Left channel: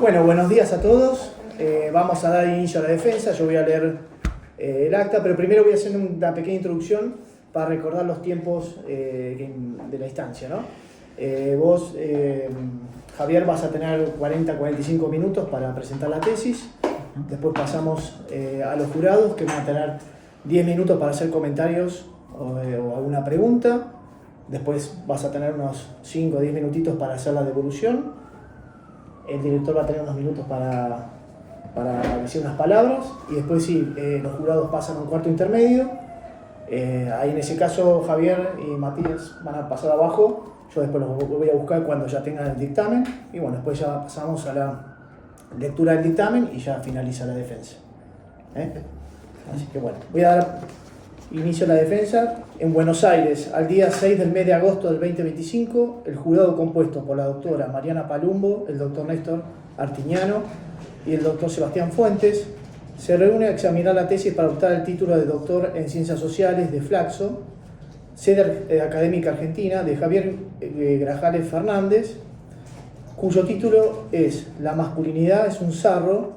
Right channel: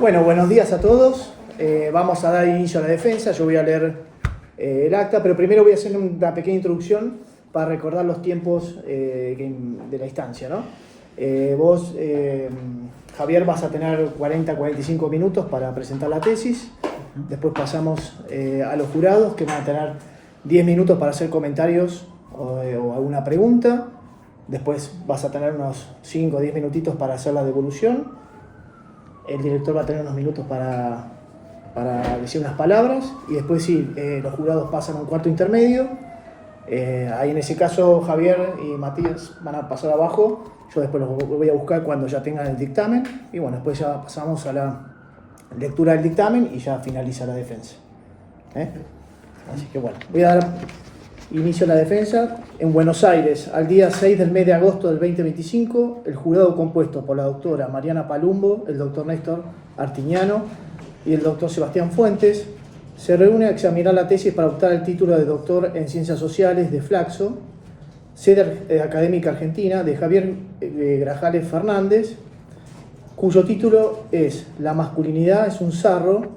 Bueno, buenos días a todos. Vamos a dar inicio a la defensa. Yo voy a leer el acta, pero primero voy a hacer una pequeña introducción para recordar los tiempos de la instancia, ¿no? Vos, Javier, vas a tener 40-45 minutos para presentar la tesis. Después pasamos a los jurados, que van a tener 10 minutos para hacer comentarios o alguna pregunta. Después vas a tener unos 5 o 10 minutitos para hacer la devolución. El director va a tener unos minutos para decir unas palabras. Y después sí, los jurados pasan a un cuarto intermedio. Ahí en ese caso Javier y Matías van a pasar abajo. Yo después los voy a buscar cuando ya tengan el dictamen. Y bueno, después ya pasamos a la lectura del dictamen y ya finaliza la defensa. Así que bueno, voy a dar inicio a la defensa. En Buenos Aires, al día 6 del mes de agosto del 2025, el jurado compuesto por la doctora Mariana Palumbo, el doctor Néstor Artiñano y el doctor Sebastián Fuentes se reúne a examinar la tesis para optar al título de doctor en Ciencias Sociales de Flaxo, sede académica argentina, de Javier Grajales Fernández, cuyo título es La masculinidad es un sarro,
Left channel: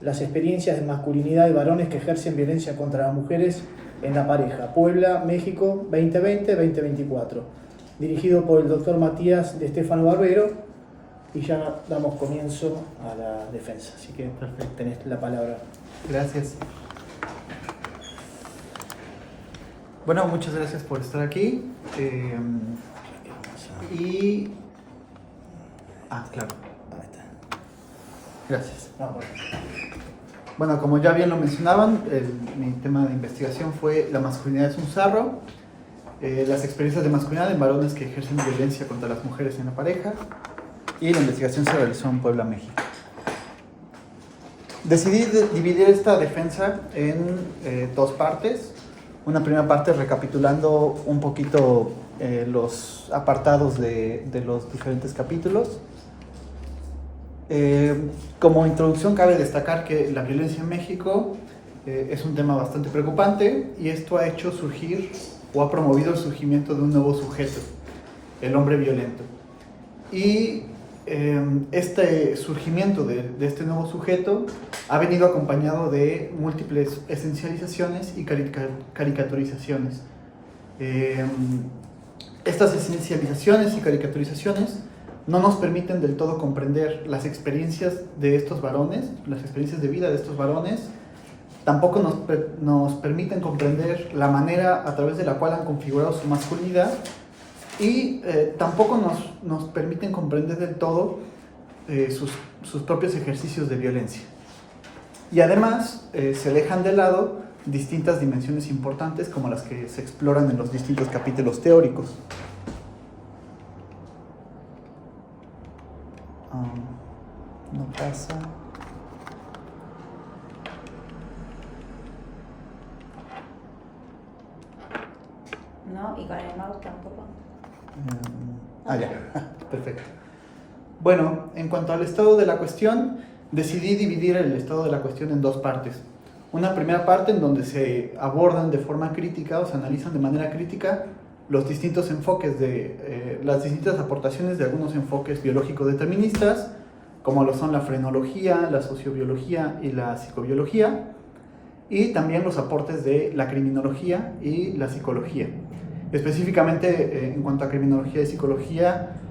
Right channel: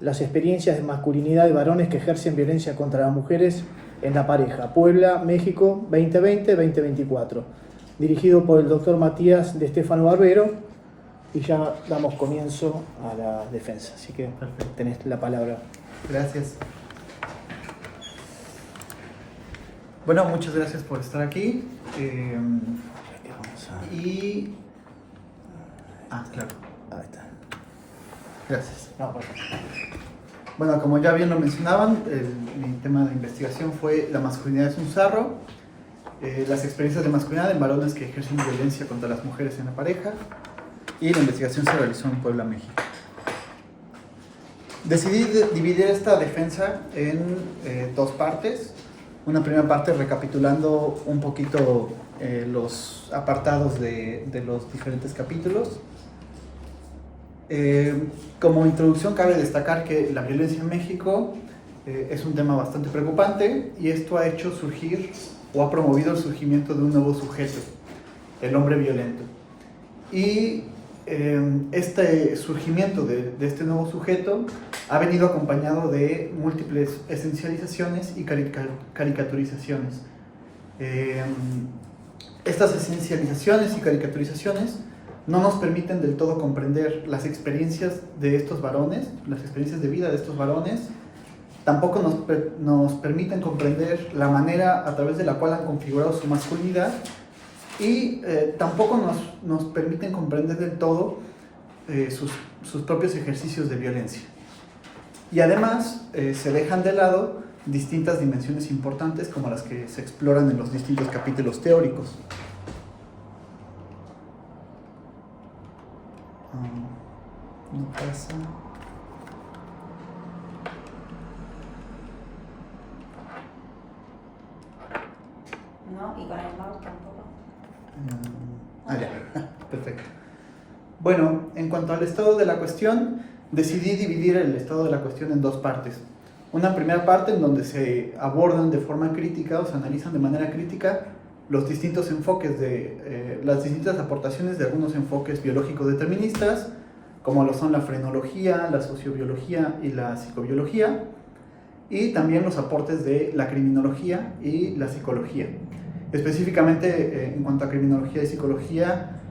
las experiencias de masculinidad de varones que ejercen violencia contra las mujeres en la pareja, Puebla, México, 2020-2024, dirigido por el doctor Matías de Stefano Barbero, y ya damos comienzo a la defensa. Así que perfecto, tenés la palabra. Gracias. Bueno, muchas gracias por estar aquí. Claro. Ahí está. Gracias. Bueno, como ya bien lo mencionaban, mi tema de investigación fue la masculinidad es un sarro, las experiencias de masculinidad en varones que ejercen violencia contra las mujeres en la pareja, y la investigación se realizó en Puebla, México. Decidí dividir esta defensa en dos partes. Una primera parte recapitulando un poquito los apartados de los diferentes capítulos. Como introducción cabe destacar que la violencia en México es un tema bastante preocupante, y esto ha hecho surgir o ha promovido el surgimiento de un nuevo sujeto, el hombre violento. Y este surgimiento de este nuevo sujeto ha venido acompañado de múltiples esencializaciones y caricaturizaciones. Estas esencializaciones y caricaturizaciones no nos permiten del todo comprender las experiencias de estos varones, las experiencias de vida de estos varones. Tampoco nos permiten comprender la manera a través de la cual han configurado su masculinidad, y tampoco nos permiten comprender del todo sus propios ejercicios de violencia. Y además se dejan de lado distintas dimensiones importantes como las que se exploran en los distintos capítulos teóricos. No pasa. No, y con el mouse tampoco. Ya, perfecto. Bueno, en cuanto al estado de la cuestión, decidí dividir el estado de la cuestión en dos partes. Una primera parte en donde se abordan de forma crítica o se analizan de manera crítica los distintos enfoques las distintas aportaciones de algunos enfoques biológico-deterministas, como lo son la frenología, la sociobiología y la psicobiología, y también los aportes de la criminología y la psicología. Específicamente, en cuanto a criminología y psicología,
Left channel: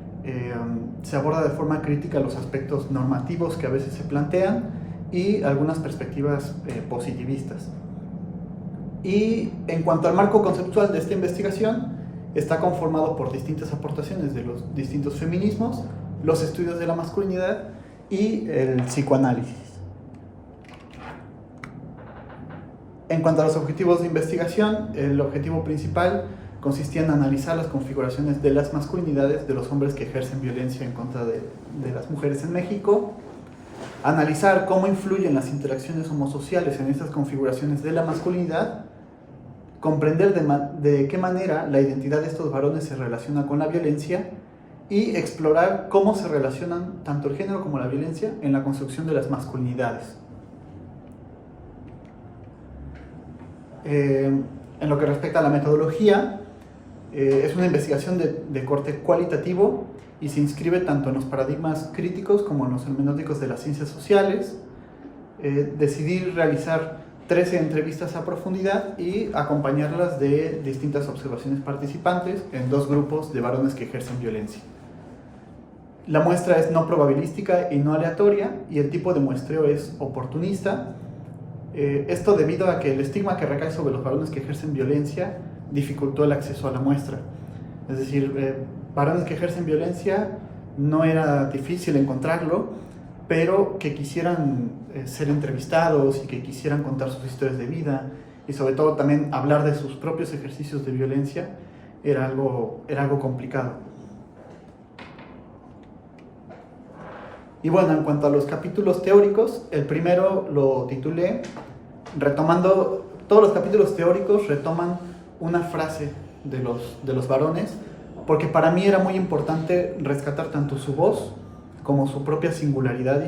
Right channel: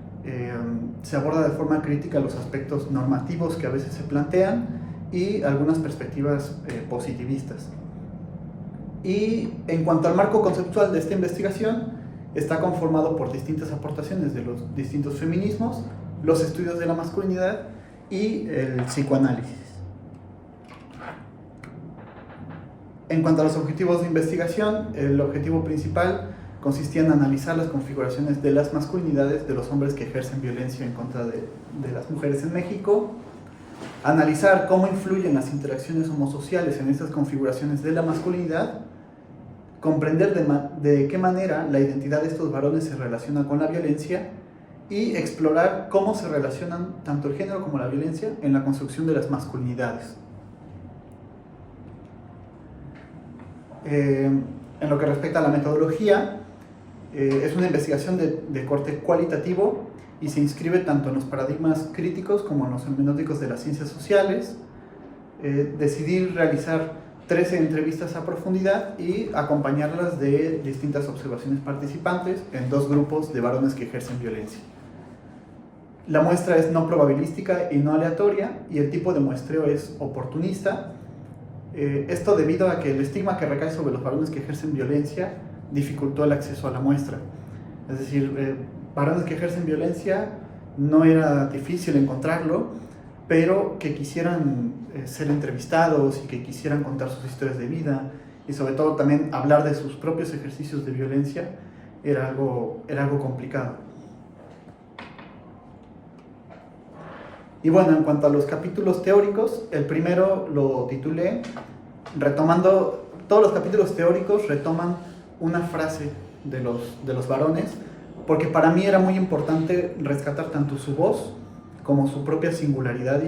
se aborda de forma crítica los aspectos normativos que a veces se plantean y algunas perspectivas positivistas. Y en cuanto al marco conceptual de esta investigación, está conformado por distintas aportaciones de los distintos feminismos, los estudios de la masculinidad y el psicoanálisis. En cuanto a los objetivos de investigación, el objetivo principal consistía en analizar las configuraciones de las masculinidades de los hombres que ejercen violencia en contra de las mujeres en México, analizar cómo influyen las interacciones homosociales en estas configuraciones de la masculinidad, comprender de qué manera la identidad de estos varones se relaciona con la violencia, y explorar cómo se relacionan tanto el género como la violencia en la construcción de las masculinidades. En lo que respecta a la metodología, es una investigación de corte cualitativo y se inscribe tanto en los paradigmas críticos como en los hermenéuticos de las ciencias sociales. Decidí realizar 13 entrevistas a profundidad y acompañarlas de distintas observaciones participantes en 2 grupos de varones que ejercen violencia. La muestra es no probabilística y no aleatoria, y el tipo de muestreo es oportunista. Esto debido a que el estigma que recae sobre los varones que ejercen violencia dificultó el acceso a la muestra. Es decir, varones que ejercen violencia no era difícil encontrarlo, pero que quisieran ser entrevistados y que quisieran contar sus historias de vida y sobre todo también hablar de sus propios ejercicios de violencia era algo complicado. Y bueno, en cuanto a los capítulos teóricos, el primero lo titulé retomando, todos los capítulos teóricos retoman una frase de los varones, porque para mí era muy importante rescatar tanto su voz como su propia singularidad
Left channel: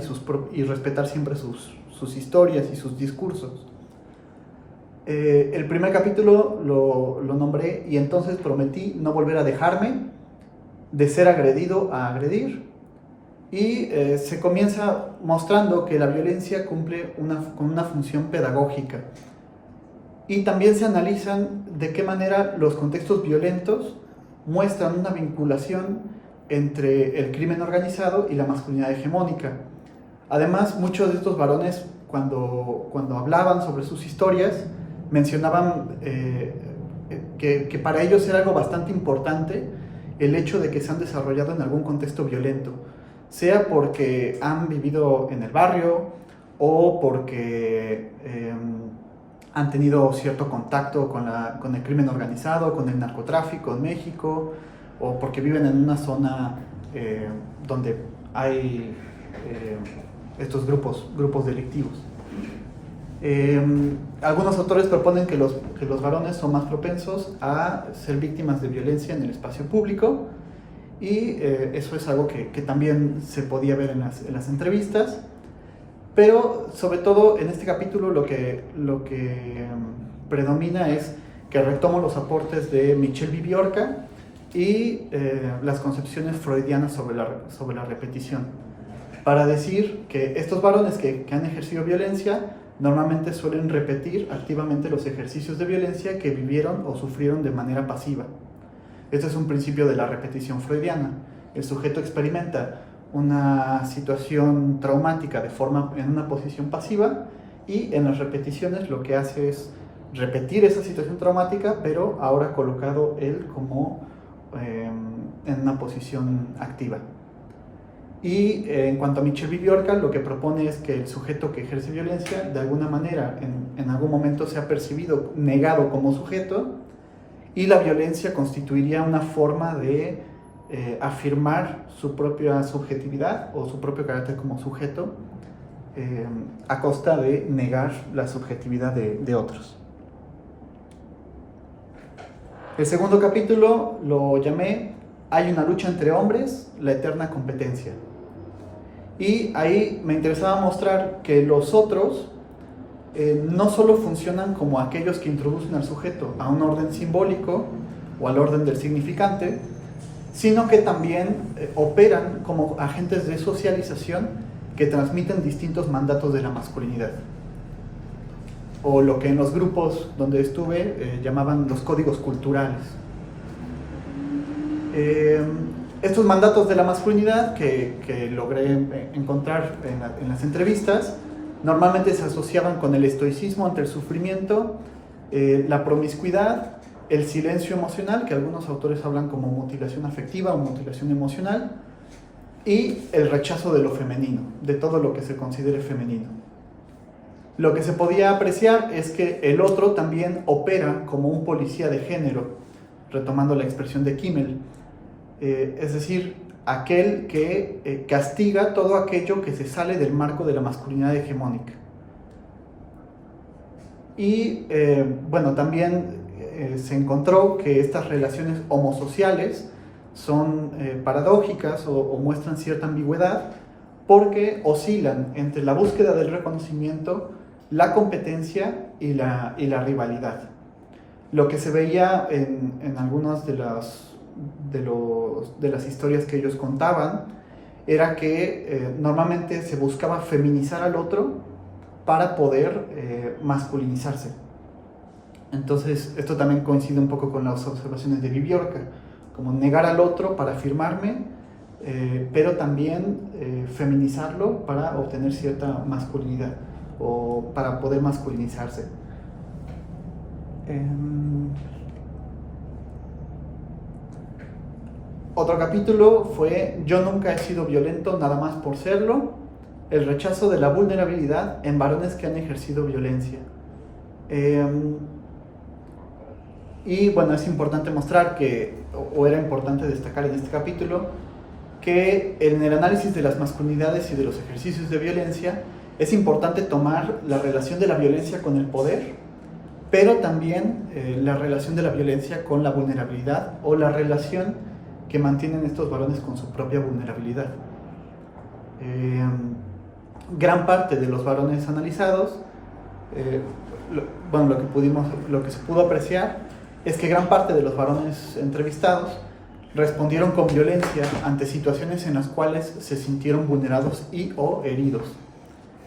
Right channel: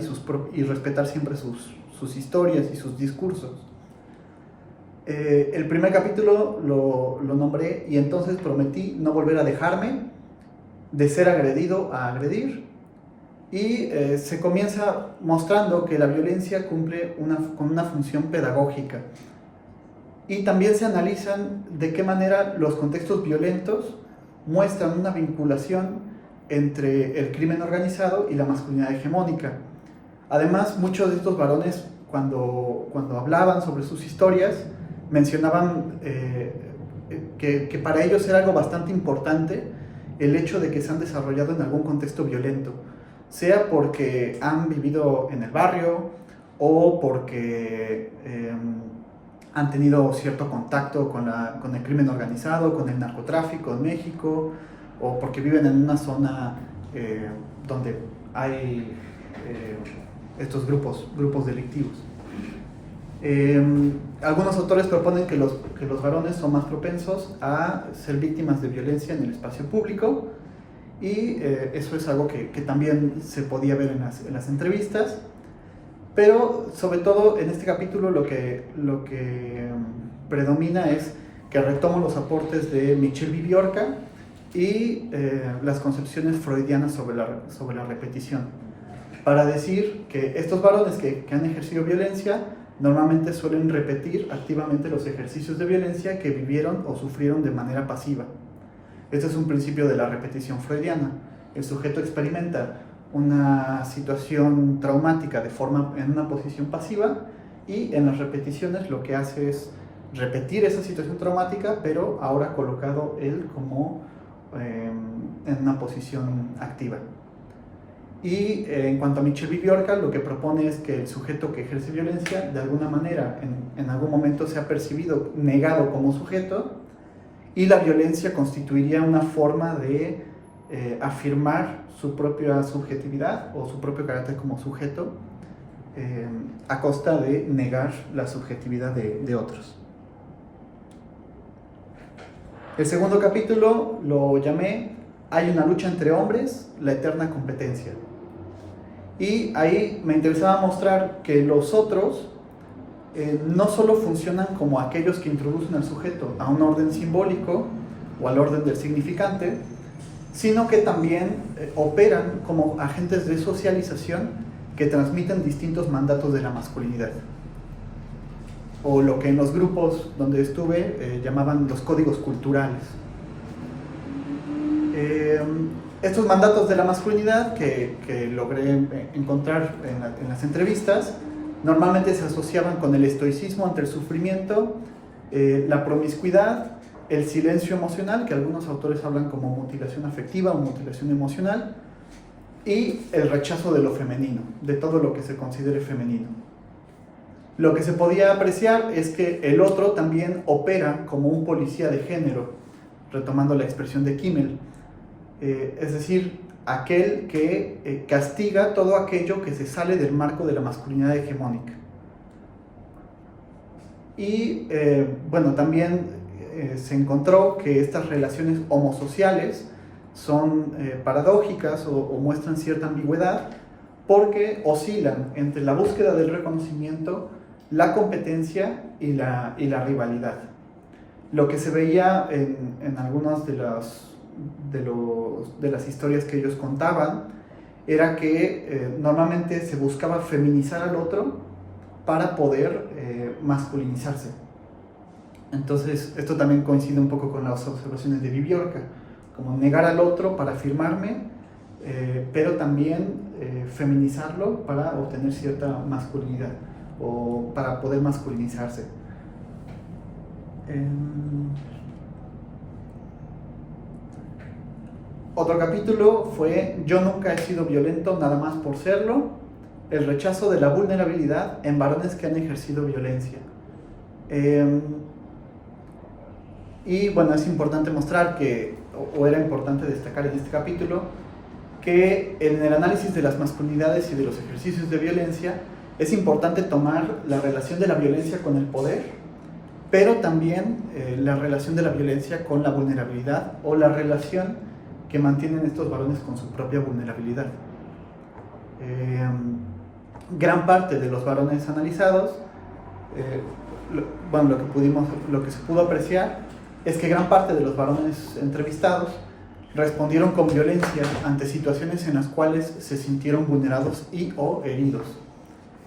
y respetar siempre sus historias y sus discursos. El primer capítulo lo nombré "Y entonces prometí no volver a dejarme, de ser agredido a agredir", y se comienza mostrando que la violencia cumple con una función pedagógica, y también se analizan de qué manera los contextos violentos muestran una vinculación entre el crimen organizado y la masculinidad hegemónica. Además, muchos de estos varones, cuando hablaban sobre sus historias, mencionaban que para ellos era algo bastante importante el hecho de que se han desarrollado en algún contexto violento, sea porque han vivido en el barrio o porque han tenido cierto contacto con el crimen organizado, con el narcotráfico en México, o porque viven en una zona donde hay estos grupos delictivos. Algunos autores proponen que los varones son más propensos a ser víctimas de violencia en el espacio público, y eso es algo que también se podía ver en las entrevistas, pero sobre todo en este capítulo lo que predomina es que retomo los aportes de Michel Viviorca y las concepciones freudianas sobre la repetición, para decir que estos varones que han ejercido violencia normalmente suelen repetir activamente los ejercicios de violencia que vivieron o sufrieron de manera pasiva. Este es un principio de la repetición freudiana. El sujeto experimenta una situación traumática en una posición pasiva, y en las repeticiones lo que hace es repetir esa situación traumática, pero ahora colocado él como en una posición activa. Y en cuanto a Michel Viviorca, lo que propone es que el sujeto que ejerce violencia, de alguna manera, en algún momento se ha percibido negado como sujeto, y la violencia constituiría una forma de afirmar su propia subjetividad o su propio carácter como sujeto, a costa de negar la subjetividad de otros. El segundo capítulo lo llamé "Hay una lucha entre hombres, la eterna competencia". Y ahí me interesaba mostrar que los otros no solo funcionan como aquellos que introducen al sujeto a un orden simbólico o al orden del significante, sino que también operan como agentes de socialización que transmiten distintos mandatos de la masculinidad, o lo que en los grupos donde estuve llamaban los códigos culturales. Estos mandatos de la masculinidad que logré encontrar en las entrevistas normalmente se asociaban con el estoicismo ante el sufrimiento, la promiscuidad, el silencio emocional, que algunos autores hablan como mutilación afectiva o mutilación emocional, y el rechazo de lo femenino, de todo lo que se considere femenino. Lo que se podía apreciar es que el otro también opera como un policía de género, retomando la expresión de Kimmel, es decir, aquel que castiga todo aquello que se sale del marco de la masculinidad hegemónica. Y bueno, también se encontró que estas relaciones homosociales son paradójicas o muestran cierta ambigüedad, porque oscilan entre la búsqueda del reconocimiento, la competencia y la rivalidad. Lo que se veía en algunas de de las historias que ellos contaban era que normalmente se buscaba feminizar al otro para poder masculinizarse. Entonces, esto también coincide un poco con las observaciones de Viviorca, como negar al otro para afirmarme, pero también feminizarlo para obtener cierta masculinidad o para poder masculinizarse. Otro capítulo fue Yo nunca he sido violento nada más por serlo, el rechazo de la vulnerabilidad en varones que han ejercido violencia. Y bueno, es importante mostrar que, o era importante destacar en este capítulo, que en el análisis de las masculinidades y de los ejercicios de violencia es importante tomar la relación de la violencia con el poder, pero también la relación de la violencia con la vulnerabilidad o la relación que mantienen estos varones con su propia vulnerabilidad. Gran parte de los varones analizados, lo que se pudo apreciar es que gran parte de los varones entrevistados respondieron con violencia ante situaciones en las cuales se sintieron vulnerados y o heridos,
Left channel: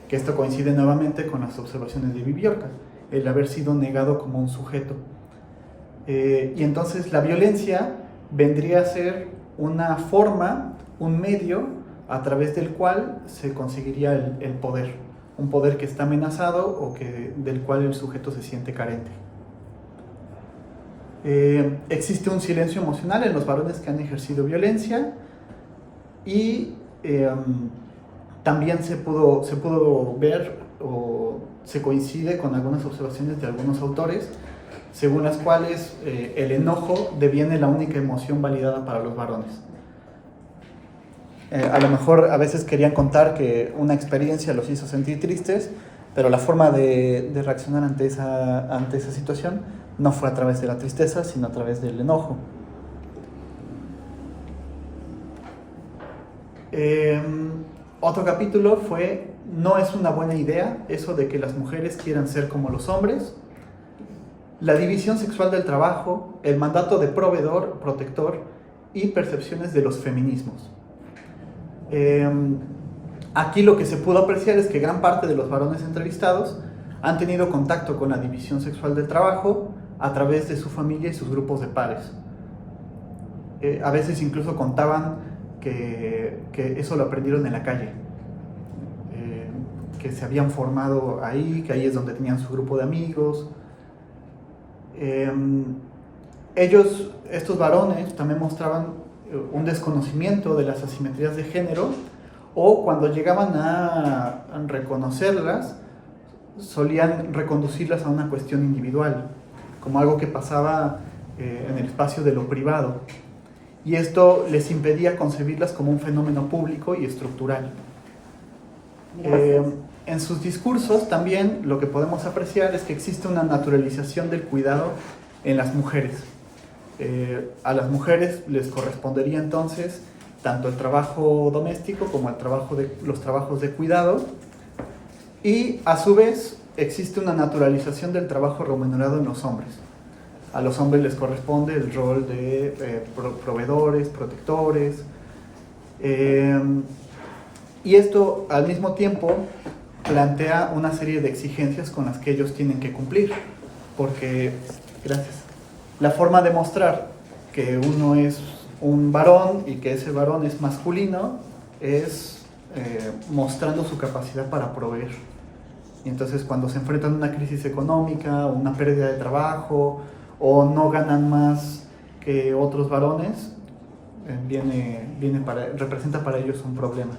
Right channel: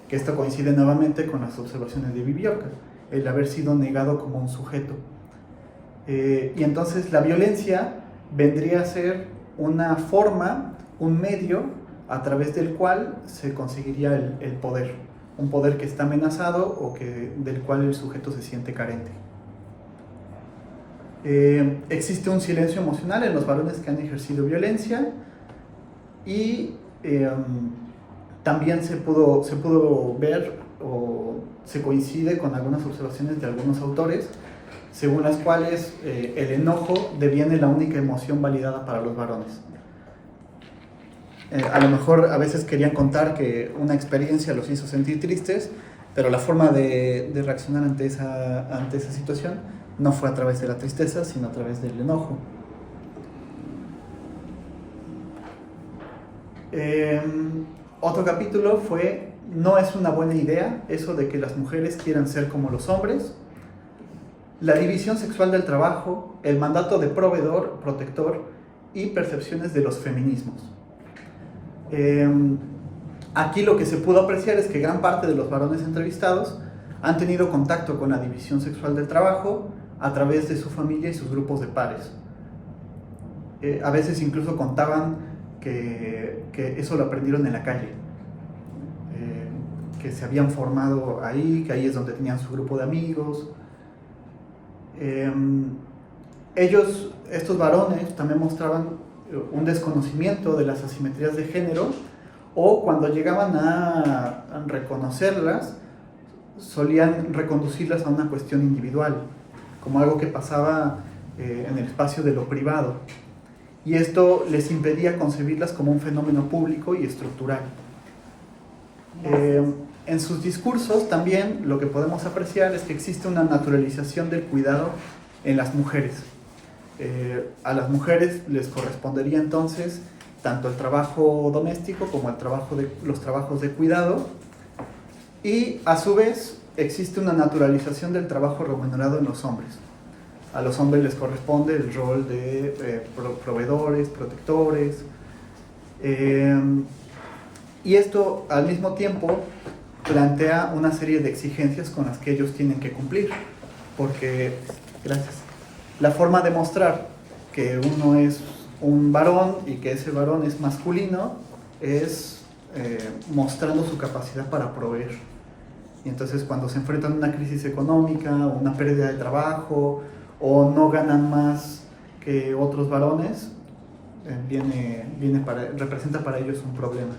que esto coincide nuevamente con las observaciones de Viviorca, el haber sido negado como un sujeto. Y entonces la violencia vendría a ser una forma, un medio a través del cual se conseguiría el poder, un poder que está amenazado o del cual el sujeto se siente carente. Existe un silencio emocional en los varones que han ejercido violencia y también se pudo ver o se coincide con algunas observaciones de algunos autores según las cuales el enojo deviene la única emoción validada para los varones. A lo mejor a veces querían contar que una experiencia los hizo sentir tristes, pero la forma de reaccionar ante esa situación no fue a través de la tristeza, sino a través del enojo. Otro capítulo fue No es una buena idea eso de que las mujeres quieran ser como los hombres, la división sexual del trabajo, el mandato de proveedor, protector y percepciones de los feminismos. Aquí lo que se pudo apreciar es que gran parte de los varones entrevistados han tenido contacto con la división sexual del trabajo a través de su familia y sus grupos de pares. A veces incluso contaban que eso lo aprendieron en la calle, que se habían formado ahí, que ahí es donde tenían su grupo de amigos. Estos varones también mostraban un desconocimiento de las asimetrías de género, o cuando llegaban a reconocerlas, solían reconducirlas a una cuestión individual, como algo que pasaba en el espacio de lo privado, y esto les impedía concebirlas como un fenómeno público y estructural. En sus discursos también lo que podemos apreciar es que existe una naturalización del cuidado en las mujeres. A las mujeres les correspondería entonces tanto el trabajo doméstico como los trabajos de cuidado, y a su vez existe una naturalización del trabajo remunerado en los hombres. A los hombres les corresponde el rol de proveedores, protectores, y esto al mismo tiempo plantea una serie de exigencias con las que ellos tienen que cumplir, porque, la forma de mostrar que uno es un varón y que ese varón es masculino es mostrando su capacidad para proveer. Y entonces cuando se enfrentan a una crisis económica, una pérdida de trabajo, o no ganan más que otros varones, representa para ellos un problema.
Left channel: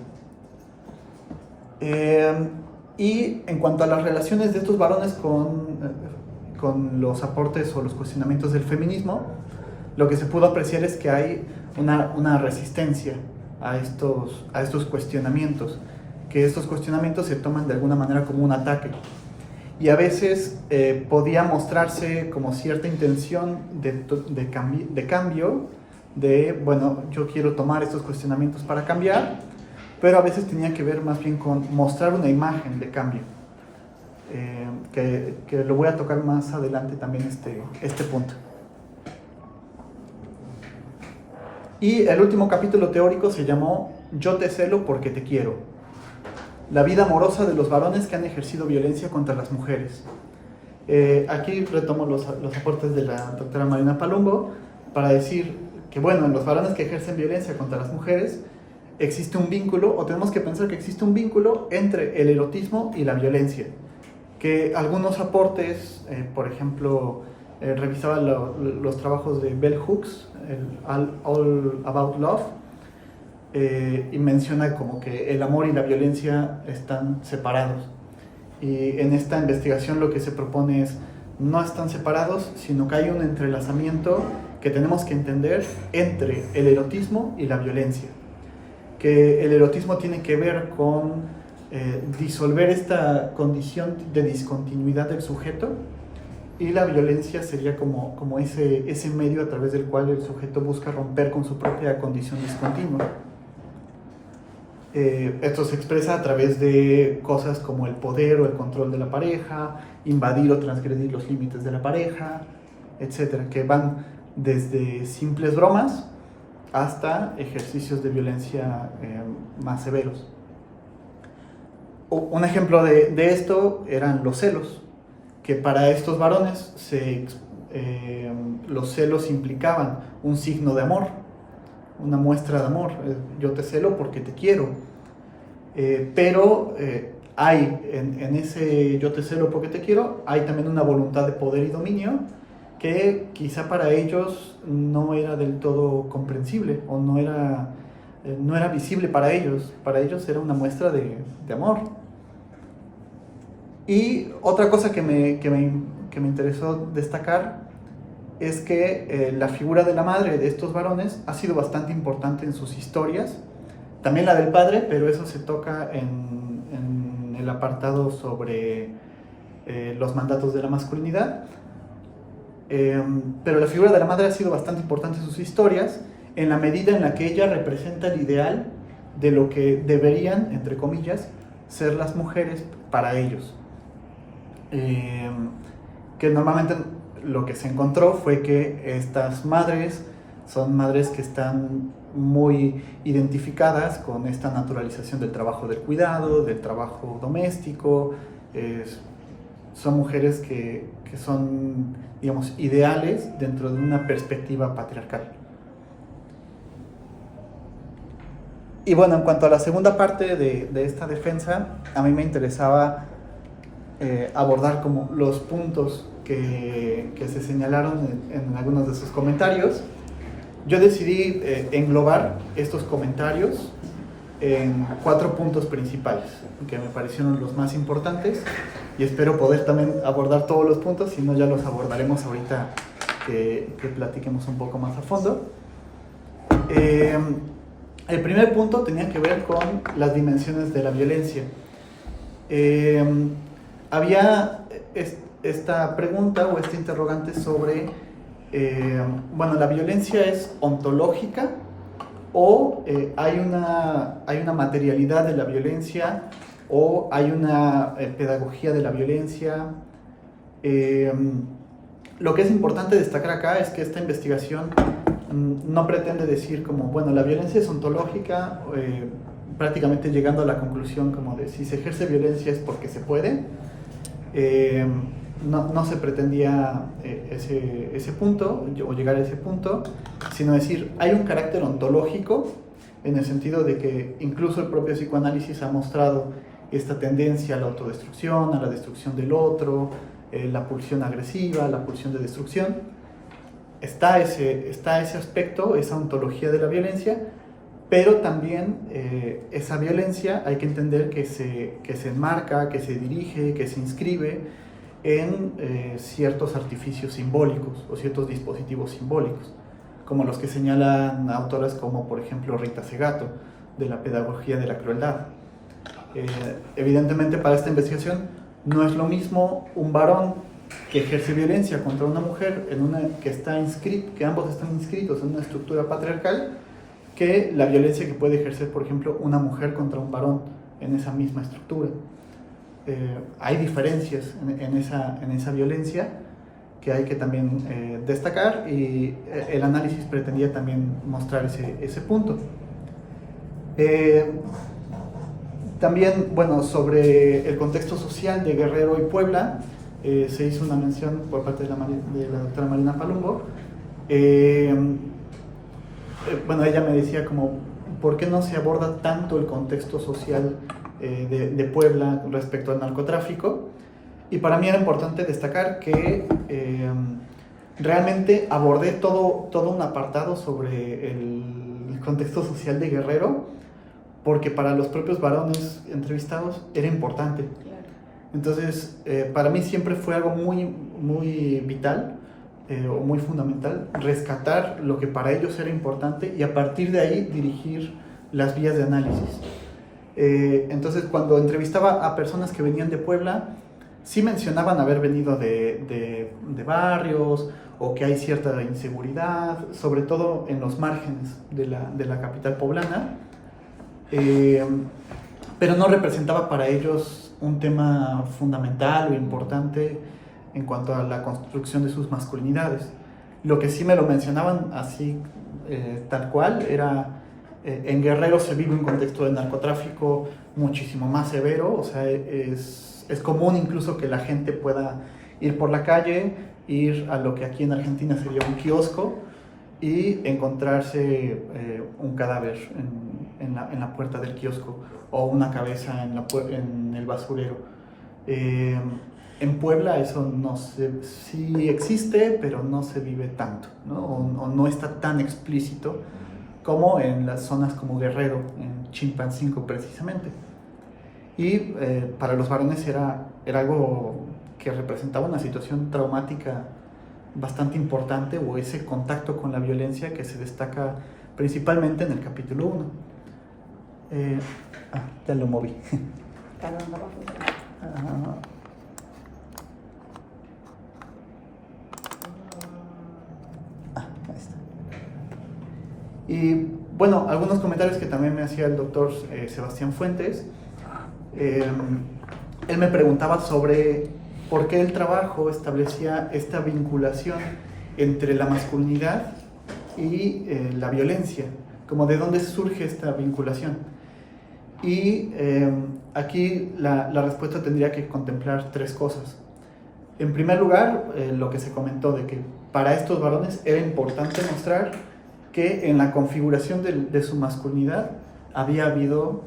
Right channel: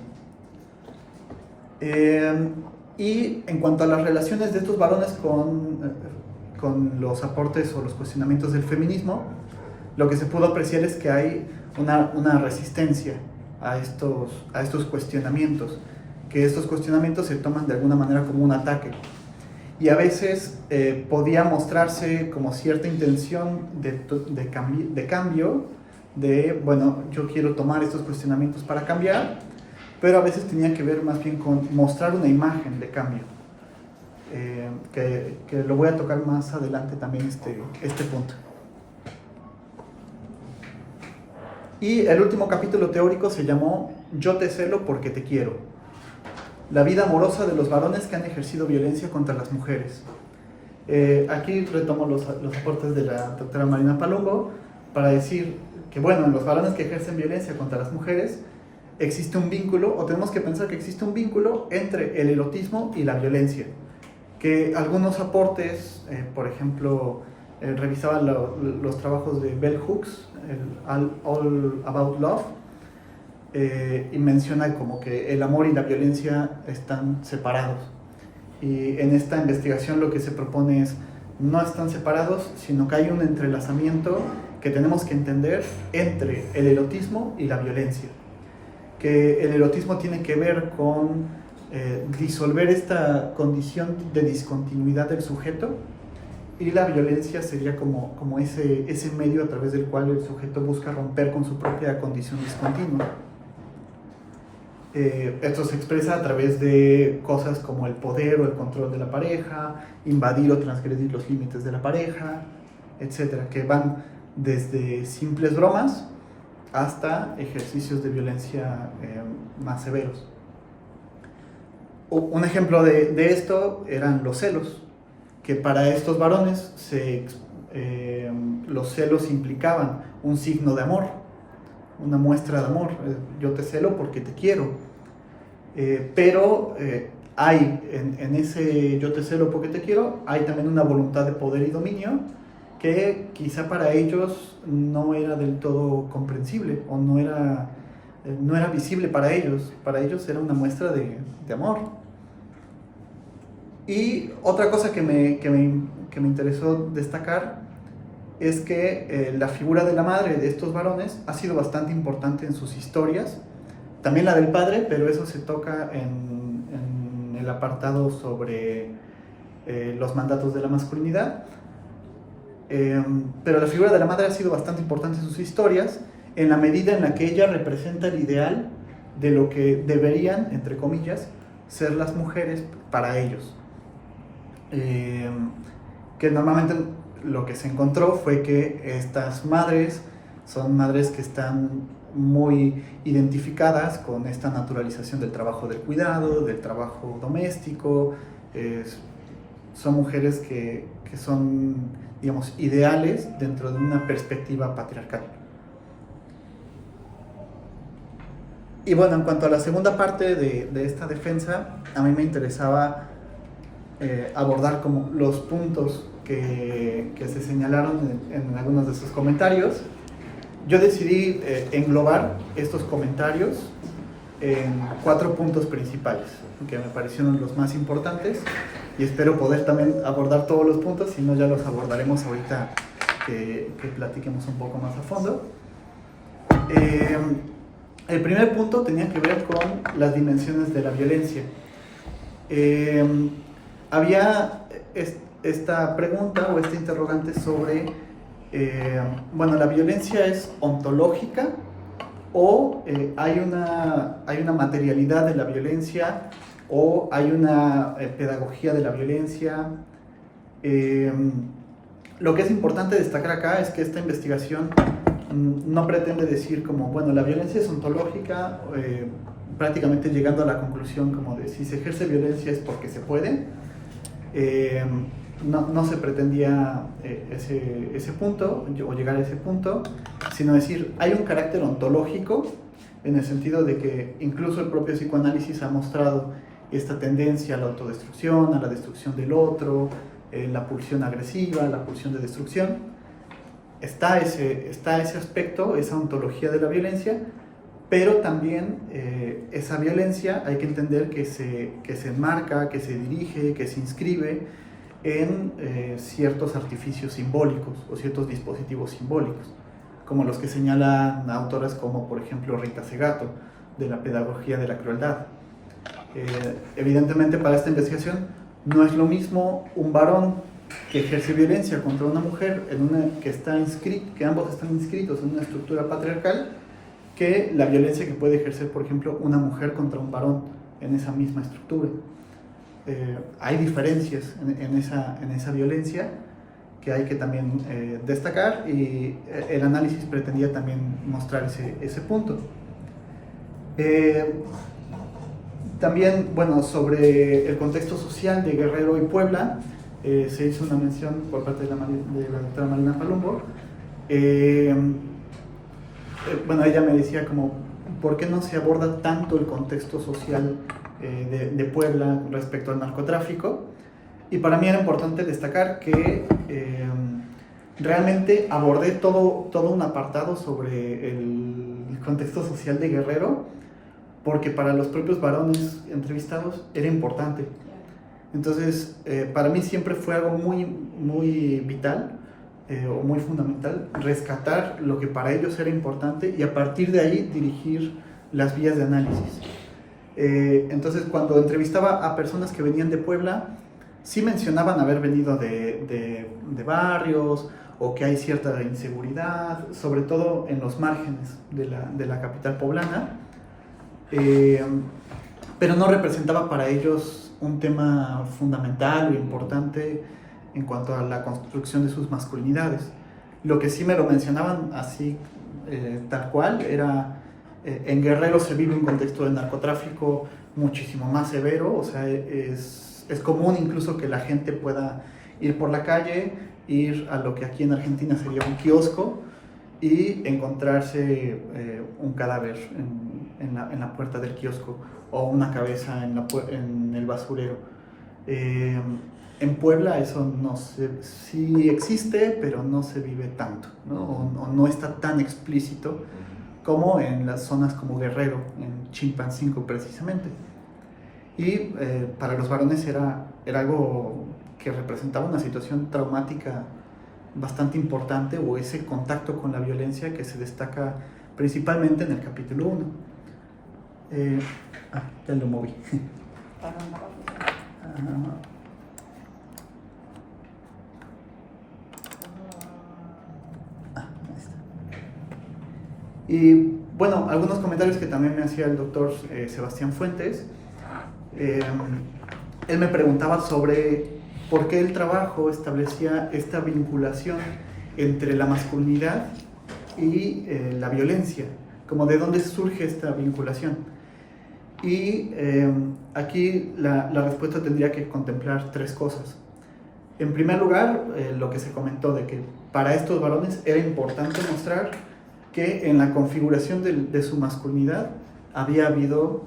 Y en cuanto a las relaciones de estos varones con los aportes o los cuestionamientos del feminismo, lo que se pudo apreciar es que hay una resistencia a estos cuestionamientos, que estos cuestionamientos se toman de alguna manera como un ataque, y a veces podía mostrarse como cierta intención de cambio, bueno, yo quiero tomar estos cuestionamientos para cambiar, pero a veces tenía que ver más bien con mostrar una imagen de cambio, que lo voy a tocar más adelante también este punto. Y el último capítulo teórico se llamó Yo te celo porque te quiero. La vida amorosa de los varones que han ejercido violencia contra las mujeres. Aquí retomo los aportes de la doctora Marina Palumbo para decir que, bueno, en los varones que ejercen violencia contra las mujeres existe un vínculo, o tenemos que pensar que existe un vínculo entre el erotismo y la violencia. Que algunos aportes, por ejemplo, revisaba los trabajos de Bell Hooks, el All About Love, y menciona como que el amor y la violencia están separados. Y en esta investigación lo que se propone es, no están separados, sino que hay un entrelazamiento que tenemos que entender entre el erotismo y la violencia. Que el erotismo tiene que ver con disolver esta condición de discontinuidad del sujeto, y la violencia sería como ese medio a través del cual el sujeto busca romper con su propia condición discontinua. Esto se expresa a través de cosas como el poder o el control de la pareja, invadir o transgredir los límites de la pareja, etcétera, que van desde simples bromas hasta ejercicios de violencia más severos. Un ejemplo de esto eran los celos, que para estos varones los celos implicaban un signo de amor, una muestra de amor. Yo te celo porque te quiero. Pero hay en ese yo te celo porque te quiero, hay también una voluntad de poder y dominio que quizá para ellos no era del todo comprensible, o no era visible para ellos. Para ellos era una muestra de amor. Y otra cosa que me interesó destacar es que la figura de la madre de estos varones ha sido bastante importante en sus historias, también la del padre, pero eso se toca en el apartado sobre los mandatos de la masculinidad. Pero la figura de la madre ha sido bastante importante en sus historias, en la medida en la que ella representa el ideal de lo que deberían, entre comillas, ser las mujeres para ellos. Que normalmente lo que se encontró fue que estas madres son madres que están muy identificadas con esta naturalización del trabajo del cuidado, del trabajo doméstico. Son mujeres que son, digamos, ideales dentro de una perspectiva patriarcal. Y bueno, en cuanto a la segunda parte de esta defensa, a mí me interesaba abordar como los puntos que se señalaron en algunos de sus comentarios. Yo decidí englobar estos comentarios en 4 puntos principales, que me parecieron los más importantes, y espero poder también abordar todos los puntos, si no ya los abordaremos ahorita que platiquemos un poco más a fondo. El primer punto tenía que ver con las dimensiones de la violencia. Había esta pregunta o este interrogante sobre, bueno, ¿la violencia es ontológica o hay una materialidad de la violencia, o hay una pedagogía de la violencia? Lo que es importante destacar acá es que esta investigación no pretende decir como, bueno, la violencia es ontológica, prácticamente llegando a la conclusión como de si se ejerce violencia es porque se puede. No se pretendía ese punto, o llegar a ese punto, sino decir, hay un carácter ontológico, en el sentido de que incluso el propio psicoanálisis ha mostrado esta tendencia a la autodestrucción, a la destrucción del otro, la pulsión agresiva, la pulsión de destrucción. Está ese aspecto, esa ontología de la violencia, pero también esa violencia hay que entender que se enmarca, que se dirige, que se inscribe en ciertos artificios simbólicos o ciertos dispositivos simbólicos, como los que señalan autoras como, por ejemplo, Rita Segato, de la pedagogía de la crueldad. Evidentemente, para esta investigación no es lo mismo un varón que ejerce violencia contra una mujer que ambos están inscritos en una estructura patriarcal, que la violencia que puede ejercer, por ejemplo, una mujer contra un varón en esa misma estructura. Hay diferencias en esa violencia, que hay que también destacar, y el análisis pretendía también mostrar ese punto. También, bueno, sobre el contexto social de Guerrero y Puebla, se hizo una mención por parte de la doctora Marina Palumbo. Bueno, ella me decía como, ¿por qué no se aborda tanto el contexto social de Puebla respecto al narcotráfico? Y para mí era importante destacar que realmente abordé todo un apartado sobre el contexto social de Guerrero, porque para los propios varones entrevistados era importante. Entonces, para mí siempre fue algo muy, muy vital o muy fundamental rescatar lo que para ellos era importante y a partir de ahí dirigir las vías de análisis. Entonces, cuando entrevistaba a personas que venían de Puebla, sí mencionaban haber venido de barrios o que hay cierta inseguridad, sobre todo en los márgenes de la capital poblana, pero no representaba para ellos un tema fundamental o importante en cuanto a la construcción de sus masculinidades. Lo que sí me lo mencionaban así, tal cual, era en Guerrero se vive un contexto de narcotráfico muchísimo más severo, o sea, es común incluso que la gente pueda ir por la calle, ir a lo que aquí en Argentina sería un kiosco y encontrarse un cadáver en la puerta del kiosco o una cabeza en el basurero. En Puebla eso no sí existe, pero no se vive tanto, ¿no? O no está tan explícito como en las zonas como Guerrero, en Chilpancingo precisamente. Y para los varones era algo que representaba una situación traumática bastante importante, o ese contacto con la violencia que se destaca principalmente en el capítulo 1. Ya lo moví. Ahí está. Y bueno, algunos comentarios que también me hacía el doctor Sebastián Fuentes. Él me preguntaba sobre por qué el trabajo establecía esta vinculación entre la masculinidad y la violencia, como de dónde surge esta vinculación. Y aquí la respuesta tendría que contemplar tres cosas. En primer lugar, lo que se comentó de que para estos varones era importante mostrar que en la configuración de su masculinidad había habido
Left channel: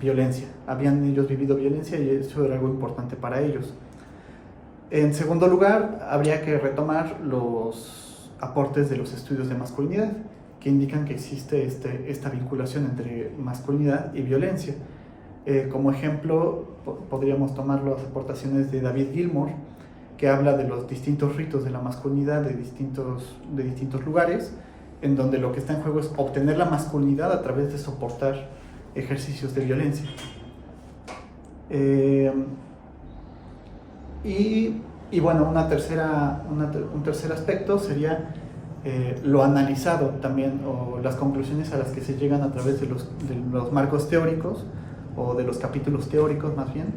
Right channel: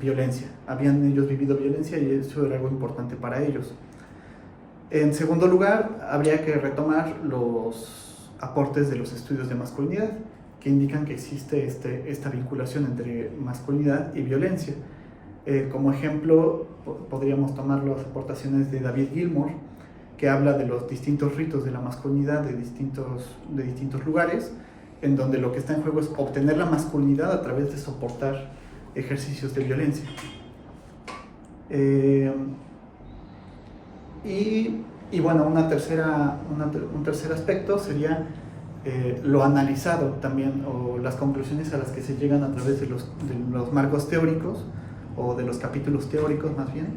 violencia, habían ellos vivido violencia y eso era algo importante para ellos. En segundo lugar, habría que retomar los aportes de los estudios de masculinidad, que indican que existe esta vinculación entre masculinidad y violencia. Como ejemplo, podríamos tomar las aportaciones de David Gilmour, que habla de los distintos ritos de la masculinidad de distintos lugares, en donde lo que está en juego es obtener la masculinidad a través de soportar ejercicios de violencia. Y bueno, un tercer aspecto sería lo analizado también, o las conclusiones a las que se llegan a través de los marcos teóricos, o de los capítulos teóricos más bien.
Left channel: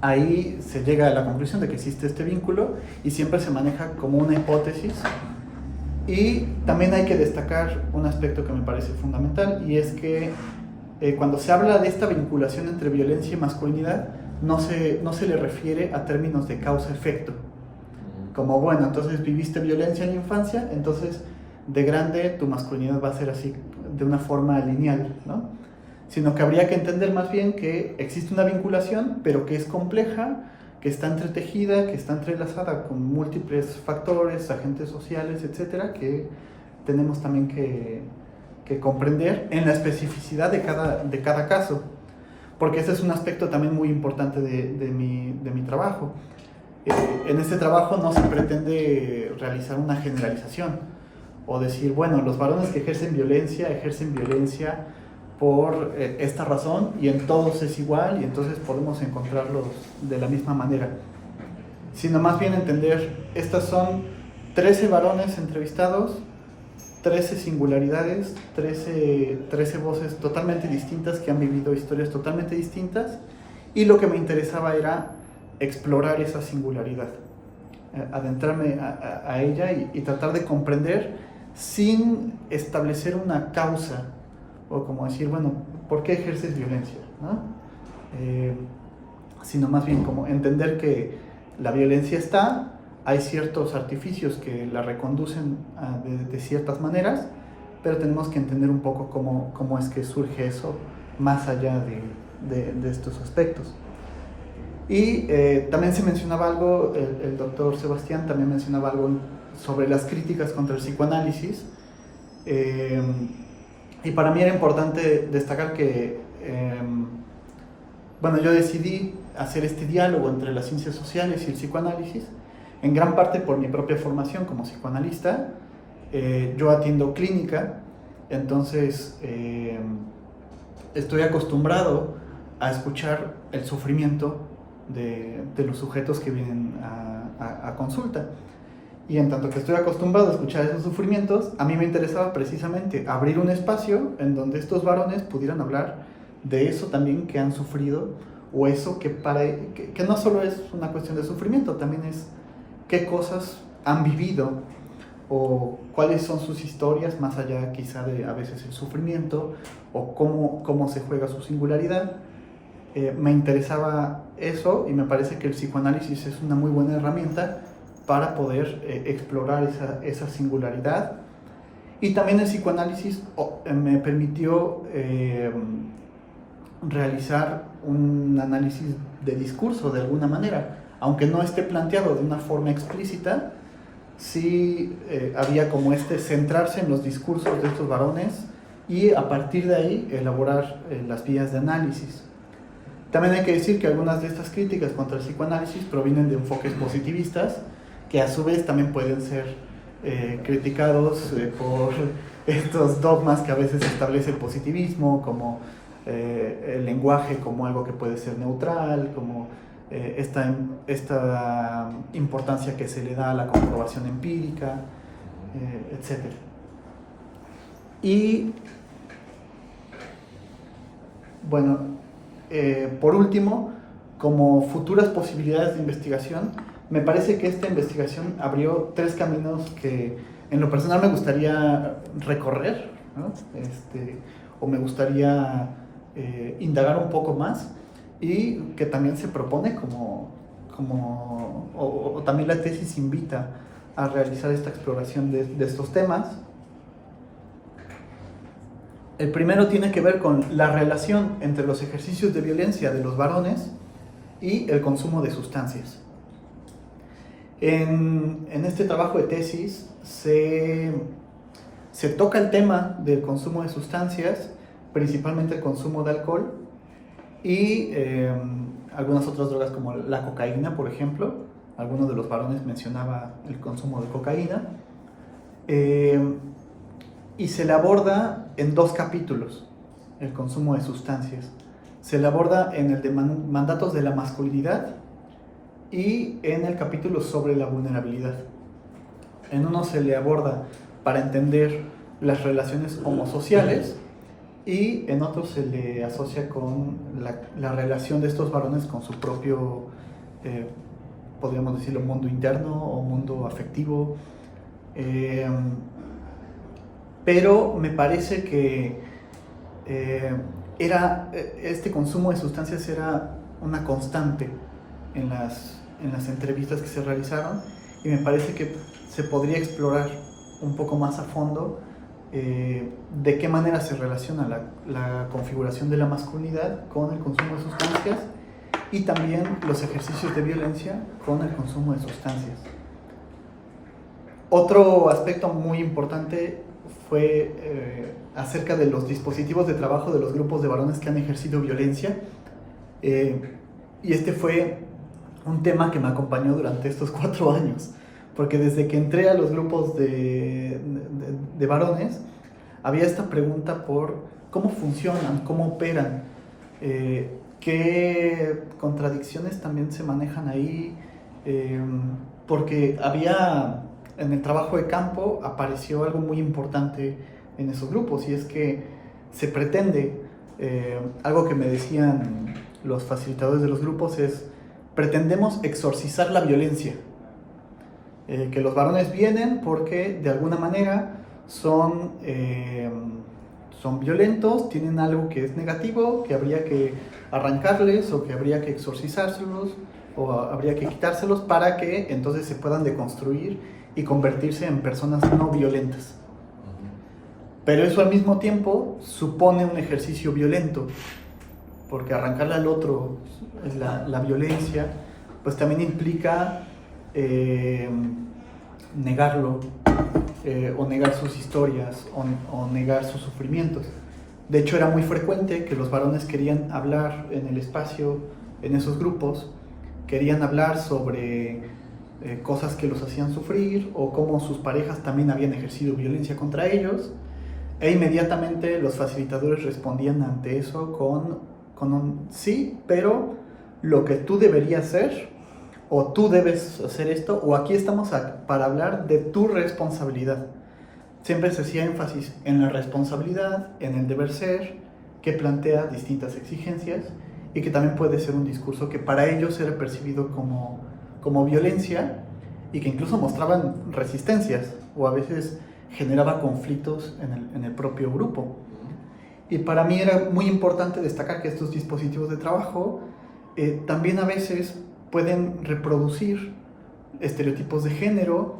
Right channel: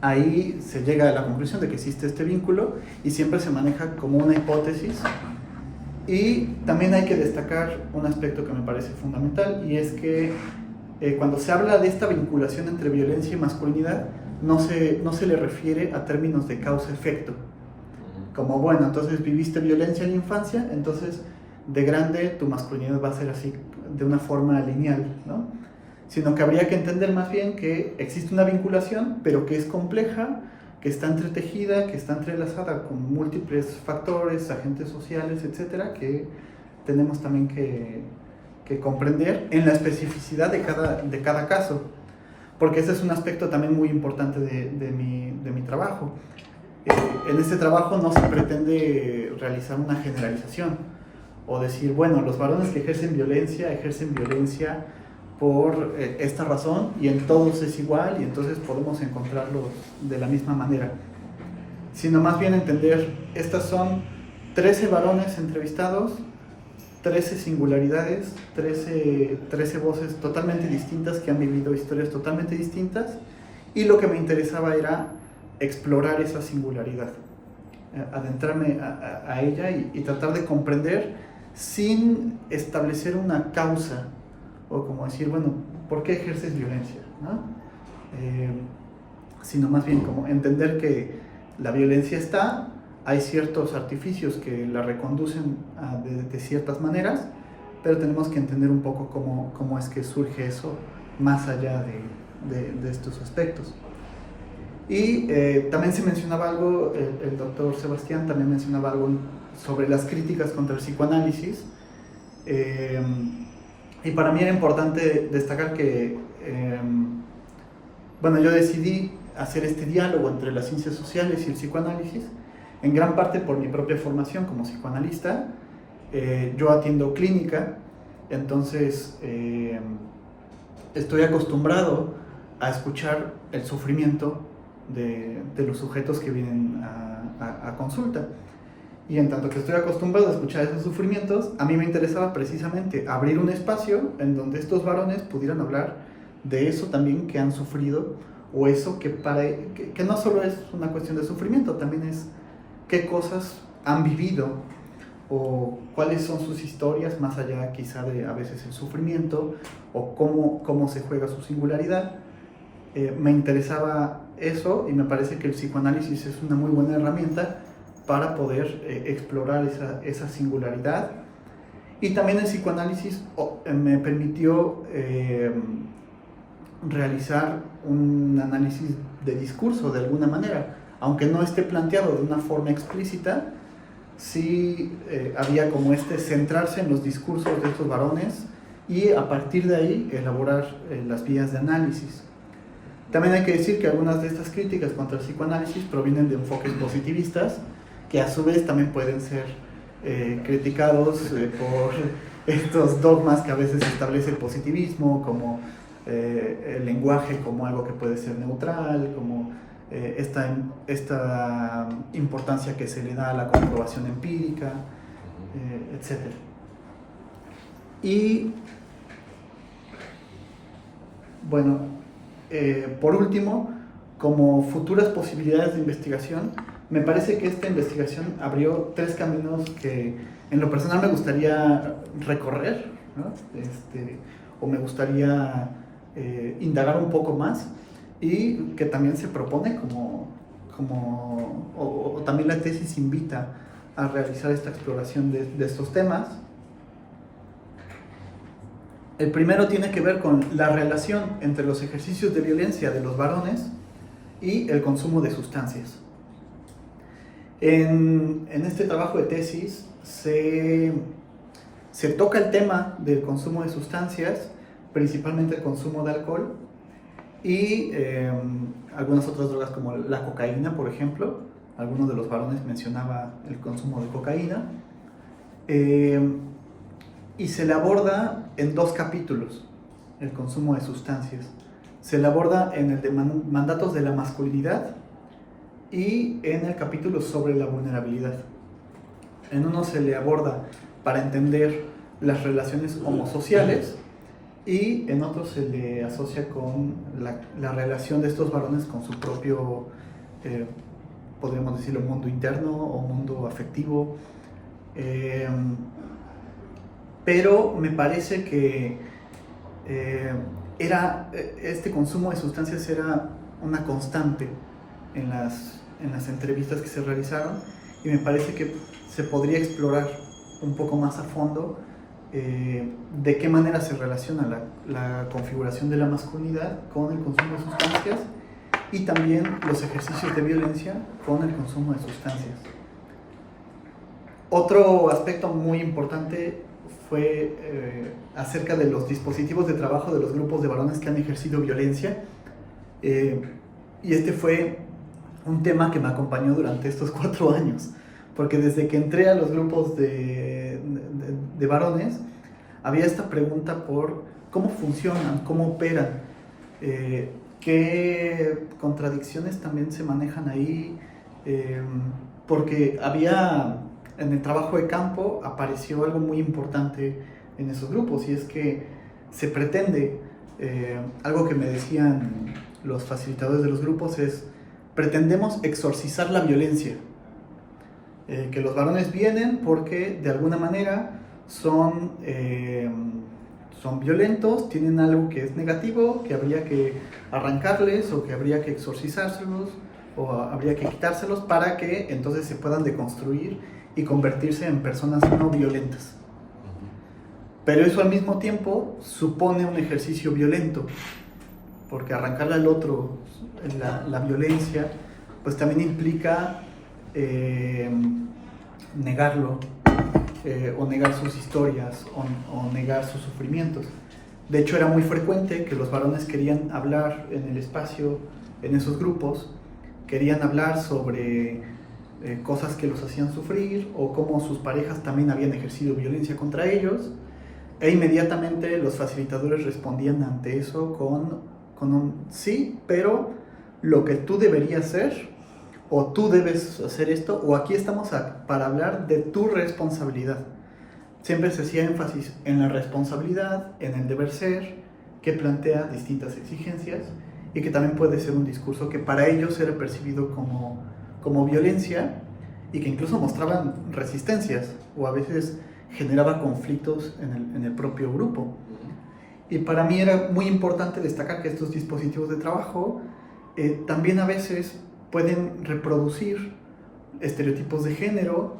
Ahí se llega a la conclusión de que existe este vínculo y siempre se maneja como una hipótesis. Y también hay que destacar un aspecto que me parece fundamental, y es que cuando se habla de esta vinculación entre violencia y masculinidad, no se le refiere a términos de causa-efecto. Como, bueno, entonces viviste violencia en la infancia, entonces de grande tu masculinidad va a ser así, de una forma lineal, ¿no? Sino que habría que entender más bien que existe una vinculación, pero que es compleja, que está entretejida, que está entrelazada con múltiples factores, agentes sociales, etcétera, que tenemos también que comprender en la especificidad de cada caso, porque ese es un aspecto también muy importante de mi trabajo. En este trabajo no se pretende realizar una generalización o decir, bueno, los varones que ejercen violencia por esta razón y en todos es igual y entonces podemos encontrarlos de la misma manera, sino más bien entender, estas son 13 varones entrevistados, 13 singularidades, 13 voces totalmente distintas que han vivido historias totalmente distintas, y lo que me interesaba era explorar esa singularidad, adentrarme a ella y tratar de comprender sin establecer una causa o como decir, bueno, ¿por qué ejerces violencia? ¿No? Sino más bien como entender que la violencia está, hay ciertos artificios que la reconducen de ciertas maneras, pero tenemos que entender un poco cómo es que surge eso más allá de estos aspectos. Y también se mencionaba algo, el doctor Sebastián también mencionaba algo sobre las críticas contra el psicoanálisis, y para mí era importante destacar que, bueno, yo decidí hacer este diálogo entre las ciencias sociales y el psicoanálisis, en gran parte por mi propia formación como psicoanalista. Yo atiendo clínica, entonces estoy acostumbrado a escuchar el sufrimiento de los sujetos que vienen a consulta. Y en tanto que estoy acostumbrado a escuchar esos sufrimientos, a mí me interesaba precisamente abrir un espacio en donde estos varones pudieran hablar de eso también que han sufrido, o eso que no solo es una cuestión de sufrimiento, también es qué cosas han vivido o cuáles son sus historias más allá quizá de a veces el sufrimiento, o cómo se juega su singularidad. Me interesaba eso, y me parece que el psicoanálisis es una muy buena herramienta para poder explorar esa singularidad. Y también el psicoanálisis me permitió realizar un análisis de discurso de alguna manera, aunque no esté planteado de una forma explícita. Sí había como centrarse en los discursos de estos varones y a partir de ahí elaborar las vías de análisis. También hay que decir que algunas de estas críticas contra el psicoanálisis provienen de enfoques positivistas, que a su vez también pueden ser criticados por estos dogmas que a veces establece el positivismo, como el lenguaje como algo que puede ser neutral, como esta importancia que se le da a la comprobación empírica, etc. Y bueno, por último, como futuras posibilidades de investigación, me parece que esta investigación abrió 3 caminos que en lo personal me gustaría recorrer, ¿no? O me gustaría indagar un poco más, y que también se propone o también la tesis invita a realizar esta exploración de estos temas. El primero tiene que ver con la relación entre los ejercicios de violencia de los varones y el consumo de sustancias. En este trabajo de tesis se toca el tema del consumo de sustancias, principalmente el consumo de alcohol y algunas otras drogas como la cocaína, por ejemplo. Algunos de los varones mencionaba el consumo de cocaína. Y se le aborda en 2 capítulos el consumo de sustancias. Se le aborda en el de mandatos de la masculinidad y en el capítulo sobre la vulnerabilidad. En uno se le aborda para entender las relaciones homosociales, y en otro se le asocia con la relación de estos varones con su propio, podríamos decirlo, mundo interno o mundo afectivo. Pero me parece que este consumo de sustancias era una constante en las entrevistas que se realizaron, y me parece que se podría explorar un poco más a fondo de qué manera se relaciona la configuración de la masculinidad con el consumo de sustancias, y también los ejercicios de violencia con el consumo de sustancias. Otro aspecto muy importante fue acerca de los dispositivos de trabajo de los grupos de varones que han ejercido violencia, y este fue un tema que me acompañó durante estos 4 años, porque desde que entré a los grupos de varones había esta pregunta por cómo funcionan, cómo operan, qué contradicciones también se manejan ahí, porque en el trabajo de campo apareció algo muy importante en esos grupos, y es que se pretende, algo que me decían los facilitadores de los grupos es, pretendemos exorcizar la violencia. Que los varones vienen porque de alguna manera son violentos, tienen algo que es negativo, que habría que arrancarles o que habría que exorcizárselos o habría que quitárselos para que entonces se puedan deconstruir y convertirse en personas no violentas. Pero eso al mismo tiempo supone un ejercicio violento, porque arrancarle al otro la violencia, pues también implica negarlo, o negar sus historias, o negar sus sufrimientos. De hecho, era muy frecuente que los varones querían hablar en el espacio, en esos grupos, querían hablar sobre cosas que los hacían sufrir, o cómo sus parejas también habían ejercido violencia contra ellos, e inmediatamente los facilitadores respondían ante eso con un sí, pero lo que tú deberías hacer, o tú debes hacer esto, o aquí estamos para hablar de tu responsabilidad. Siempre se hacía énfasis en la responsabilidad, en el deber ser, que plantea distintas exigencias y que también puede ser un discurso que para ellos era percibido como violencia y que incluso mostraban resistencias o a veces generaba conflictos en el propio grupo. Y para mí era muy importante destacar que estos dispositivos de trabajo también a veces pueden reproducir estereotipos de género.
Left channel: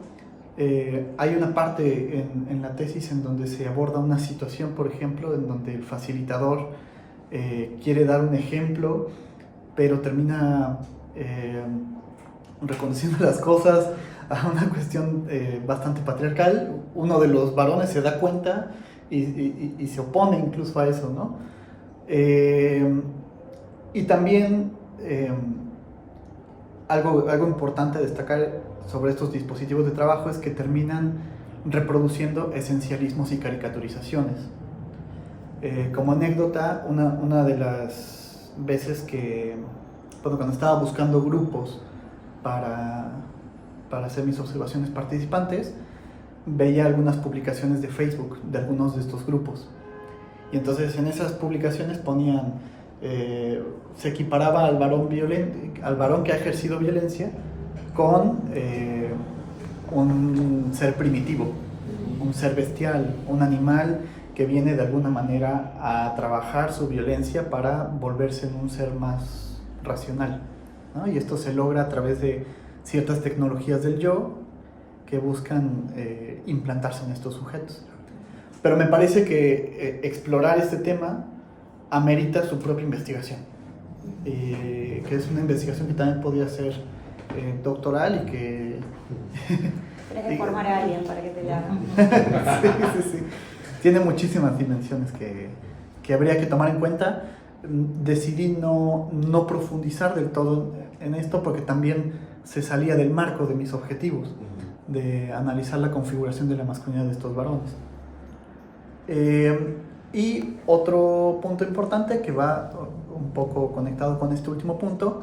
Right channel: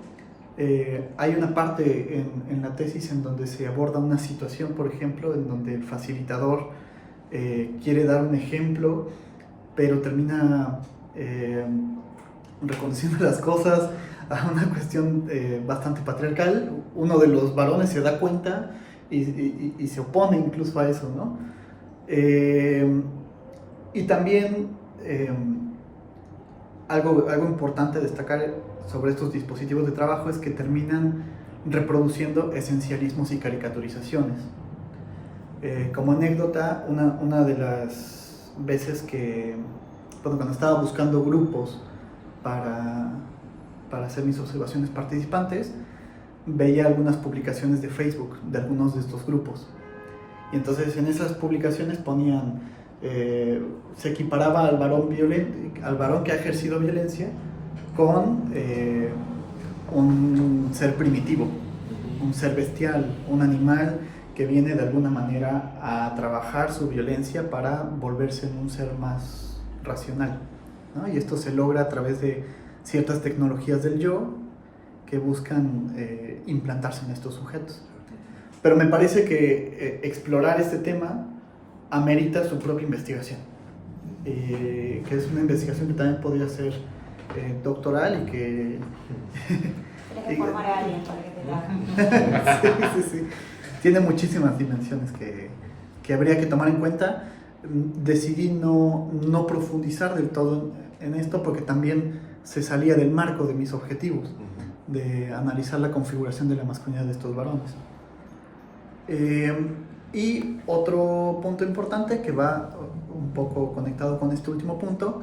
Hay una parte en la tesis en donde se aborda una situación, por ejemplo, en donde el facilitador quiere dar un ejemplo, pero termina reconociendo las cosas a una cuestión bastante patriarcal. Uno de los varones se da cuenta y se opone incluso a eso, ¿no? Y también algo importante a destacar sobre estos dispositivos de trabajo es que terminan reproduciendo esencialismos y caricaturizaciones. Como anécdota, una de las veces que, cuando estaba buscando grupos para hacer mis observaciones participantes, veía algunas publicaciones de Facebook de algunos de estos grupos. Y entonces en esas publicaciones ponían, se equiparaba al varón que ha ejercido violencia con un ser primitivo, un ser bestial, un animal que viene de alguna manera a trabajar su violencia para volverse en un ser más racional, ¿no? Y esto se logra a través de ciertas tecnologías del yo que buscan implantarse en estos sujetos. Pero me parece que explorar este tema amerita su propia investigación, que es una investigación que también podría ser doctoral y que... Tienes que formar a alguien para que te la haga. Sí. Tiene muchísimas dimensiones que habría que tomar en cuenta. Decidí no profundizar del todo en esto porque también se salía del marco de mis objetivos de analizar la configuración de la masculinidad de estos varones. Y otro punto importante que va un poco conectado con este último punto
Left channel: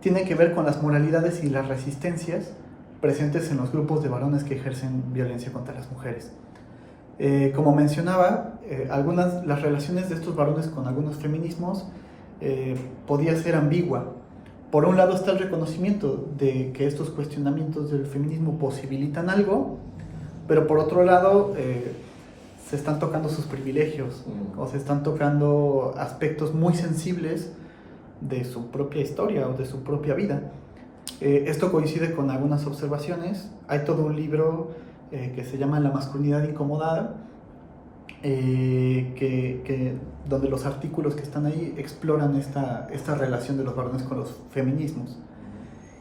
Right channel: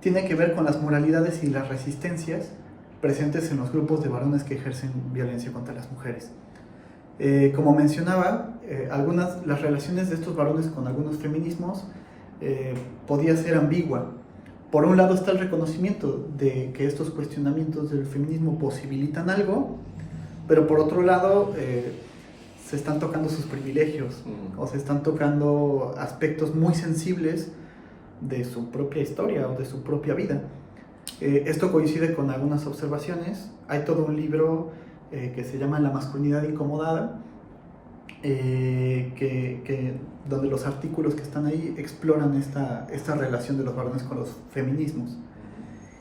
tiene que ver con las moralidades y las resistencias presentes en los grupos de varones que ejercen violencia contra las mujeres. Como mencionaba, las relaciones de estos varones con algunos feminismos podía ser ambigua. Por un lado está el reconocimiento de que estos cuestionamientos del feminismo posibilitan algo, pero por otro lado se están tocando sus privilegios o se están tocando aspectos muy sensibles de su propia historia o de su propia vida. Esto coincide con algunas observaciones. Hay todo un libro que se llama La masculinidad incomodada, donde los artículos que están ahí exploran esta relación de los varones con los feminismos.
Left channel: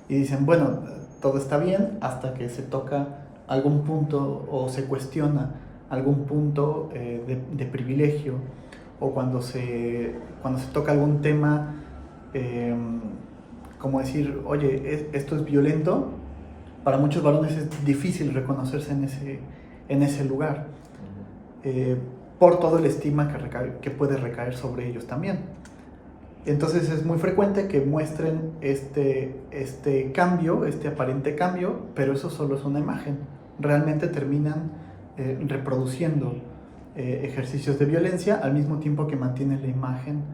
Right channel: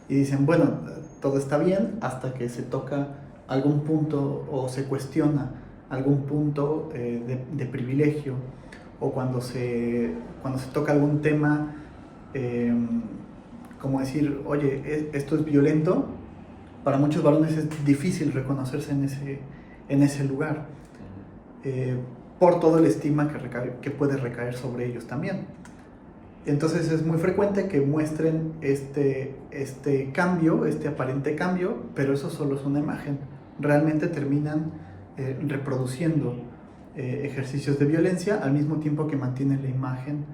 Y dicen, bueno, todo está bien hasta que se toca algún punto o se cuestiona algún punto de privilegio, o cuando se toca algún tema, como decir, oye, esto es violento. Para muchos varones es difícil reconocerse en ese lugar, por todo el estigma que puede recaer sobre ellos también. Entonces es muy frecuente que muestren este cambio, este aparente cambio, pero eso solo es una imagen. Realmente terminan reproduciendo ejercicios de violencia al mismo tiempo que mantienen la imagen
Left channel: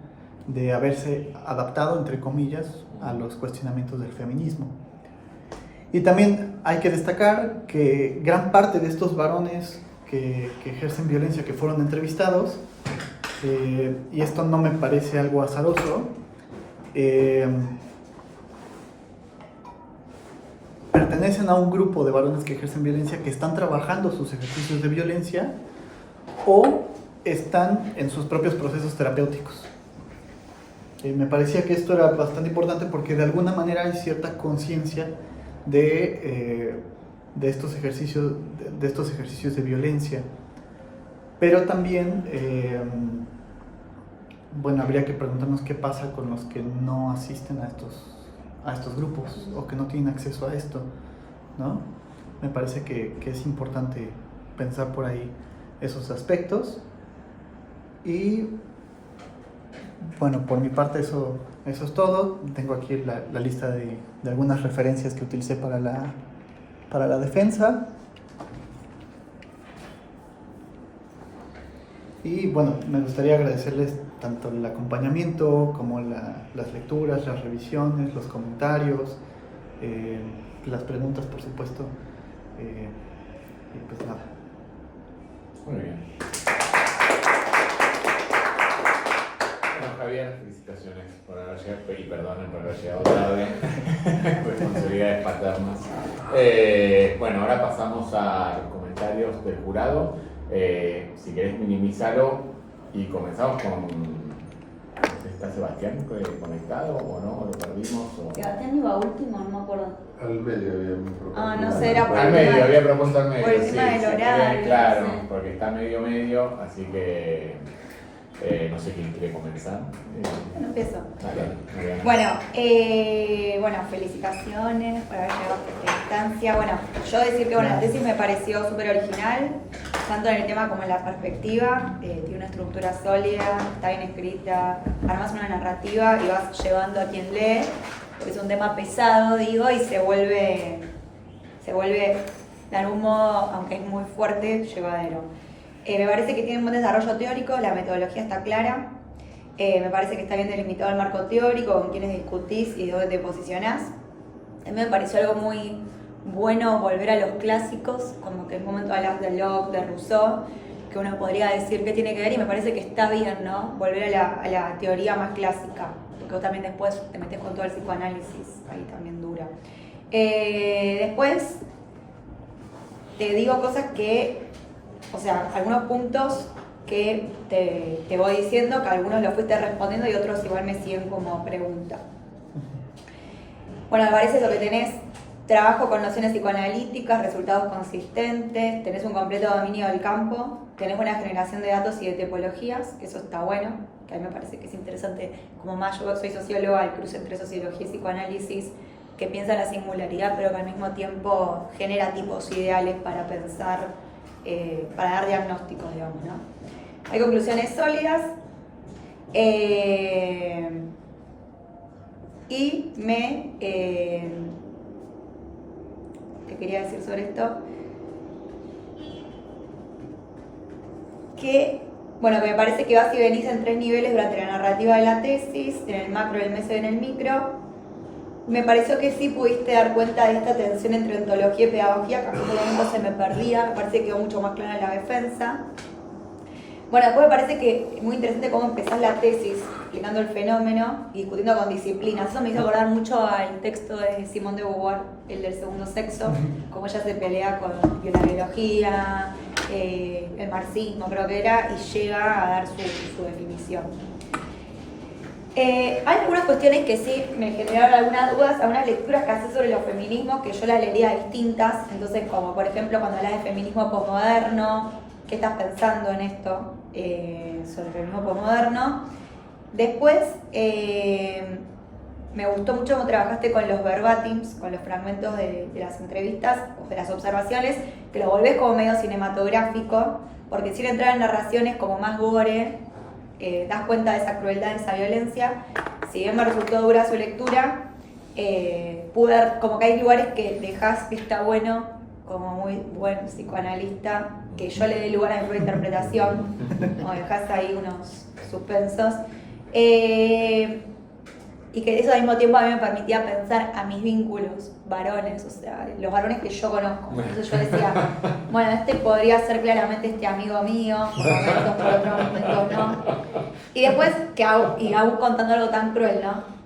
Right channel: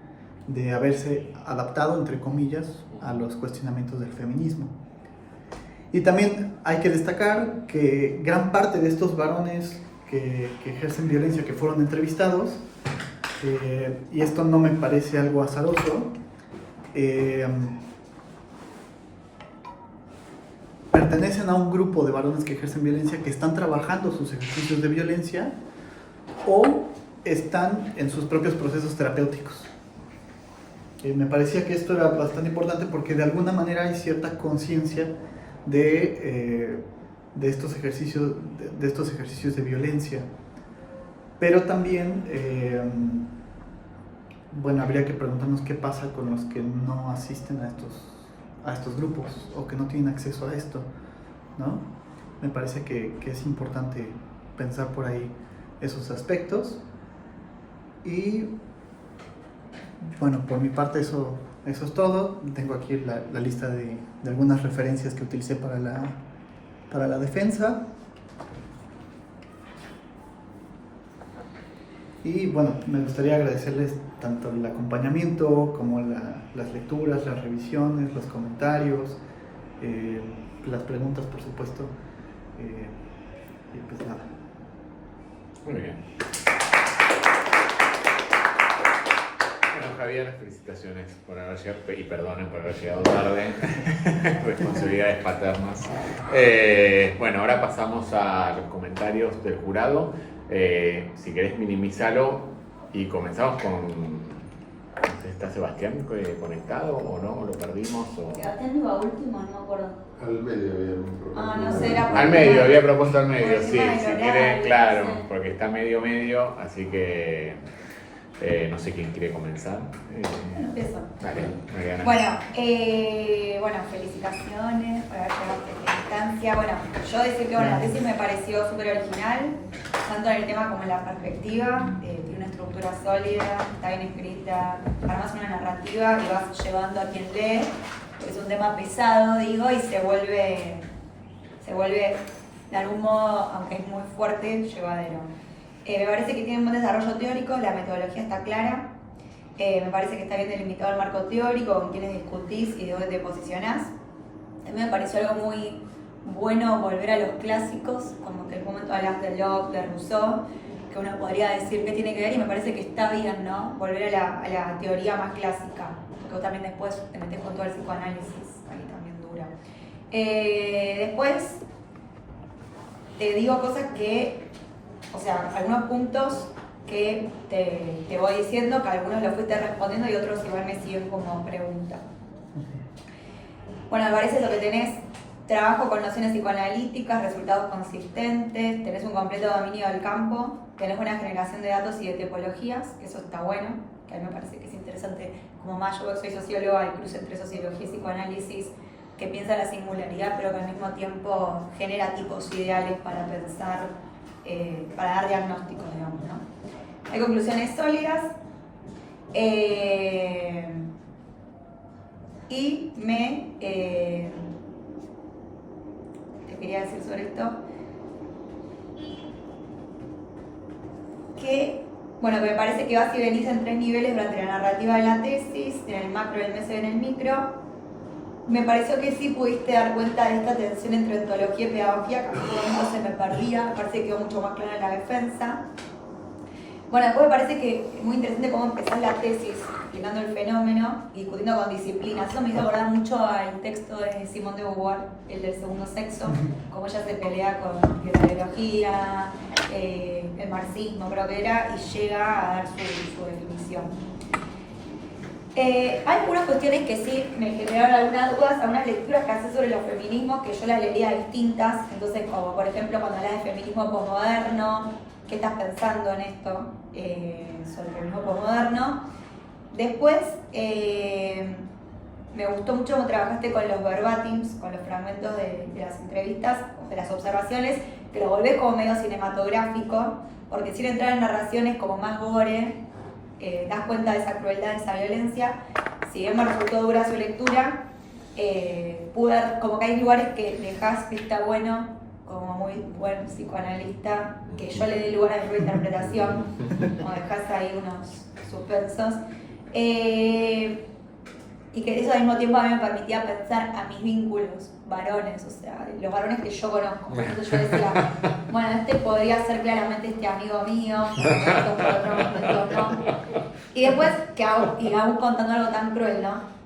de haberse adaptado, entre comillas, a los cuestionamientos del feminismo. Y también hay que destacar que gran parte de estos varones que ejercen violencia, que fueron entrevistados, y esto no me parece algo azaroso, pertenecen a un grupo de varones que ejercen violencia, que están trabajando sus ejercicios de violencia o están en sus propios procesos terapéuticos. Me parecía que esto era bastante importante porque de alguna manera hay cierta conciencia de estos ejercicios de violencia, pero también bueno, habría que preguntarnos qué pasa con los que no asisten a estos grupos o que no tienen acceso a esto, ¿no? Me parece que es importante pensar por ahí esos aspectos. Y bueno, por mi parte eso es todo. Tengo aquí la lista de algunas referencias que utilicé para la defensa. Y bueno, me gustaría agradecerles tanto el acompañamiento como las lecturas, las revisiones, los comentarios, las preguntas, por supuesto. Y pues nada. Muy bien. Bueno, Javier, felicitaciones por haber llegado, y perdonen por haber llegado tarde. Responsabilidades paternas. Bueno, ahora pasamos a los comentarios del jurado. Si querés minimizarlo y comenzamos con... ¿Está Sebastián conectado o no? ¿Lo perdimos? O... Sebastián iba último, no me acuerdo. Al medio había un problema. Ah, no sé, era por al medio, había propuesto al medio. por el Sí, tema del si horario, quieren, claro, no sé. porque está medio, así que no sé quién quiere comenzar. Empiezo. Dale, Bueno, felicitaciones por haber llegado a esta instancia. Bueno, yo decir que la tesis me pareció súper original, tanto en el tema como en la perspectiva. Tiene una estructura sólida, está bien escrita, armas una narrativa y vas llevando a quien lee, porque es un tema pesado, digo, y se vuelve de algún modo, aunque es muy fuerte, llevadero. Me parece que tiene un buen desarrollo teórico, la metodología está clara. Me parece que está bien delimitado el marco teórico, con quienes discutís y dónde te posicionás. También me pareció algo muy bueno volver a los clásicos, como que en un momento hablas de Locke, de Rousseau, que uno podría decir qué tiene que ver, y me parece que está bien, ¿no? Volver a la teoría más clásica, porque también después te metes con todo el psicoanálisis, ahí también dura. Después te digo cosas que, o sea, algunos puntos que te voy diciendo, que algunos los fuiste respondiendo y otros igual me siguen como pregunta. Bueno, me parece lo que tenés: trabajo con nociones psicoanalíticas, resultados consistentes, tenés un completo dominio del campo, tenés buena generación de datos y de tipologías, que eso está bueno, que a mí me parece que es interesante, como más yo soy socióloga, el cruce entre sociología y psicoanálisis, que piensa en la singularidad, pero que al mismo tiempo genera tipos ideales para pensar, para dar diagnósticos, digamos, ¿no? Hay conclusiones sólidas, y te quería decir sobre esto, que, bueno, que me parece que vas y venís en 3 niveles durante la narrativa de la tesis, en el macro, en el meso y en el micro. Me pareció que sí pudiste dar cuenta de esta tensión entre ontología y pedagogía, que a mí por un momento se me perdía, me parece que quedó mucho más clara en la defensa. Bueno, después me parece que es muy interesante cómo empezás la tesis, explicando el fenómeno y discutiendo con disciplinas. Eso me hizo acordar mucho al texto de Simone de Beauvoir, el del segundo sexo, cómo ella se pelea con la ideología, el marxismo creo que era, y llega a dar su definición. Hay algunas cuestiones que sí me generaron algunas dudas, algunas lecturas que hace sobre los feminismos que yo las leería distintas. Entonces, como por ejemplo cuando hablas de feminismo posmoderno, ¿qué estás pensando en esto sobre el feminismo posmoderno? Después, me gustó mucho cómo trabajaste con los verbatims, con los fragmentos de las entrevistas, de las observaciones, que lo volvés como medio cinematográfico, porque sin entrar en narraciones como más gore, das cuenta de esa crueldad, de esa violencia. Si bien me resultó dura su lectura, como que hay lugares que dejás que está bueno, como muy buen psicoanalista, que yo le dé lugar a la interpretación, como dejás ahí unos suspensos. Y que eso al mismo tiempo a mí me permitía pensar a mis vínculos varones, o sea, los varones que yo conozco. Entonces yo decía, bueno, este podría ser claramente este amigo mío, por otros momentos no. Y después, y aún contando algo tan cruel, ¿no?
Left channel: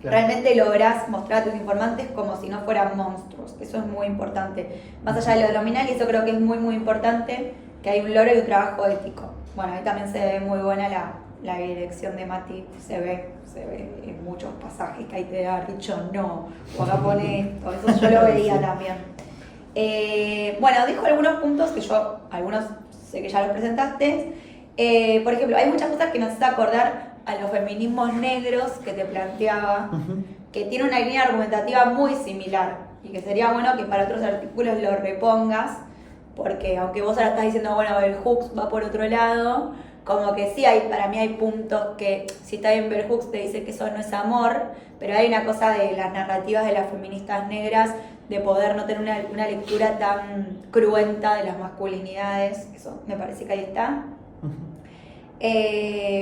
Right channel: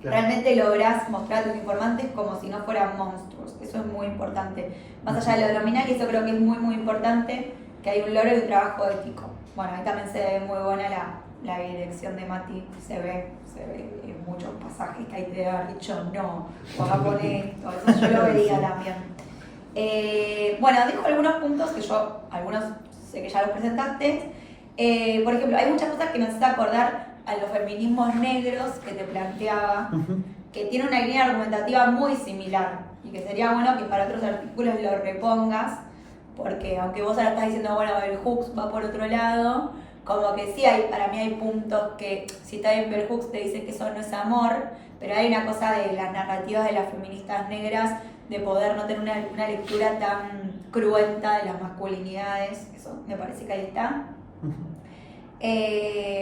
Claro. Realmente lográs mostrar a tus informantes como si no fueran monstruos. Eso es muy importante. Más allá de lo nominal, eso creo que es muy, muy importante, que hay un logro y un trabajo ético. Bueno, ahí también se ve muy buena la dirección de Mati, se ve en muchos pasajes que hay que haber dicho no, o no pone esto, eso yo lo veía también. Bueno, dejo algunos puntos que algunos sé que ya los presentaste. Por ejemplo, hay muchas cosas que nos hace acordar a los feminismos negros que te planteaba, que tiene una línea argumentativa muy similar y que sería bueno que para otros artículos lo repongas, porque aunque vos ahora estás diciendo, bueno, el Hooks va por otro lado, como que sí, para mí hay puntos que, si está bien Bell Hooks, te dice que eso no es amor, pero hay una cosa de las narrativas de las feministas negras, de poder no tener una lectura tan cruenta de las masculinidades, eso me parece que ahí está.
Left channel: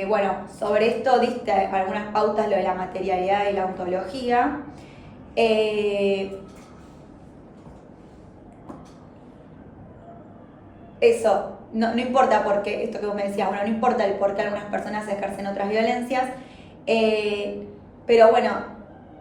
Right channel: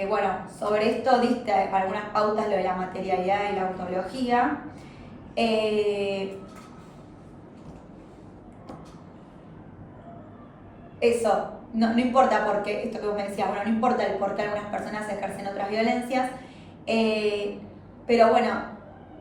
Bueno, sobre esto diste algunas pautas, lo de la materialidad y la ontología. Eso, no importa por qué, esto que vos me decías, bueno, no importa el por qué algunas personas ejercen otras violencias, pero bueno,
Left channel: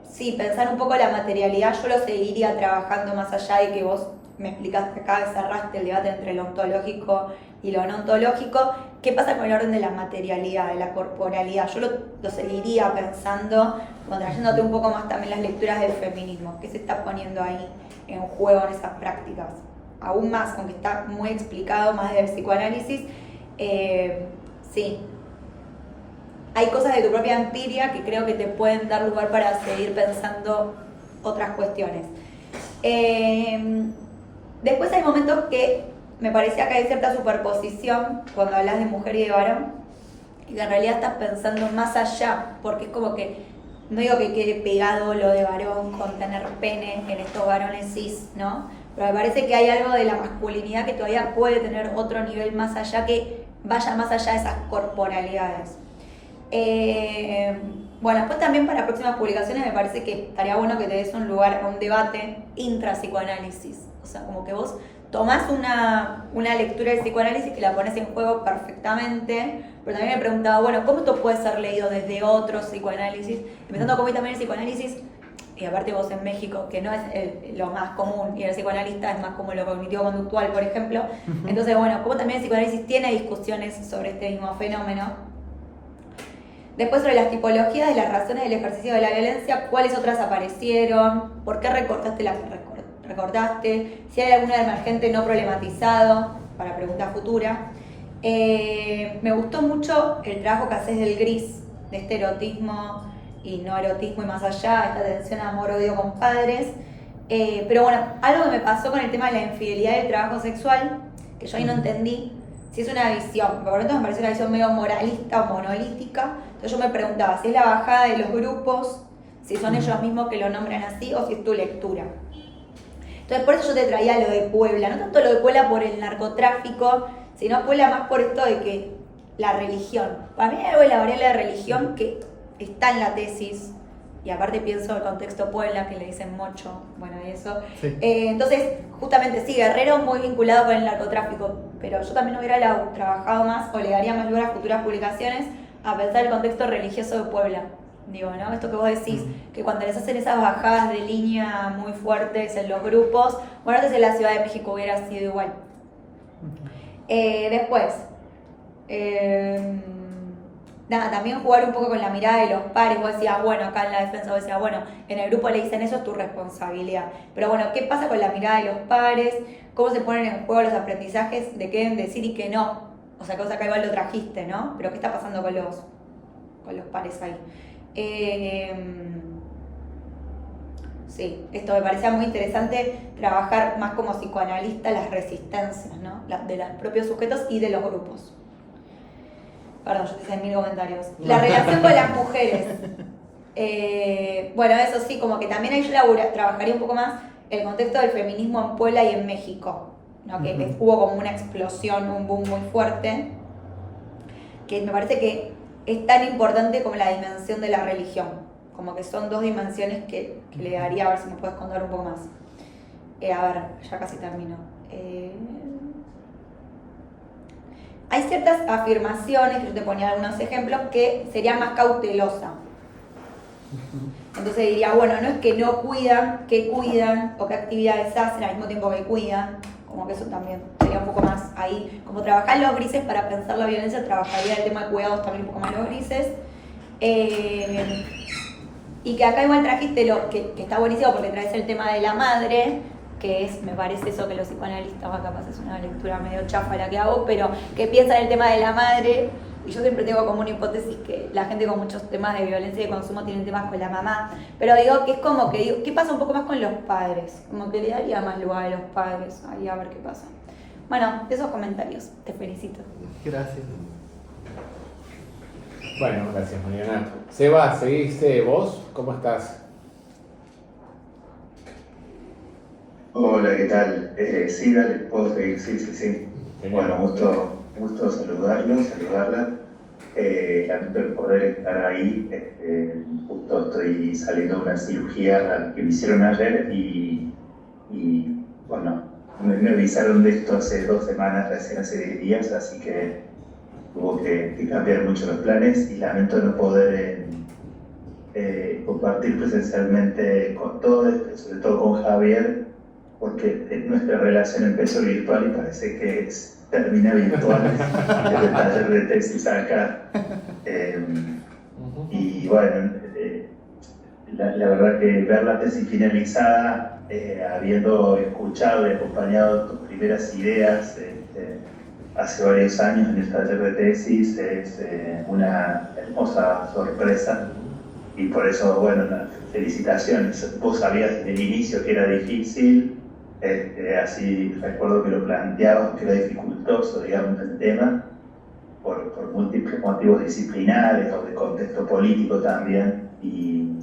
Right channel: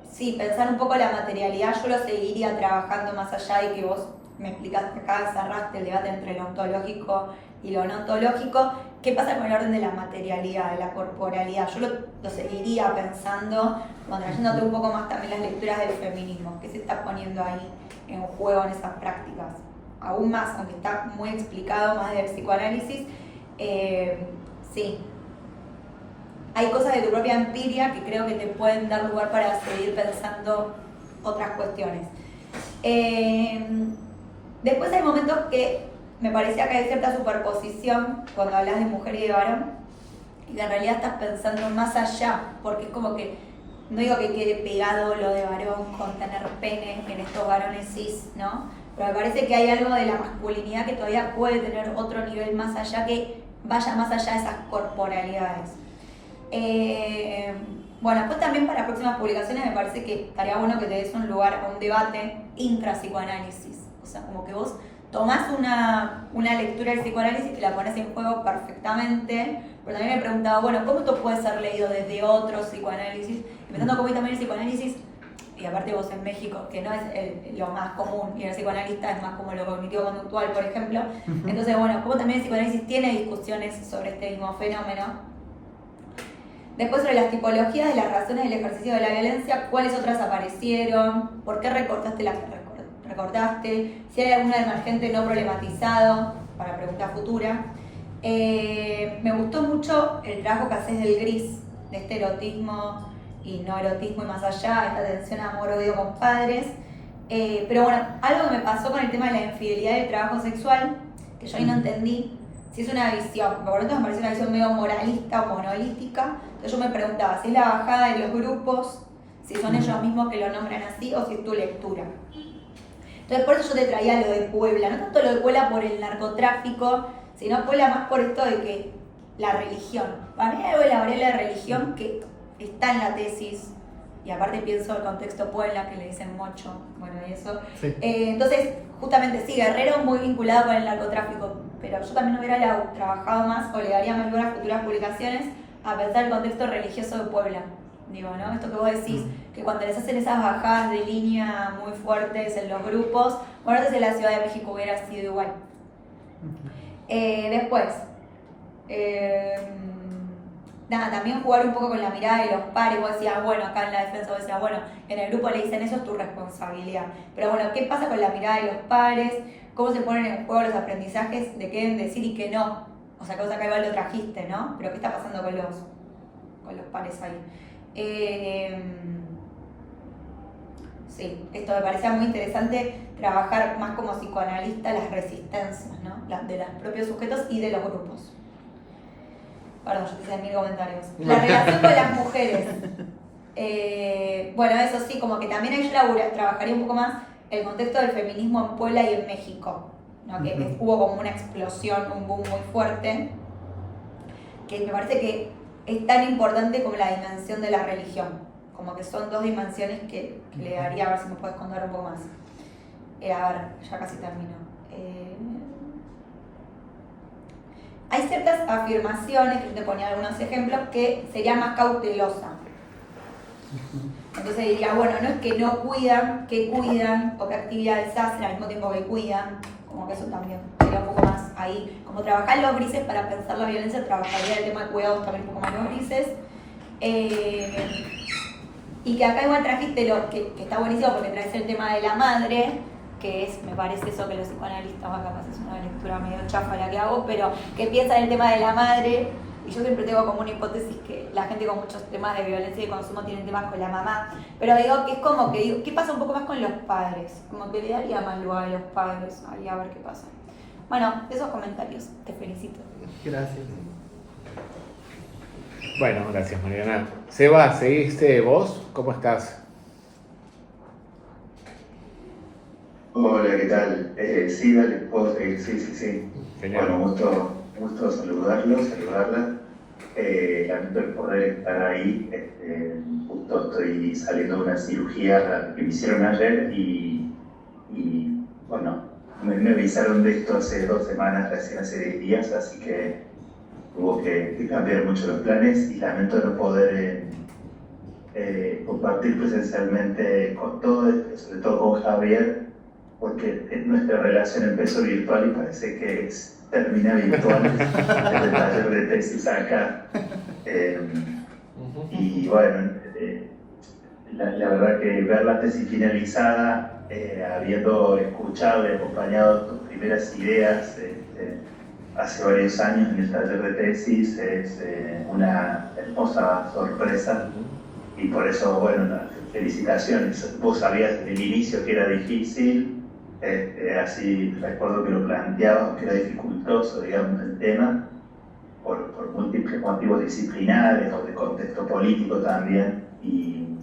sí, pensar un poco la materialidad, yo lo seguiría trabajando más allá de que vos me explicaste acá, cerraste el debate entre lo ontológico y lo no ontológico. ¿Qué pasa con el orden de la materialidad, de la corporalidad? Yo lo seguiría pensando, trayéndote un poco más también las lecturas del feminismo, que se está poniendo ahí en juego en esas prácticas. Aún más, aunque está muy explicado, más del psicoanálisis, sí. Hay cosas de tu propia empiria que creo que te pueden dar lugar para seguir pensando otras cuestiones. Después hay momentos que me parecía que hay cierta superposición cuando hablas de mujer y de varón, y que en realidad estás pensando más allá, porque es como que, no digo que quede pegado lo de varón con tener pene en estos varones cis, ¿no? Pero me parece que hay algo de la masculinidad que todavía puede tener otro nivel más allá, que vaya más allá de esas corporalidades. Bueno, después también para próximas publicaciones me parece que estaría bueno que te des un lugar a un debate intrapsicoanálisis. O sea, como que vos tomás una lectura del psicoanálisis que la pones en juego perfectamente, pero también me preguntaba, bueno, ¿cómo esto puede ser leído desde otro psicoanálisis? Empezando como también el psicoanálisis, y aparte vos en México, que no es lo más común, y el psicoanalista es más como lo cognitivo-conductual, por ejemplo. Entonces, bueno, como también el psicoanálisis tiene discusiones sobre este mismo fenómeno. Después sobre las tipologías de las razones del ejercicio de la violencia, ¿cuáles otras aparecieron? ¿Por qué recortaste las que recortaste? Si hay alguna emergente no problematizado, para pregunta futura. Me gustó mucho el trabajo que haces del gris, de este erotismo y no erotismo y más allá, esta tensión amor-odio con padres. Pero bueno, algo que me pasó con el tema de la infidelidad del trabajo sexual, que yo ahí no entendí, si es una visión, por lo tanto me parece una visión medio moralista o monolítica. Entonces yo me preguntaba si es la bajada de los grupos, si son ellos mismos que lo nombran así o si es tu lectura. Entonces por eso yo te traía lo de Puebla, no tanto lo de Puebla por el narcotráfico, sino Puebla más por esto de que la religión. Para mí hay algo de la variable de religión que está en la tesis, y aparte pienso el contexto Puebla, que le dicen mocho, bueno, y eso. Sí. Entonces, justamente sí, Guerrero muy vinculado con el narcotráfico, pero yo también hubiera trabajado más o le daría más lugar a futuras publicaciones a pensar el contexto religioso de Puebla. Digo, ¿no? Esto que vos decís, que cuando les hacen esas bajadas de línea muy fuertes en los grupos, bueno, entonces en la Ciudad de México hubiera sido igual. Después, nada, también jugar un poco con la mirada de los pares. Vos decías, bueno, acá en la defensa vos decías, bueno, en el grupo le dicen eso, es tu responsabilidad. Pero bueno, ¿qué pasa con la mirada de los pares? ¿Cómo se ponen en juego los aprendizajes de qué deben decir y qué no? O sea, cosa que igual lo trajiste, ¿no? Pero ¿qué está pasando con los pares ahí? Sí, esto me parecía muy interesante, trabajar más como psicoanalista las resistencias, ¿no? De los propios sujetos y de los grupos. Perdón, yo te hice 1000 comentarios. La relación con las mujeres. Bueno, eso sí, como que también ahí yo trabajaría un poco más el contexto del feminismo en Puebla y en México, ¿no? Que hubo como una explosión, un boom muy fuerte, que me parece que es tan importante como la dimensión de la religión. Como que son dos dimensiones que le daría, a ver si me puedes contar un poco más. A ver, ya casi termino. Hay ciertas afirmaciones, que yo te ponía algunos ejemplos, que sería más cautelosa. Entonces diría, bueno, no es que no cuidan, que cuidan, o qué actividades hacen al mismo tiempo que cuidan, como que eso también sería un poco más ahí. Como trabajar los grises para pensar la violencia, trabajaría el tema de cuidados también un poco más los grises. Y que acá igual trajiste lo que está buenísimo porque traes el tema de la madre, que es, me parece eso que los psicoanalistas, capaz es una lectura medio chafa la que hago, pero que piensa en el tema de la madre, y yo siempre tengo como una hipótesis que la gente con muchos temas de violencia y consumo tienen temas con la mamá, pero digo que es como que digo, ¿qué pasa un poco más con los padres? Como que le daría más lugar a los padres, ahí a ver qué pasa. Bueno, esos comentarios, te felicito. Gracias. Bueno, gracias Mariana. Seba, ¿seguiste vos? ¿Cómo estás? Hola, ¿qué tal? Sí, dale, puedo seguir, sí. Genial. Bueno, gusto saludarla. Lamento el poder estar ahí. Justo estoy saliendo de una cirugía que me hicieron ayer y bueno, me avisaron de esto hace 2 semanas, recién hace 10 días, así que hubo que cambiar mucho los planes y lamento no poder compartir presencialmente con todos, pero sobre todo con Javier, porque nuestra relación empezó virtual y parece que termina virtual desde el taller de tesis acá. Y bueno, la verdad que ver la tesis finalizada, habiendo escuchado y acompañado tus primeras ideas hace varios años en el taller de tesis, es una hermosa sorpresa. Y por eso, bueno, las felicitaciones. Vos sabías desde el inicio que era difícil, así recuerdo que lo planteabas, que era dificultoso, digamos, el tema, por múltiples motivos disciplinares o de contexto político también. Y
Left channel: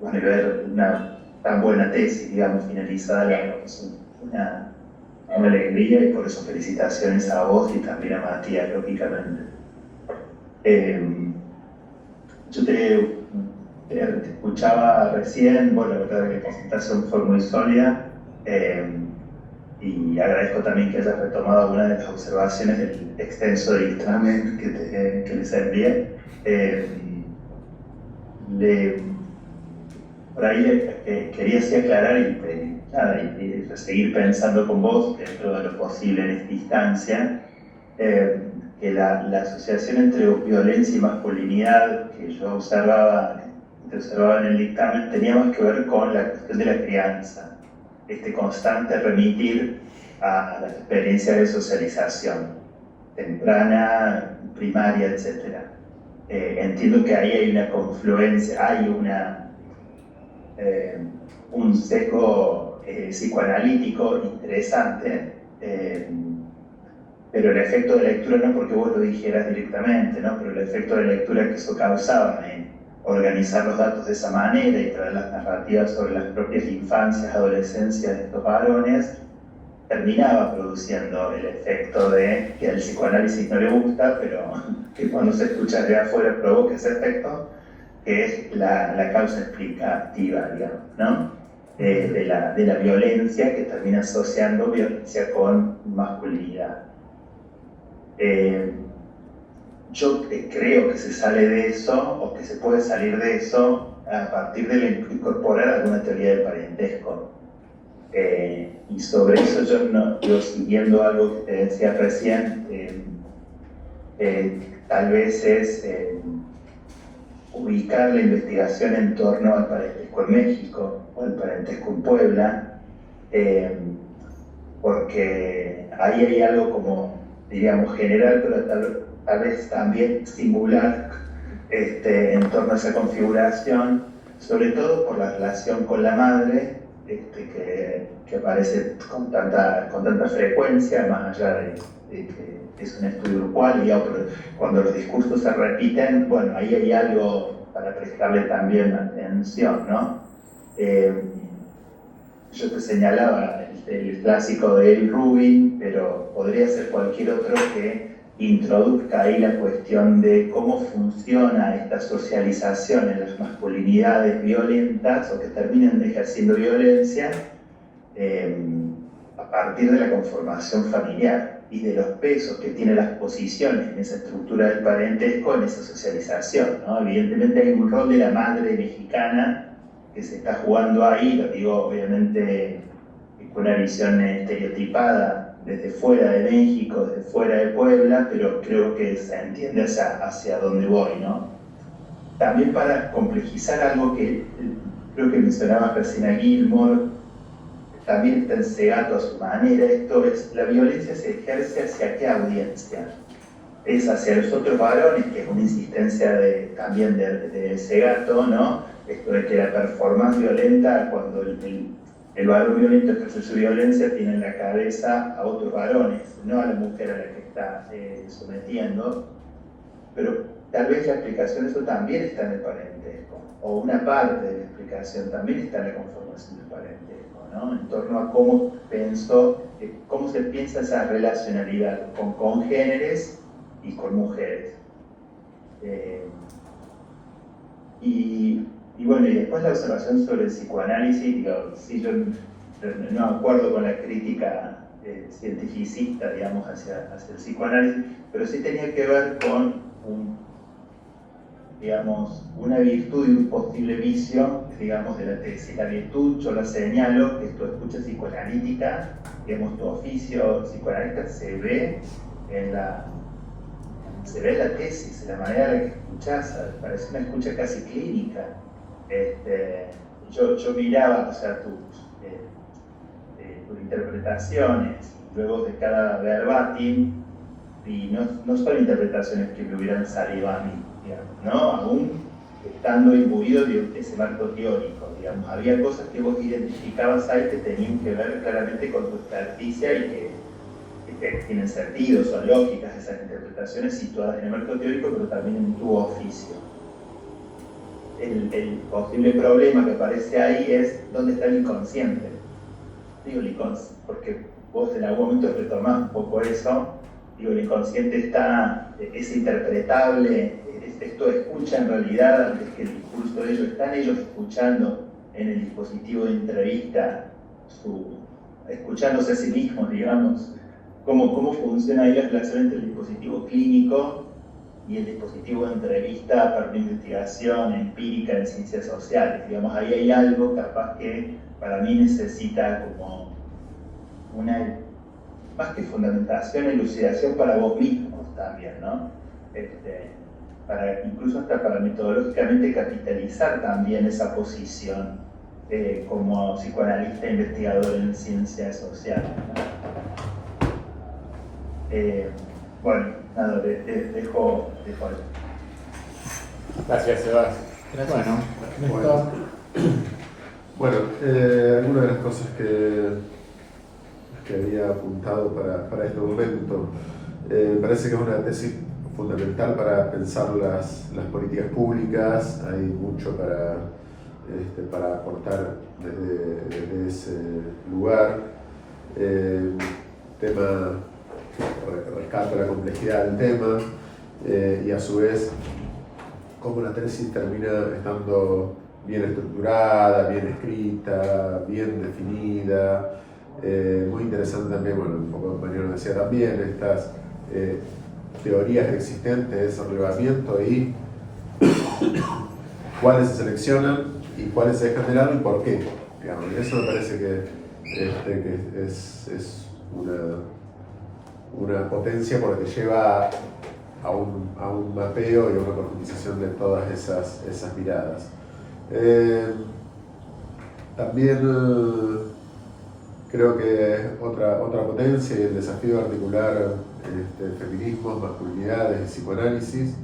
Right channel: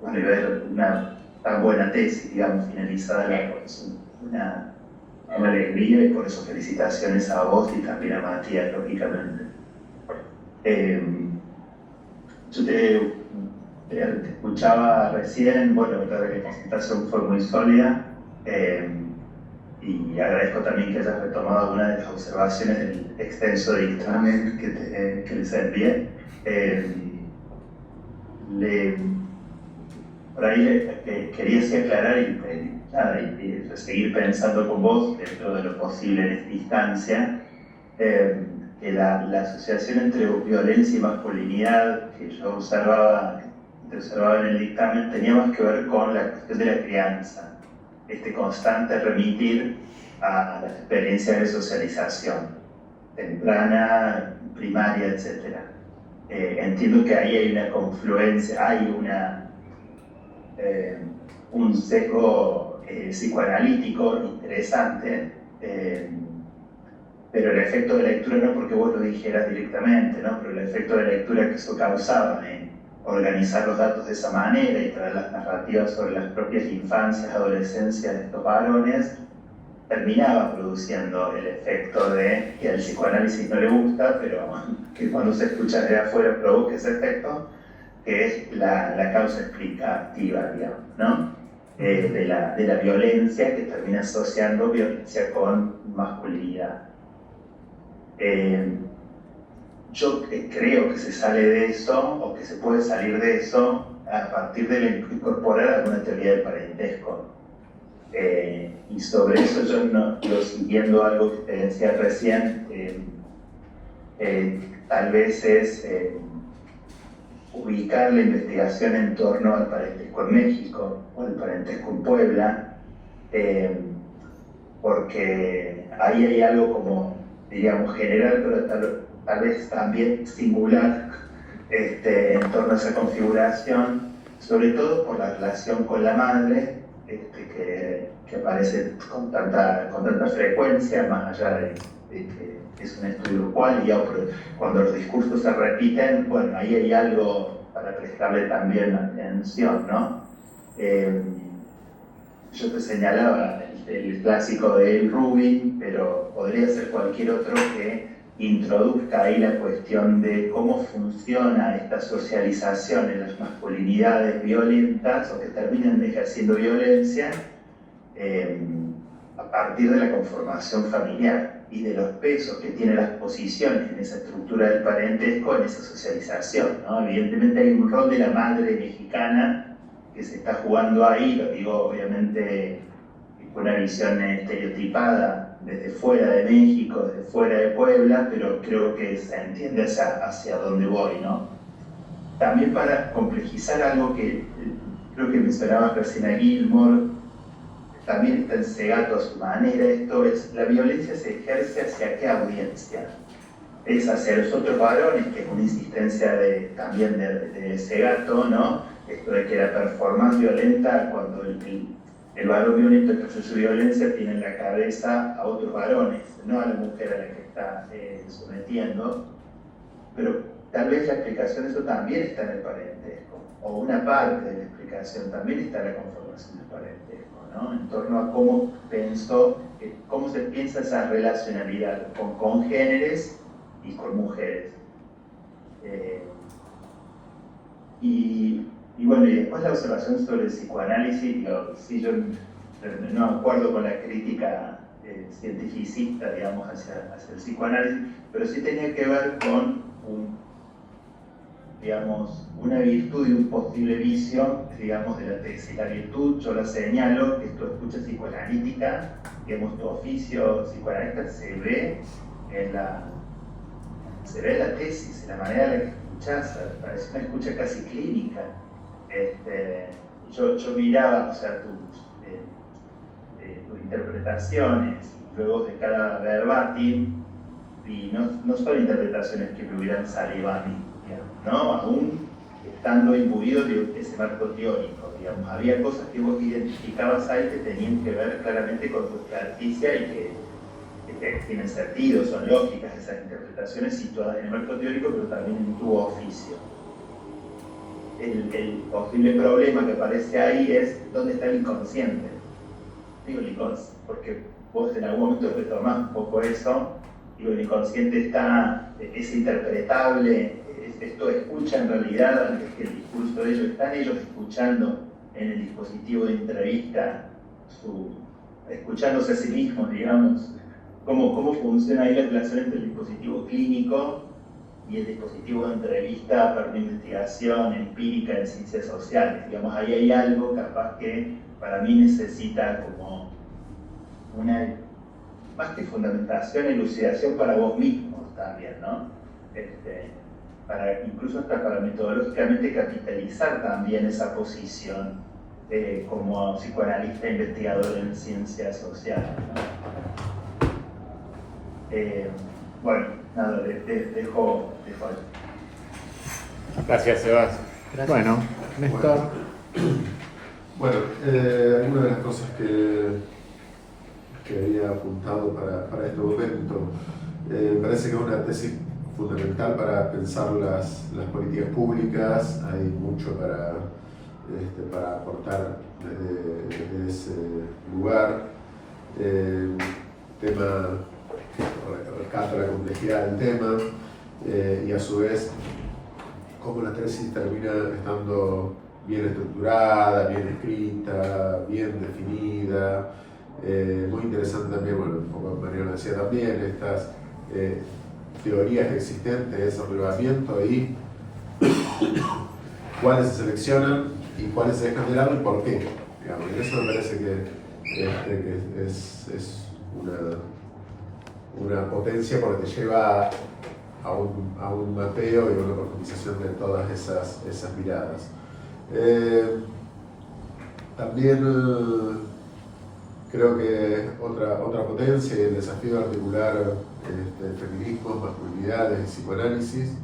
bueno, y ver una tan buena tesis, digamos, finalizada, la verdad que es una alegría y por eso felicitaciones a vos y también a Matías, lógicamente. Yo te escuchaba recién, bueno, la verdad que la presentación fue muy sólida y agradezco también que hayas retomado algunas de las observaciones del extenso dictamen que les envié. Por ahí quería así aclarar y seguir pensando con vos, dentro de lo posible en esta instancia, que la asociación entre violencia y masculinidad que yo observaba en el dictamen tenía más que ver con la cuestión de la crianza, este constante remitir a las experiencias de socialización temprana, primaria, etc. Entiendo que ahí hay una confluencia, hay un sesgo psicoanalítico interesante, pero el efecto de lectura no porque vos lo dijeras directamente, ¿no? Pero el efecto de lectura que eso causaba en organizar los datos de esa manera y traer las narrativas sobre las propias infancias, adolescencias de estos varones, terminaba produciendo el efecto de que al psicoanálisis no le gusta, pero que cuando se escucha de afuera provoca ese efecto, que es la causa explicativa, digamos, ¿no? De la violencia, que termina asociando violencia con masculinidad. Yo creo que se sale de eso, o que se puede salir de eso, a partir de incorporar alguna teoría del parentesco. Y sobre eso yo siguiendo algo que te decía recién, tal vez es ubicar la investigación en torno al parentesco en México o al parentesco en Puebla, porque ahí hay algo como, diríamos, general, pero tal vez también singular en torno a esa configuración, sobre todo por la relación con la madre, que aparece con tanta frecuencia, más allá de que es un estudio cual, cuando los discursos se repiten, bueno, ahí hay algo para prestarle también atención, ¿no? Yo te señalaba el clásico de Eric Rubin, pero podría ser cualquier otro que introduzca ahí la cuestión de cómo funciona esta socialización en las masculinidades violentas o que terminan ejerciendo violencia a partir de la conformación familiar y de los pesos que tienen las posiciones en esa estructura del parentesco, en esa socialización, ¿no? Evidentemente hay un rol de la madre mexicana que se está jugando ahí, lo digo obviamente con una visión estereotipada desde fuera de México, desde fuera de Puebla, pero creo que se entiende hacia dónde voy, ¿no? También para complejizar algo que creo que mencionaba Cristina Gilmore, también está en Segato a su manera, esto es, la violencia se ejerce hacia qué audiencia. Es hacia los otros varones, que es una insistencia también de Segato, ¿no? Esto de que la performance violenta, cuando el varón violento ejerce su violencia, tiene en la cabeza a otros varones, no a la mujer a la que está sometiendo. Pero tal vez la explicación de eso también está en el parentesco, o una parte de la explicación también está en la conformación del parentesco, ¿no? En torno a cómo se piensa esa relacionalidad con congéneres y con mujeres. Y bueno, y después la observación sobre el psicoanálisis, digamos, sí, yo no acuerdo con la crítica cientificista, digamos, hacia el psicoanálisis, pero sí tenía que ver con una virtud y un posible vicio, digamos, de la tesis. La virtud, yo la señalo, que es tu escucha psicoanalítica, digamos, tu oficio psicoanalista se ve en la tesis, en la manera en la que escuchás, parece una escucha casi clínica. Yo miraba, o sea, tus interpretaciones, y luego de cada verbatim, y no son interpretaciones que me hubieran salido a mí, digamos, ¿no? Aún estando imbuido de ese marco teórico, digamos, había cosas que vos identificabas ahí que tenían que ver claramente con tu experticia y que tienen sentido, son lógicas esas interpretaciones situadas en el marco teórico, pero también en tu oficio. El posible problema que aparece ahí es dónde está el inconsciente. Digo el inconsciente porque vos en algún momento retomás un poco eso. Digo, el inconsciente es interpretable, esto escucha en realidad antes que el discurso de ellos. Están ellos escuchando en el dispositivo de entrevista, escuchándose a sí mismos, digamos. ¿Cómo funciona ahí la relación entre el dispositivo clínico y el dispositivo de entrevista para una investigación empírica en ciencias sociales? Digamos, ahí hay algo capaz que para mí necesita como una, más que fundamentación, elucidación para vos mismos también, ¿no? Incluso hasta para metodológicamente capitalizar también esa posición como psicoanalista investigador en ciencias sociales, ¿no? Bueno, nada, dejo ahí. Gracias, Sebas. Gracias. Bueno, Bueno, algunas de las cosas que había apuntado para este momento, me parece que es una tesis fundamental para pensar las políticas públicas. Hay mucho para aportar desde ese lugar. Rescato la complejidad del tema y a su vez cómo la tesis termina estando bien estructurada, bien escrita, bien definida. Muy interesante también, bueno, un poco el compañero decía también, estas teorías existentes de desarrollamiento y cuáles se seleccionan y cuáles se dejan de lado y por qué. Digamos, eso me parece que es una potencia porque te lleva a un mapeo y una profundización de todas esas miradas. También creo que otra potencia y el desafío de articular feminismos, masculinidades y psicoanálisis.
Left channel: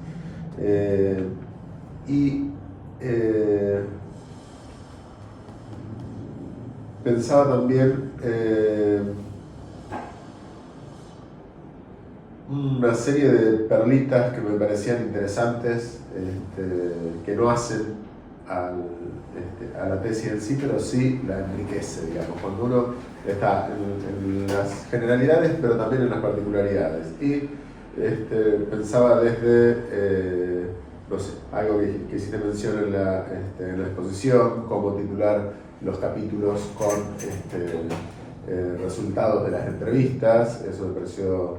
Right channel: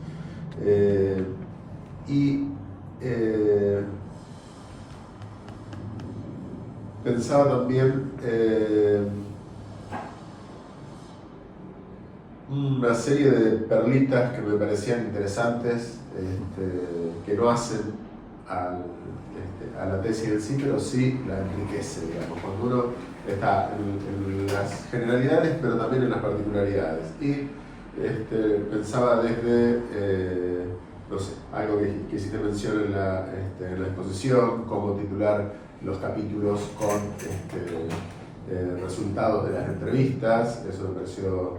Pensaba también una serie de perlitas que me parecían interesantes, que no hacen a la tesis en sí, pero sí la enriquece, digamos, cuando uno está en las generalidades, pero también en las particularidades. Y pensaba desde, no sé, algo que hiciste mención en la exposición, cómo titular los capítulos con resultados de las entrevistas. Eso me pareció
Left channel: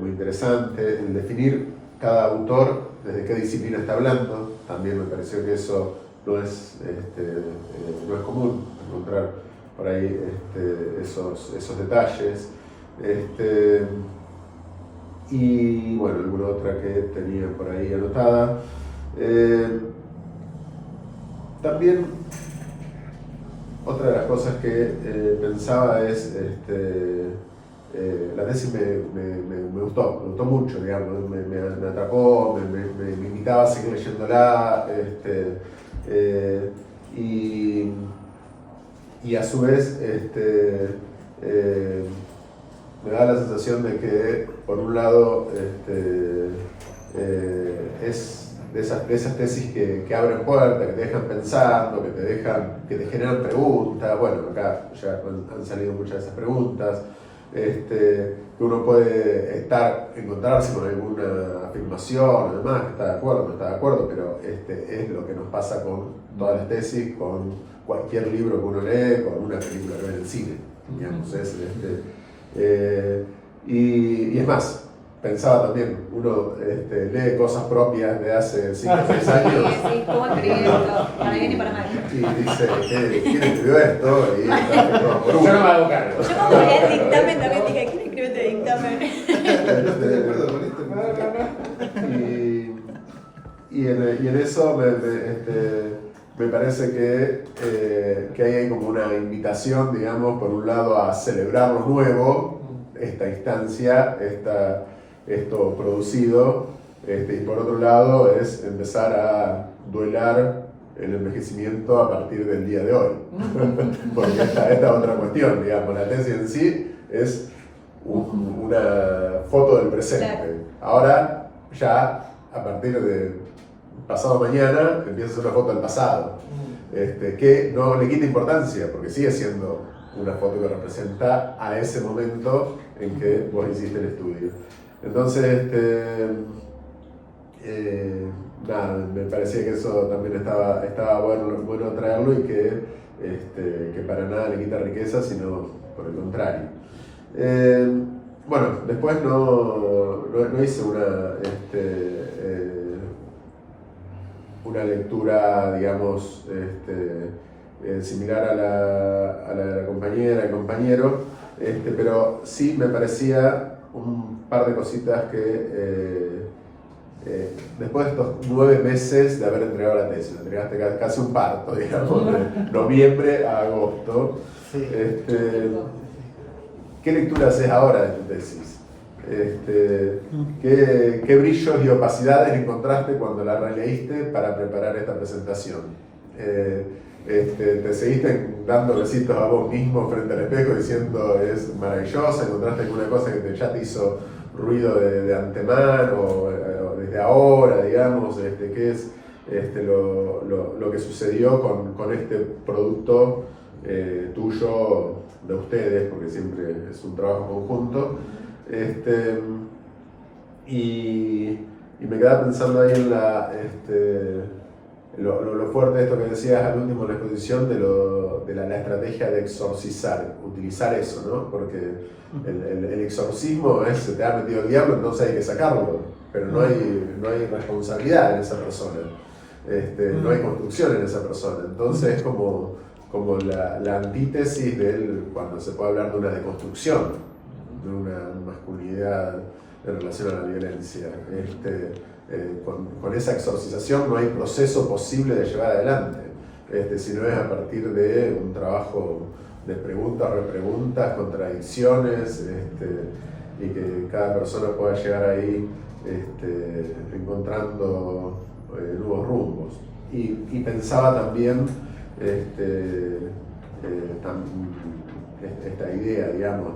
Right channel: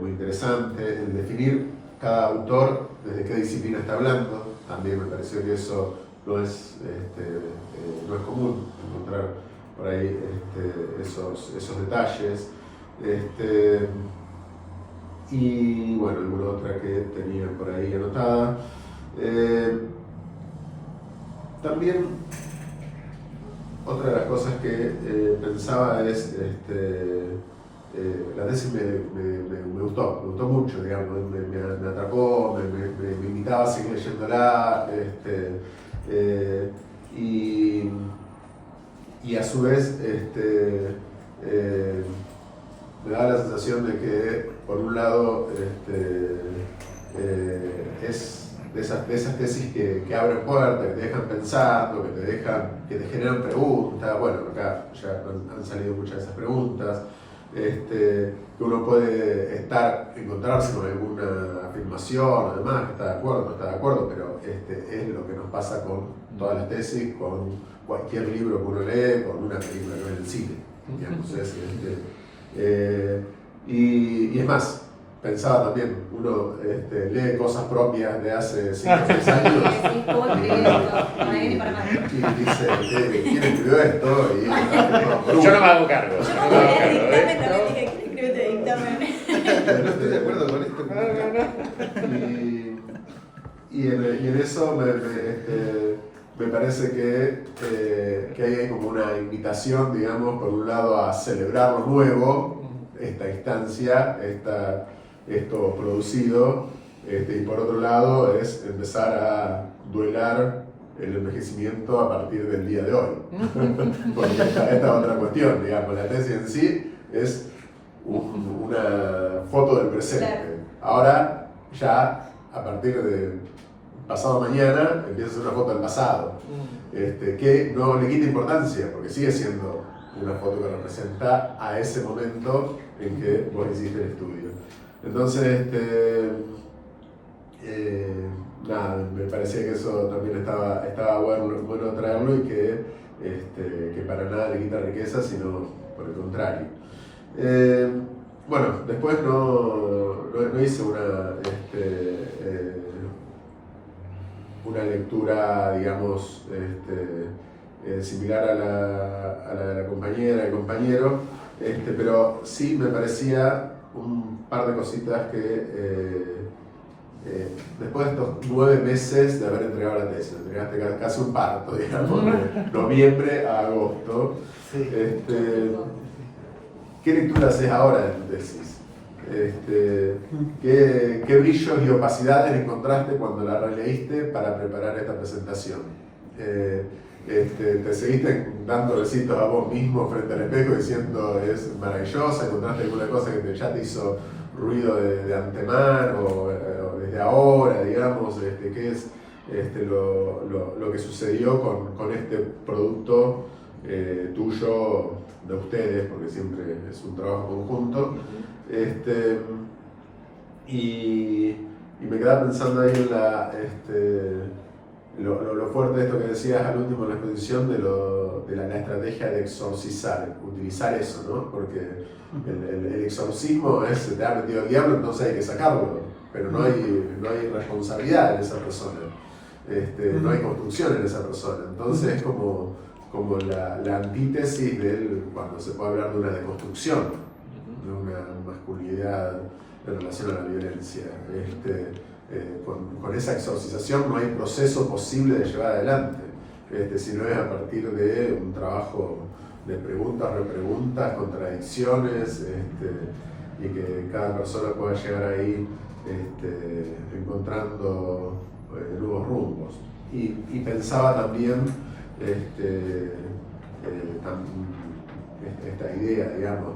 muy interesante. El definir cada autor desde qué disciplina está hablando, también me pareció que eso no es común encontrar por ahí esos detalles. Y bueno, alguna otra que tenía por ahí anotada. También otra de las cosas que pensaba es, la tesis me gustó mucho, digamos, me atrapó, me invitaba a seguir leyéndola, y a su vez me da la sensación de que, por un lado, es de esas tesis que abren puertas, que te dejan pensando, que te generan preguntas. Bueno, acá ya han salido muchas de esas preguntas. Que uno puede encontrarse con alguna afirmación, además, que está de acuerdo, no está de acuerdo, pero es lo que nos pasa con todas las tesis, con cualquier libro que uno lee, con una película que ve en el cine, digamos. Y es más, pensaba también, uno lee cosas propias de hace 5 o 6 años. Sí, ¿cómo escribí esto? Para bien y para mal. Y dice, ¿quién escribió esto? Yo no me hago cargo. El dictamen también dije, ¿quién escribió este dictamen? No estoy de acuerdo con esto. Y en eso me parece que hay como una invitación, digamos, por un lado a celebrar lo nuevo, esta instancia, esto producido, y por otro lado es empezar a duelar el envejecimiento a partir del día de hoy. Porque esta otra cuestión, digamos, la tesis en sí es una foto del presente. Ahora ya a partir de pasado mañana empieza a ser una foto del pasado, que no le quita importancia porque sigue siendo una foto que representa a ese momento en que vos hiciste el estudio. Entonces, nada, me parecía que eso también estaba bueno traerlo y que para nada le quita riqueza, sino por el contrario. Bueno, después no hice una lectura, digamos, similar a la compañera, al compañero, pero sí me parecía un par de cositas que después de estos 9 meses de haber entregado la tesis, entregaste casi un parto, digamos, de noviembre a agosto. Sí. ¿Qué lectura haces ahora de tu tesis? ¿Qué brillos y opacidades encontraste cuando la releíste para preparar esta presentación? ¿Te seguiste dando besitos a vos mismo frente al espejo diciendo es maravillosa? ¿Encontraste alguna cosa que ya te hizo ruido de antemano o desde ahora, digamos? ¿Qué es lo que sucedió con este producto tuyo, de ustedes, porque siempre es un trabajo conjunto? Y me quedaba pensando ahí en lo fuerte de esto que decías al último de la exposición, de la estrategia de exorcizar, utilizar eso, ¿no? Porque el exorcismo es, se te ha metido el diablo, entonces hay que sacarlo, pero no hay responsabilidad en esa persona, no hay construcción en esa persona, entonces es como la antítesis cuando se puede hablar de una deconstrucción, de una masculinidad en relación a la violencia. Con esa exorcización no hay proceso posible de llevar adelante, sino es a partir de un trabajo de preguntas, repreguntas, contradicciones, y que cada persona pueda llegar ahí encontrando nuevos rumbos. Y pensaba también esta idea, digamos,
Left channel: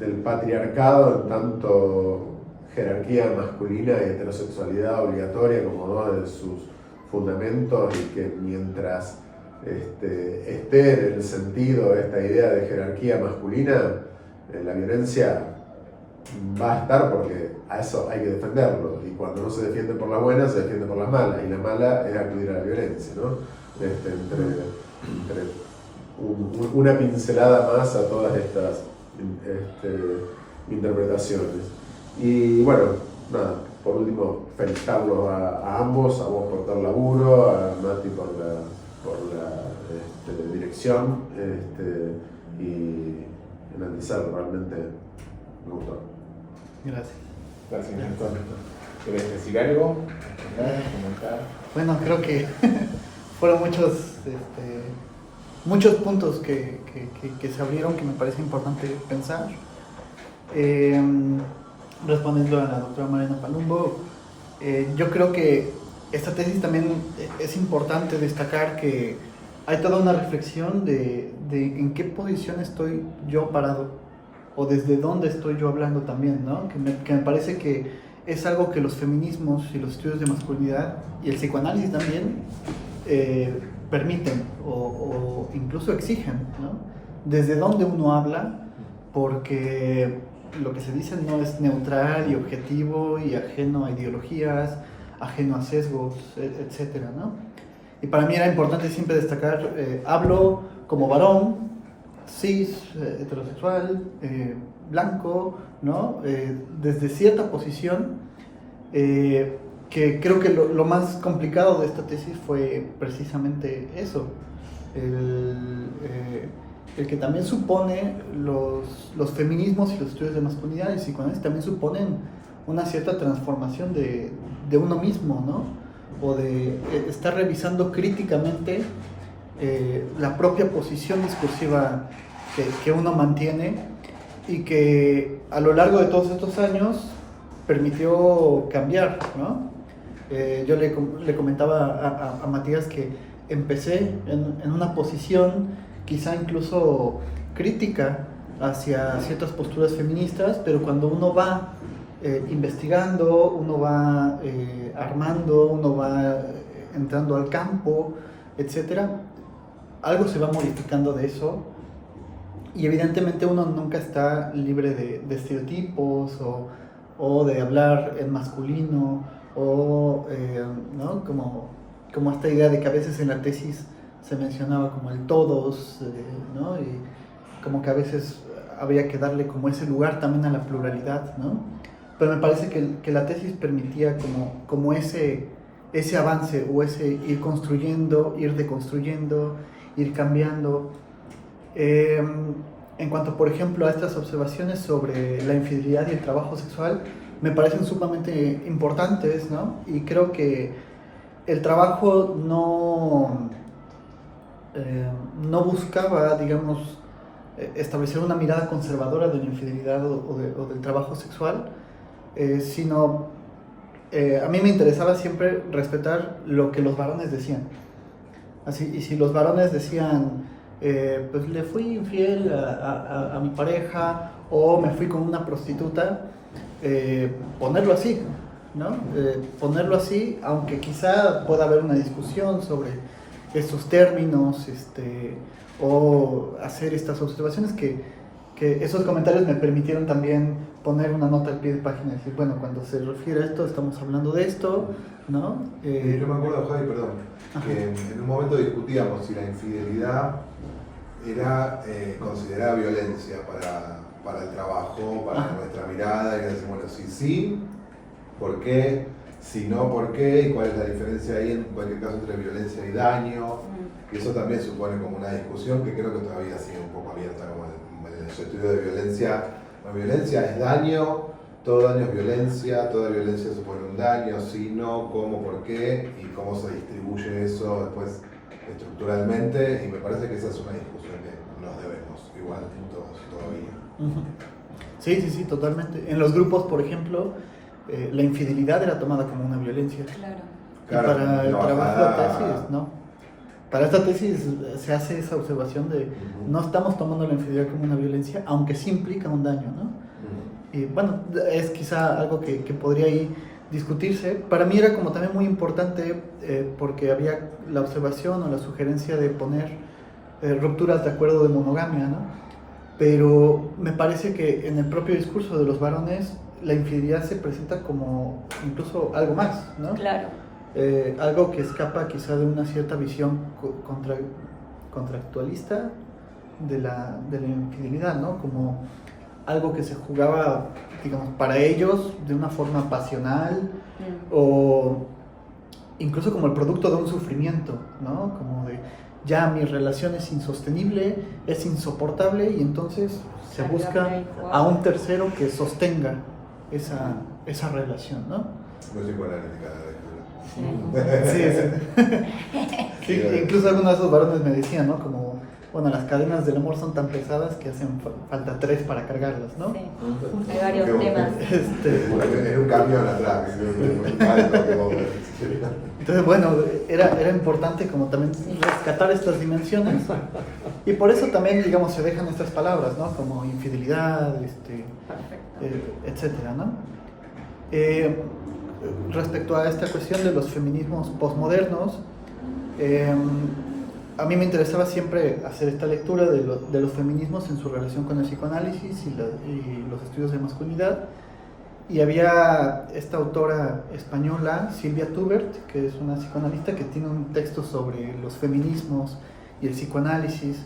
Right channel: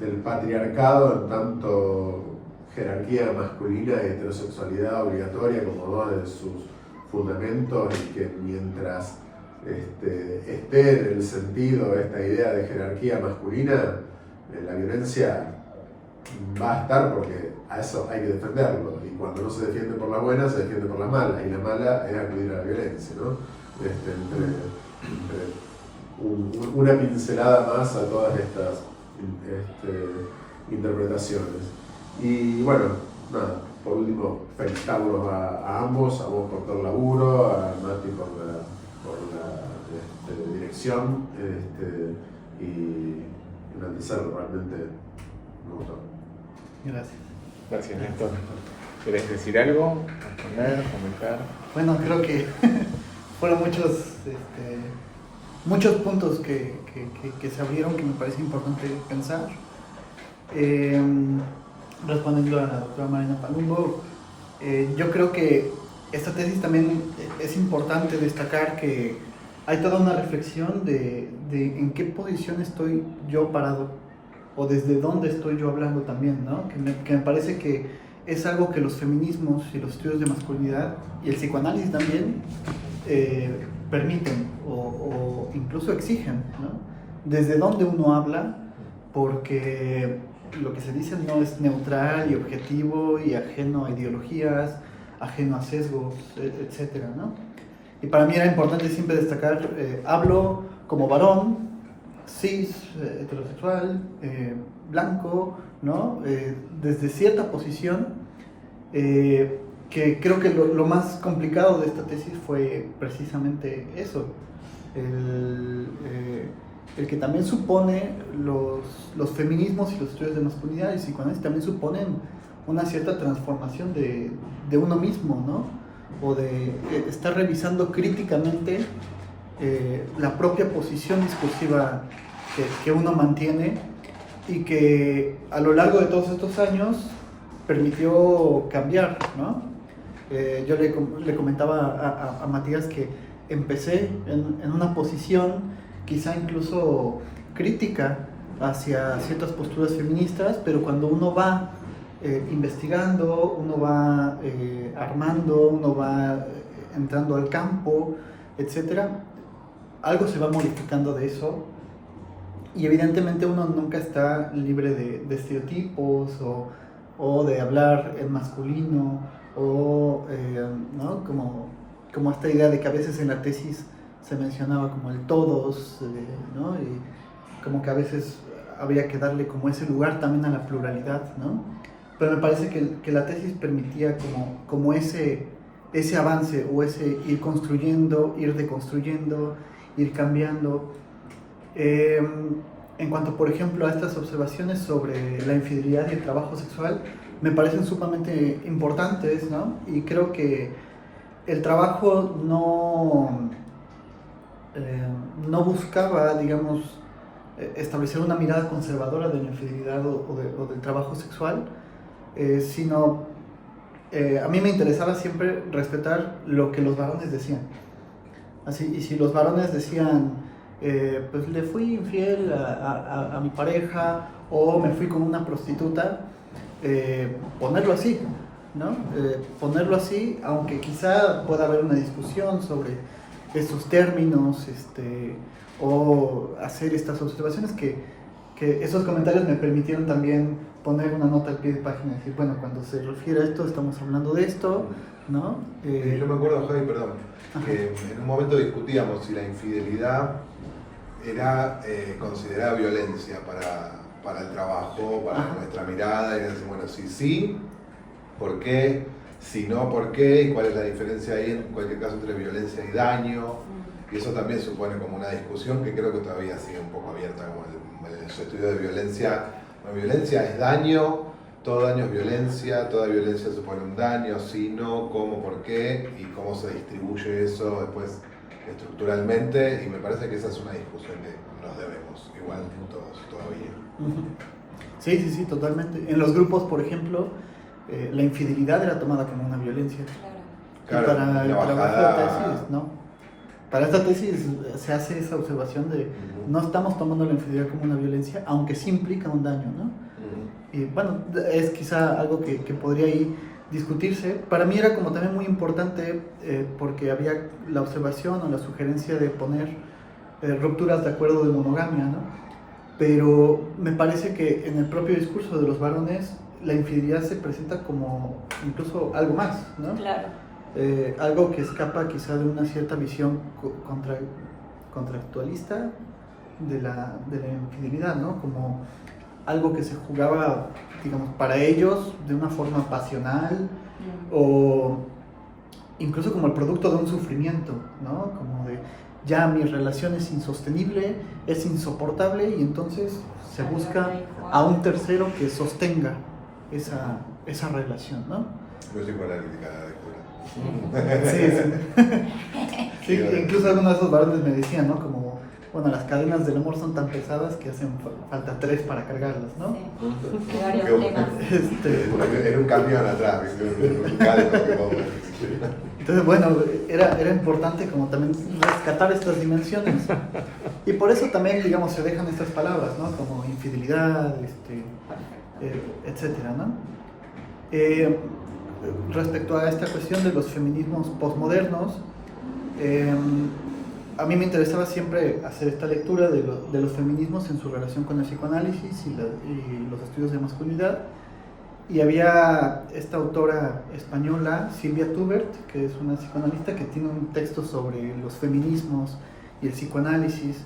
del patriarcado en tanto jerarquía masculina y heterosexualidad obligatoria como uno de sus fundamentos, y que mientras esté en el sentido de esta idea de jerarquía masculina, la violencia va a estar porque a eso hay que defenderlo. Y cuando no se defiende por las buenas, se defiende por las malas. Y la mala es acudir a la violencia, ¿no? Una pincelada más a todas estas interpretaciones. Y bueno, nada, por último, felicitarlos a ambos, a vos por todo el laburo, a Mati por la dirección, y analizar realmente me gustó. Gracias. Gracias, Néstor. ¿Querés decir algo? ¿Comentar? Bueno, creo que fueron muchos puntos que se abrieron que me parece importante pensar. Respondiendo a la doctora Mariana Palumbo, yo creo que esta tesis también es importante destacar que hay toda una reflexión de en qué posición estoy yo parado o desde dónde estoy yo hablando también, ¿no? Que me parece que es algo que los feminismos y los estudios de masculinidad y el psicoanálisis también permiten o incluso exigen, ¿no? Desde dónde uno habla, porque lo que se dice no es neutral y objetivo y ajeno a ideologías, ajeno a sesgos, etcétera, ¿no? Y para mí era importante siempre destacar, hablo como varón, cis, heterosexual, blanco, ¿no? Desde cierta posición, que creo que lo más complicado de esta tesis fue precisamente eso, el que también supone los feminismos y los estudios de masculinidad y psicoanálisis también suponen una cierta transformación de uno mismo, ¿no? O de estar revisando críticamente la propia posición discursiva que uno mantiene y que a lo largo de todos estos años permitió cambiar, ¿no? Yo le comentaba a Matías que empecé en una posición quizá incluso crítica hacia ciertas posturas feministas, pero cuando uno va investigando, uno va armando, uno va entrando al campo, etcétera, algo se va modificando de eso y evidentemente uno nunca está libre de estereotipos o de hablar en masculino ¿no? Como esta idea de que a veces en la tesis se mencionaba como el todos, ¿no? Y como que a veces habría que darle como ese lugar también a la pluralidad, ¿no? Pero me parece que la tesis permitía como ese avance o ese ir construyendo, ir deconstruyendo, ir cambiando. En cuanto, por ejemplo, a estas observaciones sobre la infidelidad y el trabajo sexual, me parecen sumamente importantes, ¿no? Y creo que el trabajo no buscaba, digamos, establecer una mirada conservadora de la infidelidad o del trabajo sexual, sino a mí me interesaba siempre respetar lo que los varones decían. Así, y si los varones decían, pues le fui infiel a mi pareja o me fui con una prostituta, ponerlo así, ¿no? Ponerlo así, aunque quizá pueda haber una discusión sobre estos términos, o hacer estas observaciones que esos comentarios me permitieron también poner una nota al pie de página y decir, bueno, cuando se refiere a esto, estamos hablando de esto, ¿no? Yo me acuerdo, Javi, perdón, que en un momento discutíamos si la infidelidad era considerada violencia para el trabajo, para nuestra mirada, y decir, bueno, si sí, ¿por qué? Si no, ¿por qué? ¿Y cuál es la diferencia ahí en cualquier caso entre violencia y daño? Y eso también supone como una discusión que creo que todavía sigue un poco abierta, como el estudio de violencia. La violencia es daño, todo daño es violencia, toda violencia supone un daño, si no, cómo, por qué, y cómo se distribuye eso después estructuralmente, y me parece que esa es una discusión que nos debemos, igual todos todavía. Sí, totalmente. En los grupos, por ejemplo, la infidelidad era tomada como una violencia. Claro. Y para el trabajo de tesis, ¿no? Para esta tesis se hace esa observación de no estamos tomando la infidelidad como una violencia, aunque sí implica un daño, ¿no? Y bueno, es quizá algo que podría ahí discutirse. Para mí era como también muy importante porque había la observación o la sugerencia de poner rupturas de acuerdo de monogamia, ¿no? pero me parece que en el propio discurso de los varones la infidelidad se presenta como incluso algo más, ¿no? Claro. Algo que escapa quizá de una cierta visión contractualista de la infidelidad, ¿no? Como algo que se jugaba, digamos, para ellos de una forma pasional o incluso como el producto de un sufrimiento, ¿no? Como de ya mi relación es insostenible, es insoportable y entonces se busca a un tercero que sostenga esa relación, ¿no? No soy psicoanalítica la lectura. Sí. Sí, incluso algunos de esos varones me decían, ¿no? Como, bueno, las cadenas del amor son tan pesadas que hacen falta 3 para cargarlas, ¿no? Sí, hay varios temas. Era un camión atrás, un calco que vos... Entonces, bueno, era importante como también rescatar estas dimensiones y por eso también, digamos, se dejan estas palabras, ¿no? Como infidelidad, etcétera, ¿no? Respecto a esta cuestión de los feminismos posmodernos, a mí me interesaba siempre hacer esta lectura de los feminismos en su relación con el psicoanálisis y los estudios de masculinidad. Y había esta autora española, Silvia Tubert, que es una psicoanalista que tiene un texto sobre los feminismos y el psicoanálisis.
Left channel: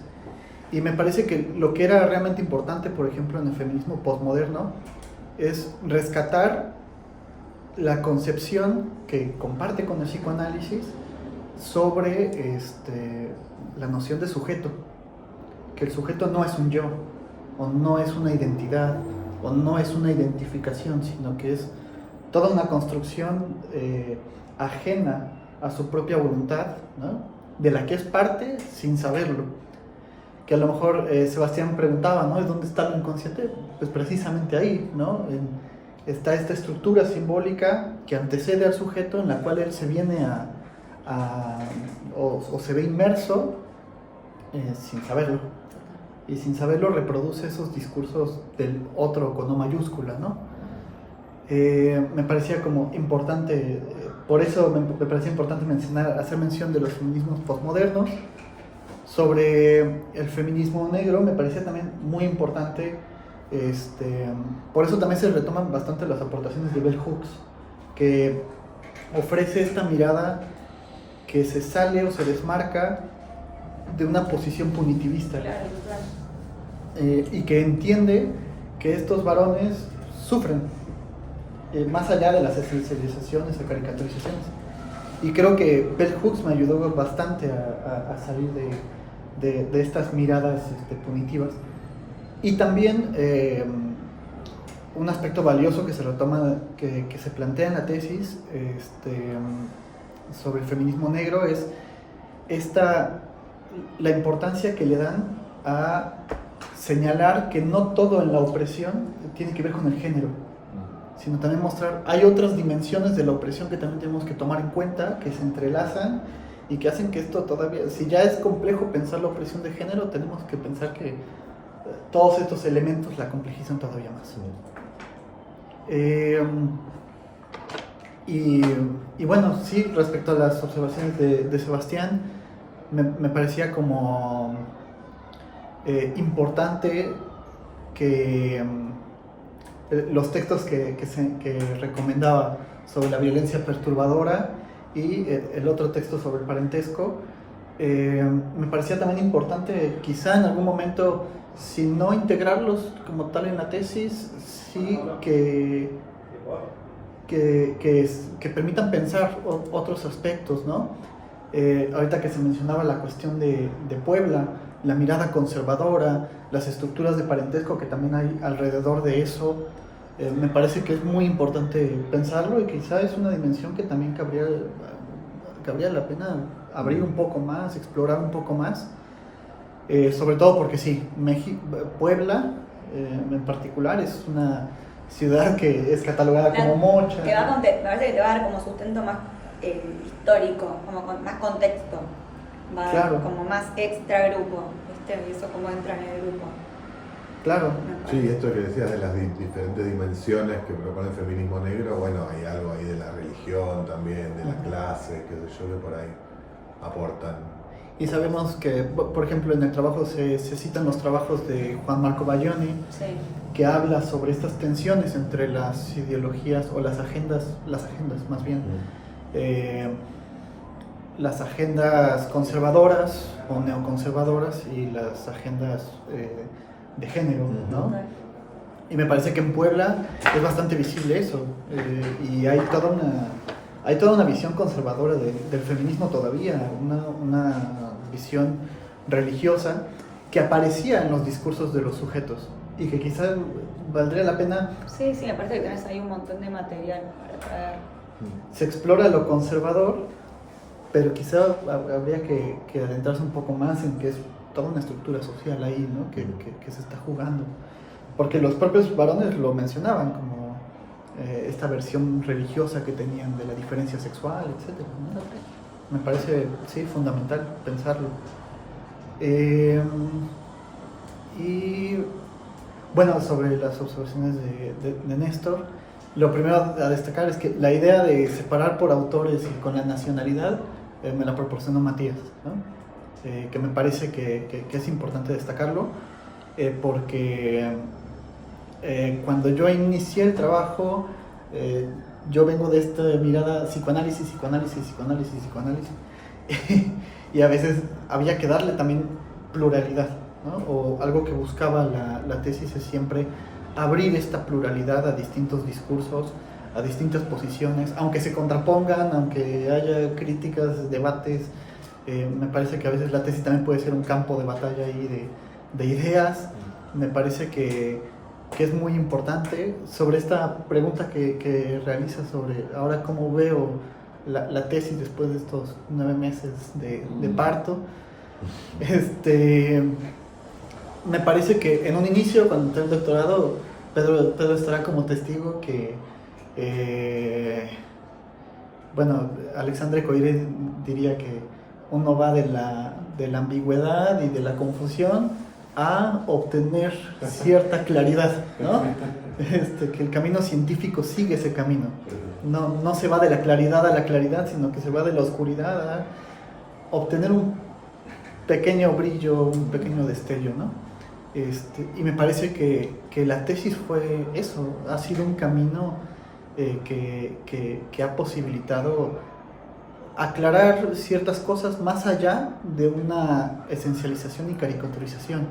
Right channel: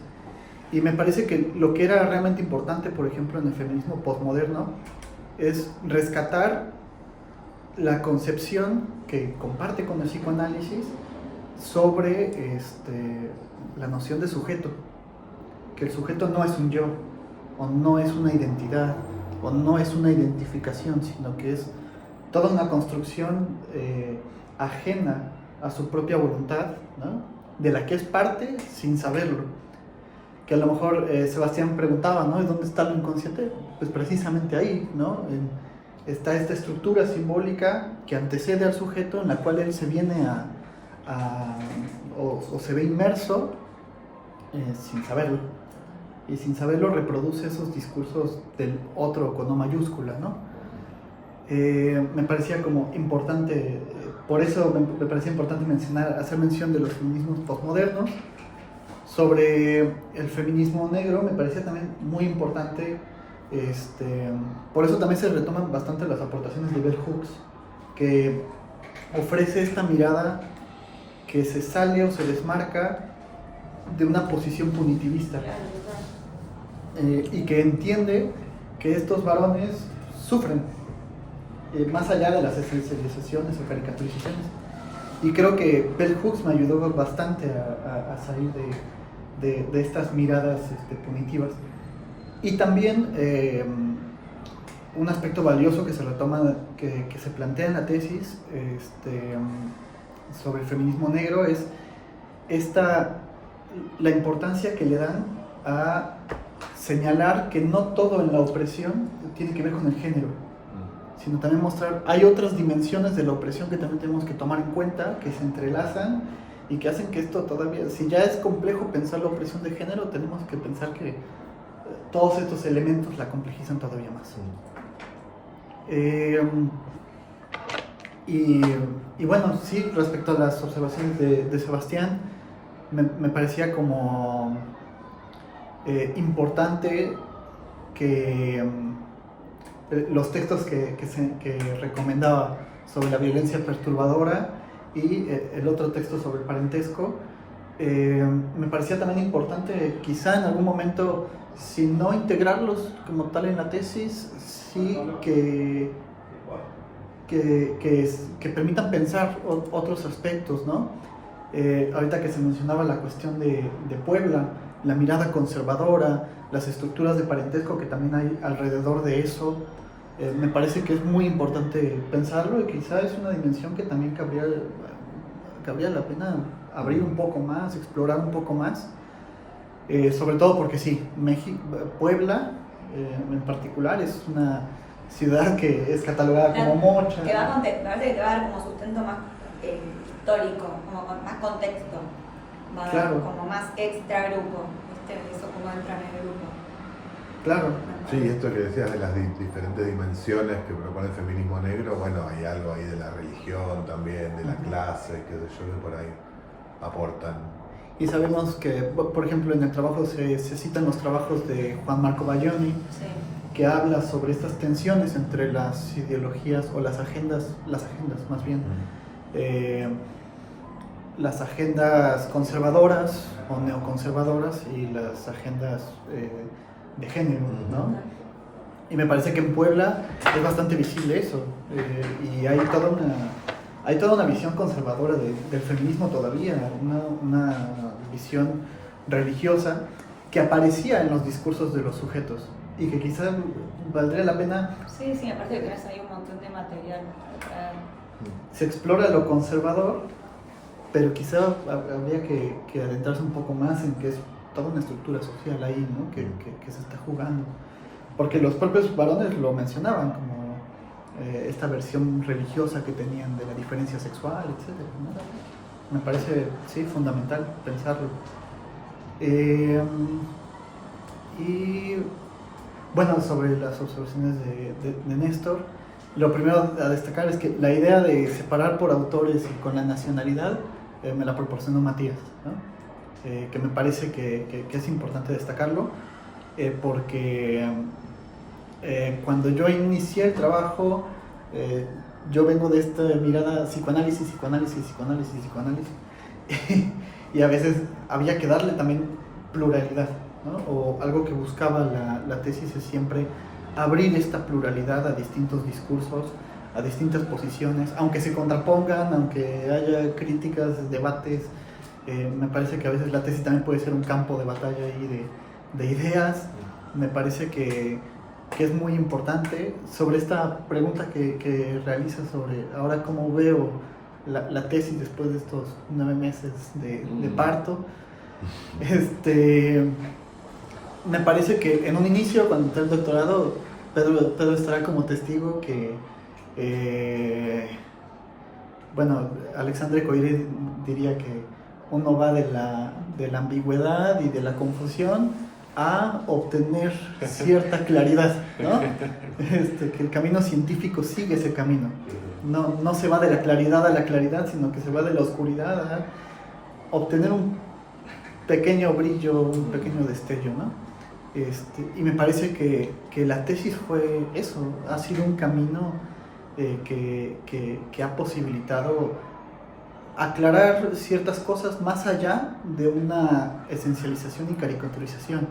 Y me parece que lo que era realmente importante, por ejemplo, en el feminismo posmoderno, es rescatar la concepción que comparte con el psicoanálisis sobre la noción de sujeto. Que el sujeto no es un yo, o no es una identidad, o no es una identificación, sino que es toda una construcción ajena a su propia voluntad, ¿no? De la que es parte sin saberlo. Que a lo mejor Sebastián preguntaba, ¿no? ¿Dónde está lo inconsciente? Pues precisamente ahí, ¿no? Está esta estructura simbólica que antecede al sujeto, en la cual él se viene o se ve inmerso sin saberlo. Y sin saberlo reproduce esos discursos del otro con O mayúscula, ¿no? Me parecía como importante, por eso me parecía importante hacer mención de los feminismos postmodernos. Sobre el feminismo negro me parecía también muy importante, por eso también se retoman bastante las aportaciones de Bell Hooks, que ofrece esta mirada que se sale o se desmarca de una posición punitivista. Y que entiende que estos varones sufren, más allá de las esencializaciones o caricaturizaciones. Y creo que Bell Hooks me ayudó bastante a salir de estas miradas punitivas. Y también un aspecto valioso que se retoma, que se plantea en la tesis sobre el feminismo negro es la importancia que le dan a señalar que no todo en la opresión tiene que ver con el género, sino también mostrar, hay otras dimensiones de la opresión que también tenemos que tomar en cuenta, que se entrelazan y que hacen que esto todavía, si ya es complejo pensar la opresión de género, tenemos que pensar que todos estos elementos la complejizan todavía más. Y bueno, sí, respecto a las observaciones de Sebastián, me parecía como importante que los textos que recomendaba sobre la violencia perturbadora y el otro texto sobre el parentesco, me parecía también importante quizá en algún momento, si no integrarlos como tal en la tesis, sí que permitan pensar otros aspectos, ¿no? Ahorita que se mencionaba la cuestión de Puebla, la mirada conservadora, las estructuras de parentesco que también hay alrededor de eso, me parece que es muy importante pensarlo y quizá es una dimensión que también cabría la pena abrir un poco más, explorar un poco más, sobre todo porque sí, Puebla en particular es una ciudad que es catalogada como mocha. Me parece que te va a dar como sustento más histórico, como con más contexto, claro. Como más extra grupo, y eso como entra en el grupo. Claro. Sí, esto que decías de las diferentes dimensiones que propone el feminismo negro, bueno, hay algo ahí de la religión también, de la clase, qué sé yo, que por ahí aportan. Y sabemos que, por ejemplo, en el trabajo se citan los trabajos de Juan Marco Bayoni, Sí. que habla sobre estas tensiones entre las ideologías o las agendas más bien, las agendas conservadoras o neoconservadoras y las agendas de género, ¿no? Y me parece que en Puebla es bastante visible eso, y hay toda una visión conservadora del feminismo todavía, una visión religiosa que aparecía en los discursos de los sujetos y que quizás valdría la pena. Sí, sí, aparte que tenés ahí un montón de material para traer. Se explora lo conservador, pero quizá habría que adentrarse un poco más en que es toda una estructura social ahí, ¿no? que se está jugando. Porque los propios varones lo mencionaban como esta versión religiosa que tenían de la diferencia sexual, etc., ¿no? Me parece, sí, fundamental pensarlo. Y bueno, sobre las observaciones de Néstor, lo primero a destacar es que la idea de separar por autores y con la nacionalidad me la proporcionó Matías, ¿no? Que me parece que es importante destacarlo, porque cuando yo inicié el trabajo, yo vengo de esta mirada psicoanálisis, y a veces había que darle también pluralidad, ¿no? O algo que buscaba la tesis es siempre abrir esta pluralidad a distintos discursos, a distintas posiciones, aunque se contrapongan, aunque haya críticas, debates. Me parece que a veces la tesis también puede ser un campo de batalla ahí de ideas. Me parece que es muy importante. Sobre esta pregunta que realiza sobre ahora cómo veo la tesis después de estos 9 meses de parto, me parece que en un inicio, cuando entré al doctorado, Pedro estará como testigo que bueno, Alexandre Coiré diría que uno va de la ambigüedad y de la confusión a obtener cierta claridad, ¿no? Que el camino científico sigue ese camino. No se va de la claridad a la claridad, sino que se va de la oscuridad a obtener un pequeño brillo, un pequeño destello, ¿no? Y me parece que la tesis fue eso, ha sido un camino que ha posibilitado aclarar ciertas cosas más allá de una esencialización y caricaturización.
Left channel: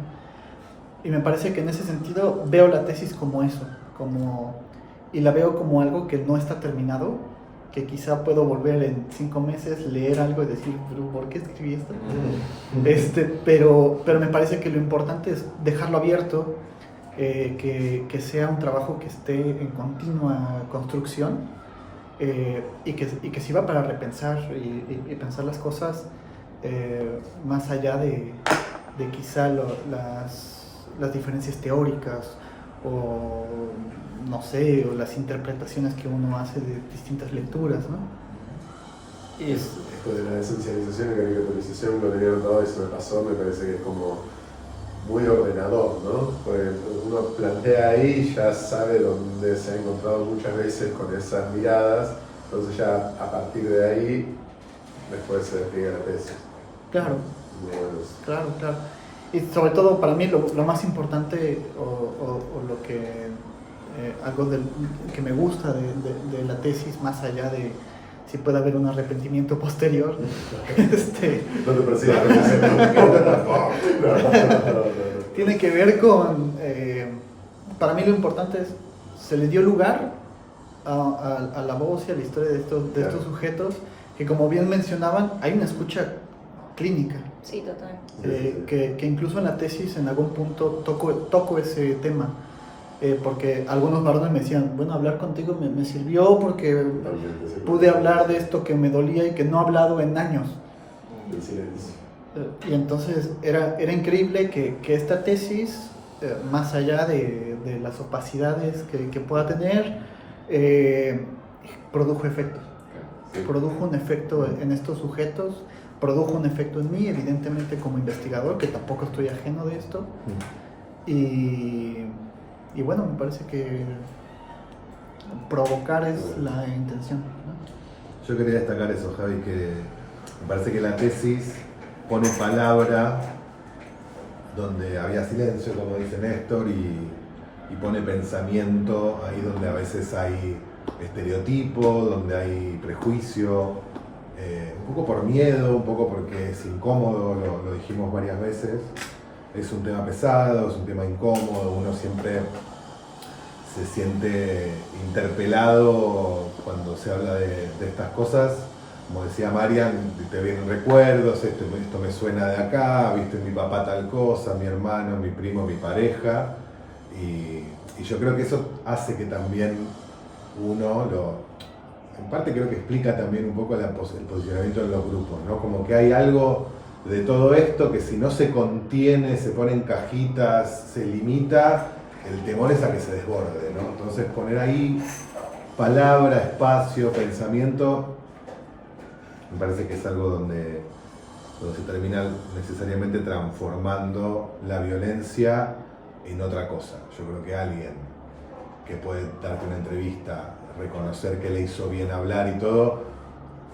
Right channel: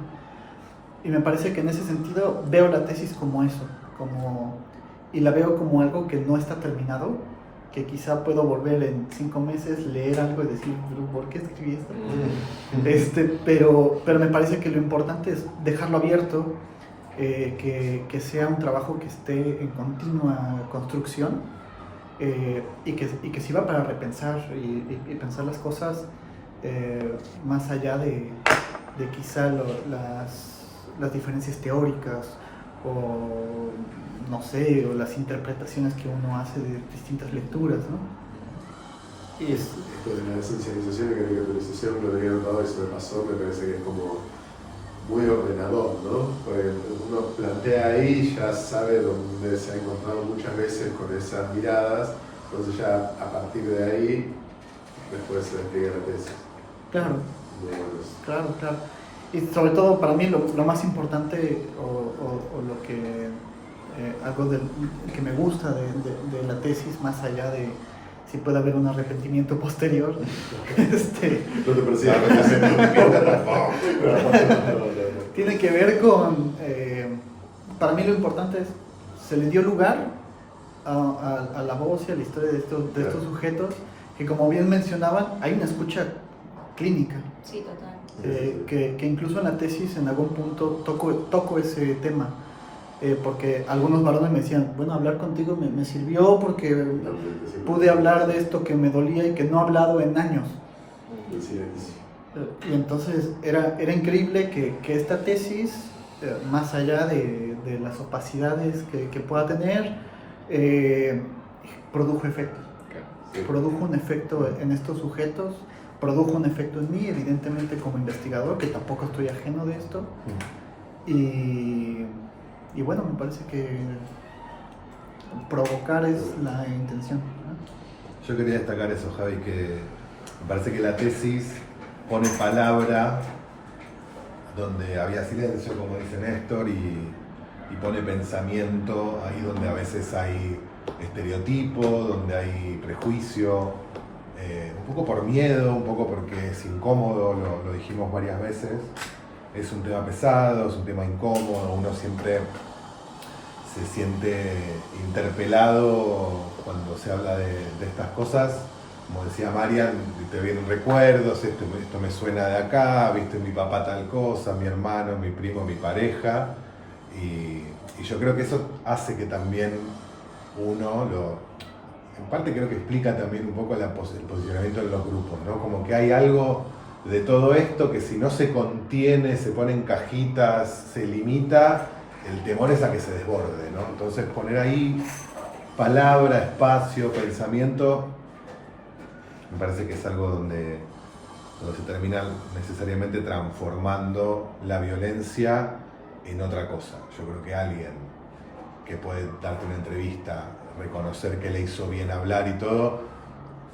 Y me parece que en ese sentido veo la tesis como eso, y la veo como algo que no está terminado, que quizá puedo volver en 5 meses, leer algo y decir, ¿pero por qué escribí esto? Pero me parece que lo importante es dejarlo abierto, que sea un trabajo que esté en continua construcción, y que sirva para repensar y pensar las cosas más allá de quizá las diferencias teóricas o no sé, o las interpretaciones que uno hace de distintas lecturas, ¿no? Esto de la esencialización y caricaturización lo tenía notado y se me pasó, me parece que es como muy ordenador, ¿no? Porque uno plantea ahí, ya sabe dónde se ha encontrado muchas veces con esas miradas, entonces ya a partir de ahí después se despliega la tesis. Claro. Muy bueno eso. Claro. Y sobre todo para mí lo más importante o lo que algo que me gusta de la tesis, más allá de si puede haber un arrepentimiento posterior, No te persigas. tiene que ver con, para mí lo importante es, se le dio lugar a la voz y a la historia de estos sujetos, que como bien mencionaban, hay una escucha clínica. Sí, total. Que incluso en la tesis en algún punto toco ese tema, porque algunos varones me decían, bueno, hablar contigo me sirvió porque pude hablar de esto que me dolía y que no he hablado en años. Y entonces era increíble que esta tesis, más allá de las opacidades que pueda tener, produjo efectos. Produjo un efecto en estos sujetos, produjo un efecto en mí, evidentemente como investigador, que tampoco estoy ajeno de esto. Y bueno, me parece que provocar es la intención, ¿no? Yo quería destacar eso, Javi, que me parece que la tesis pone palabra donde había silencio, como dice Néstor, y pone pensamiento ahí donde a veces hay estereotipo, donde hay prejuicio, un poco por miedo, un poco porque es incómodo, lo dijimos varias veces. Es un tema pesado, es un tema incómodo, uno siempre se siente interpelado cuando se habla de estas cosas. Como decía Marian, te vienen recuerdos, esto me suena de acá, viste mi papá tal cosa, mi hermano, mi primo, mi pareja. Y yo creo que eso hace que también uno en parte creo que explica también un poco el posicionamiento de los grupos, ¿no? Como que hay algo de todo esto que si no se contiene, se pone en cajitas, se limita, el temor es a que se desborde, ¿no? Entonces poner ahí palabra, espacio, pensamiento, me parece que es algo donde se termina necesariamente transformando la violencia en otra cosa. Yo creo que alguien que puede darte una entrevista, reconocer que le hizo bien hablar y todo,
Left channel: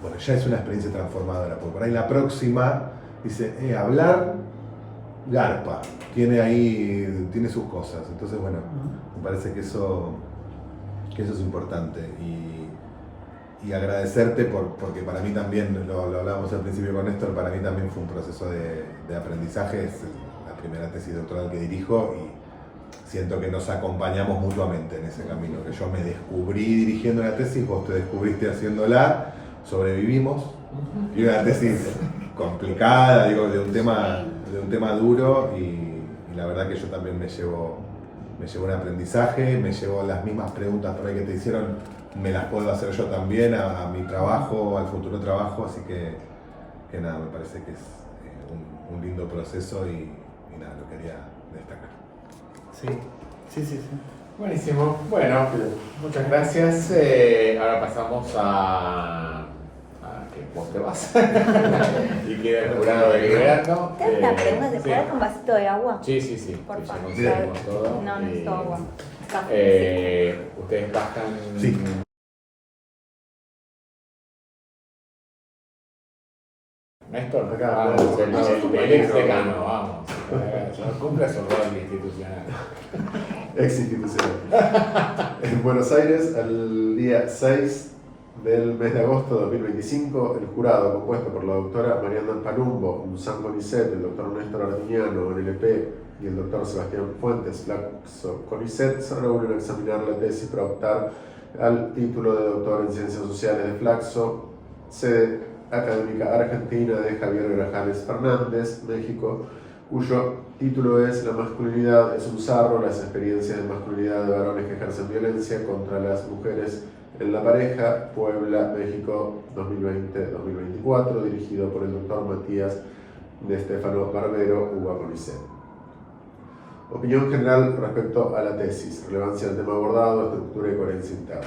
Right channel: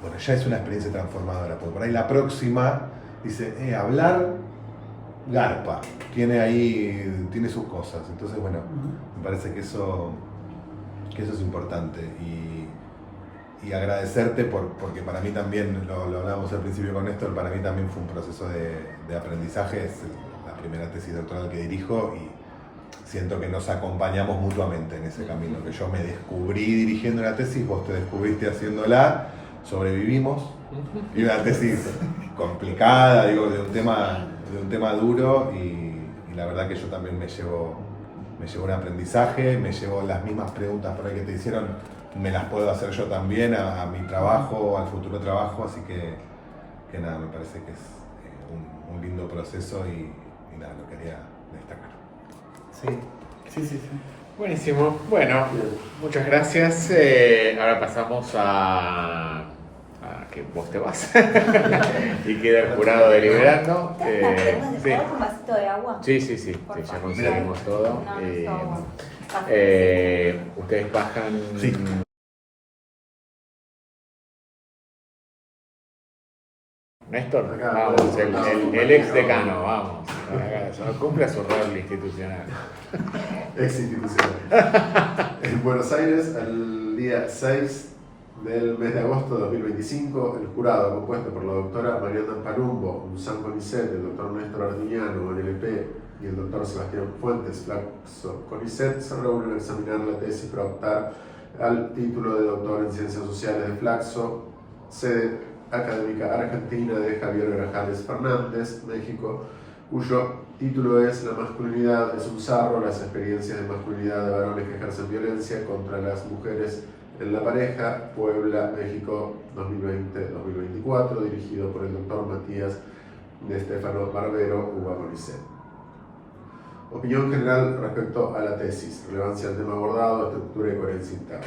bueno, ya es una experiencia transformadora, porque por ahí la próxima dice, hablar, garpa, tiene sus cosas. Entonces, bueno, me parece que eso es importante. Y agradecerte porque para mí también, lo hablábamos al principio con Néstor, para mí también fue un proceso de aprendizaje, es la primera tesis doctoral que dirijo y siento que nos acompañamos mutuamente en ese camino, que yo me descubrí dirigiendo la tesis, vos te descubriste haciéndola, sobrevivimos, y una tesis complicada, digo, de un tema duro y la verdad que yo también me llevo un aprendizaje, me llevo las mismas preguntas por ahí que te hicieron, me las puedo hacer yo también a mi trabajo, al futuro trabajo, así que nada, me parece que es un lindo proceso y nada, lo quería destacar. Sí. Buenísimo. Bueno, muchas gracias. Ahora pasamos a que vos te vas y queda el jurado deliberando. ¿Podemos Sí. dejar un vasito de agua? Sí, ya Por favor. conseguimos todo. No, necesito café. Ustedes bajan. Sí. Néstor, Acá, vamos, el ex decano, acá. vamos. Cumple su rol institucional. Ex institucional. En Buenos Aires, al día 6 del mes de agosto de 2025, el jurado, compuesto por la doctora Mariana Palumbo, Luzán Conicet, el doctor Néstor Arguiñano, NLP, y el doctor Sebastián Fuentes, Flaxo Conicet, se reúnen a examinar la tesis para optar al título de doctor en Ciencias Sociales de Flaxo, sede académica argentina de Javier Grajales Fernández, México, cuyo título es La masculinidad es un sarro, las experiencias de masculinidad de varones que ejercen violencia contra las mujeres en la pareja, Puebla, México, 2020-2024, dirigido por el doctor Matías de Stefano Barbero, UBA Conicet. Opinión general respecto a la tesis, relevancia del tema abordado, estructura y coherencia interna.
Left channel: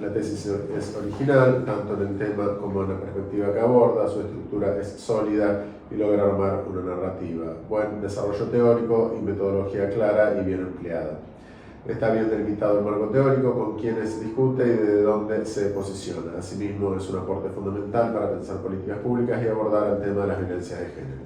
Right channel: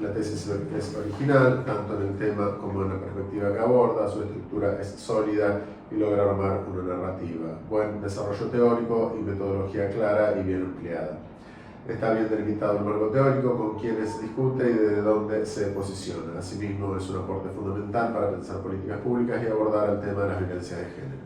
La tesis es original, tanto en el tema como en la perspectiva que aborda, su estructura es sólida y logra armar una narrativa. Buen desarrollo teórico y metodología clara y bien empleada. Está bien delimitado el marco teórico, con quienes discute y desde dónde se posiciona. Asimismo, es un aporte fundamental para pensar políticas públicas y abordar el tema de la violencia de género.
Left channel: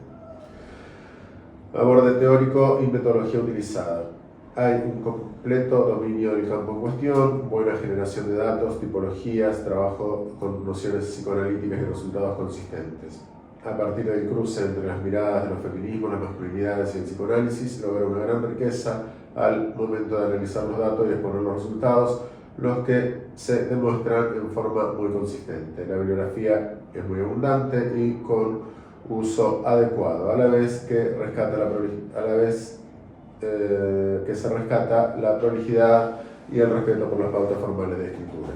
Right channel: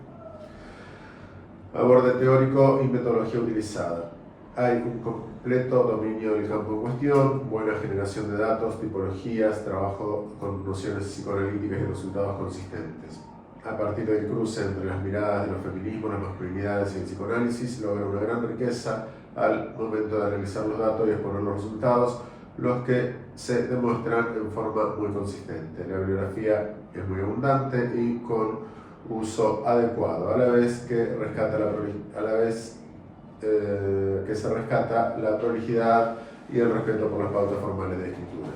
Aborde teórico y metodología utilizada. Hay un completo dominio del campo en cuestión, buena generación de datos, tipologías, trabajo con nociones psicoanalíticas y resultados consistentes. A partir del cruce entre las miradas de los feminismos, las masculinidades y el psicoanálisis, logra una gran riqueza al momento de analizar los datos y exponer los resultados, los que se demuestran en forma muy consistente. La bibliografía es muy abundante y con uso adecuado, a la vez que se rescata la prolijidad y el respeto por las pautas formales de escritura.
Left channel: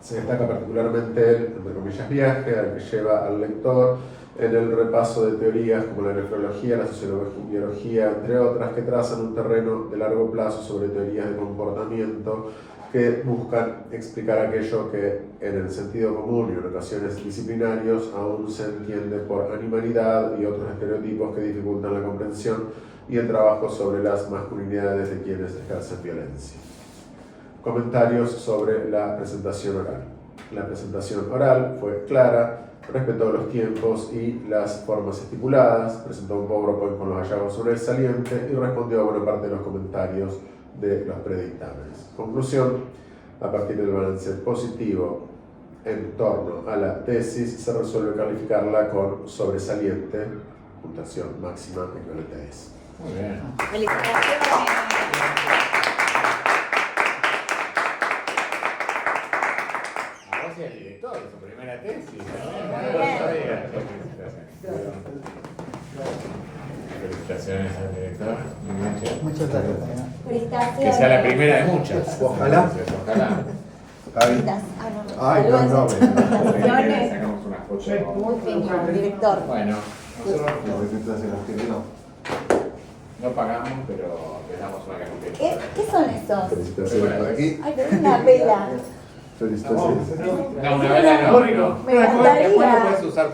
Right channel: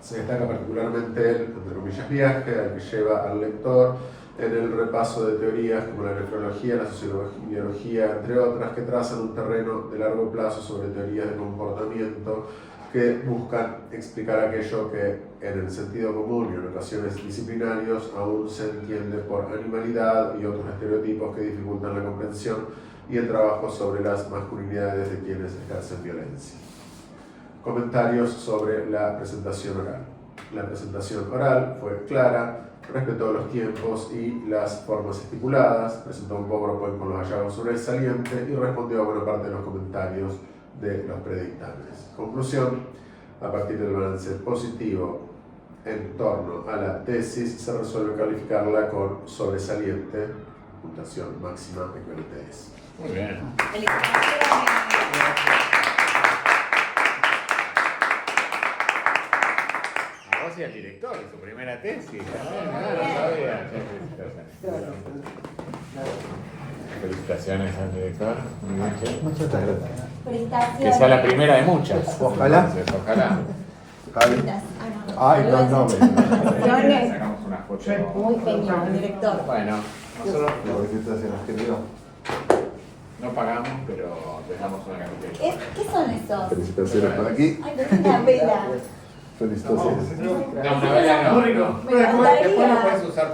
Se destaca particularmente el, entre comillas, viaje al que lleva al lector en el repaso de teorías como la nefrología, la sociología, entre otras, que trazan un terreno de largo plazo sobre teorías de comportamiento que buscan explicar aquello que en el sentido común y en ocasiones disciplinarios aún se entiende por animalidad y otros estereotipos que dificultan la comprensión y el trabajo sobre las masculinidades de quienes ejercen violencia. Comentarios sobre la presentación oral. La presentación oral fue clara, respetó los tiempos y las formas estipuladas, presentó un PowerPoint con los hallazgos sobresalientes y respondió a buena parte de los comentarios de los predictantes. Conclusión: a partir del balance positivo en torno a la tesis, se resuelve calificarla con sobresaliente, puntuación máxima en la tesis. Muy bien. Felicitaciones. Vos y el director, su primera tesis. Bien. Felicitaciones al director. Muy bien. Muchas gracias. Que sea la primera de muchas. Ojalá. Ojalá. Javi. Ay, no, no, Felicitaciones. Sacamos una foto. Muy fino, director. Bueno, nosotros ¿Qué te hacen argentino? no pagamos, pero les damos una cafetería. ¿Qué son esos? Felicitaciones por aquí. Ay, qué linda vela. Felicitaciones. No, una vela no, no. Me encantaría. Después lo puedes usar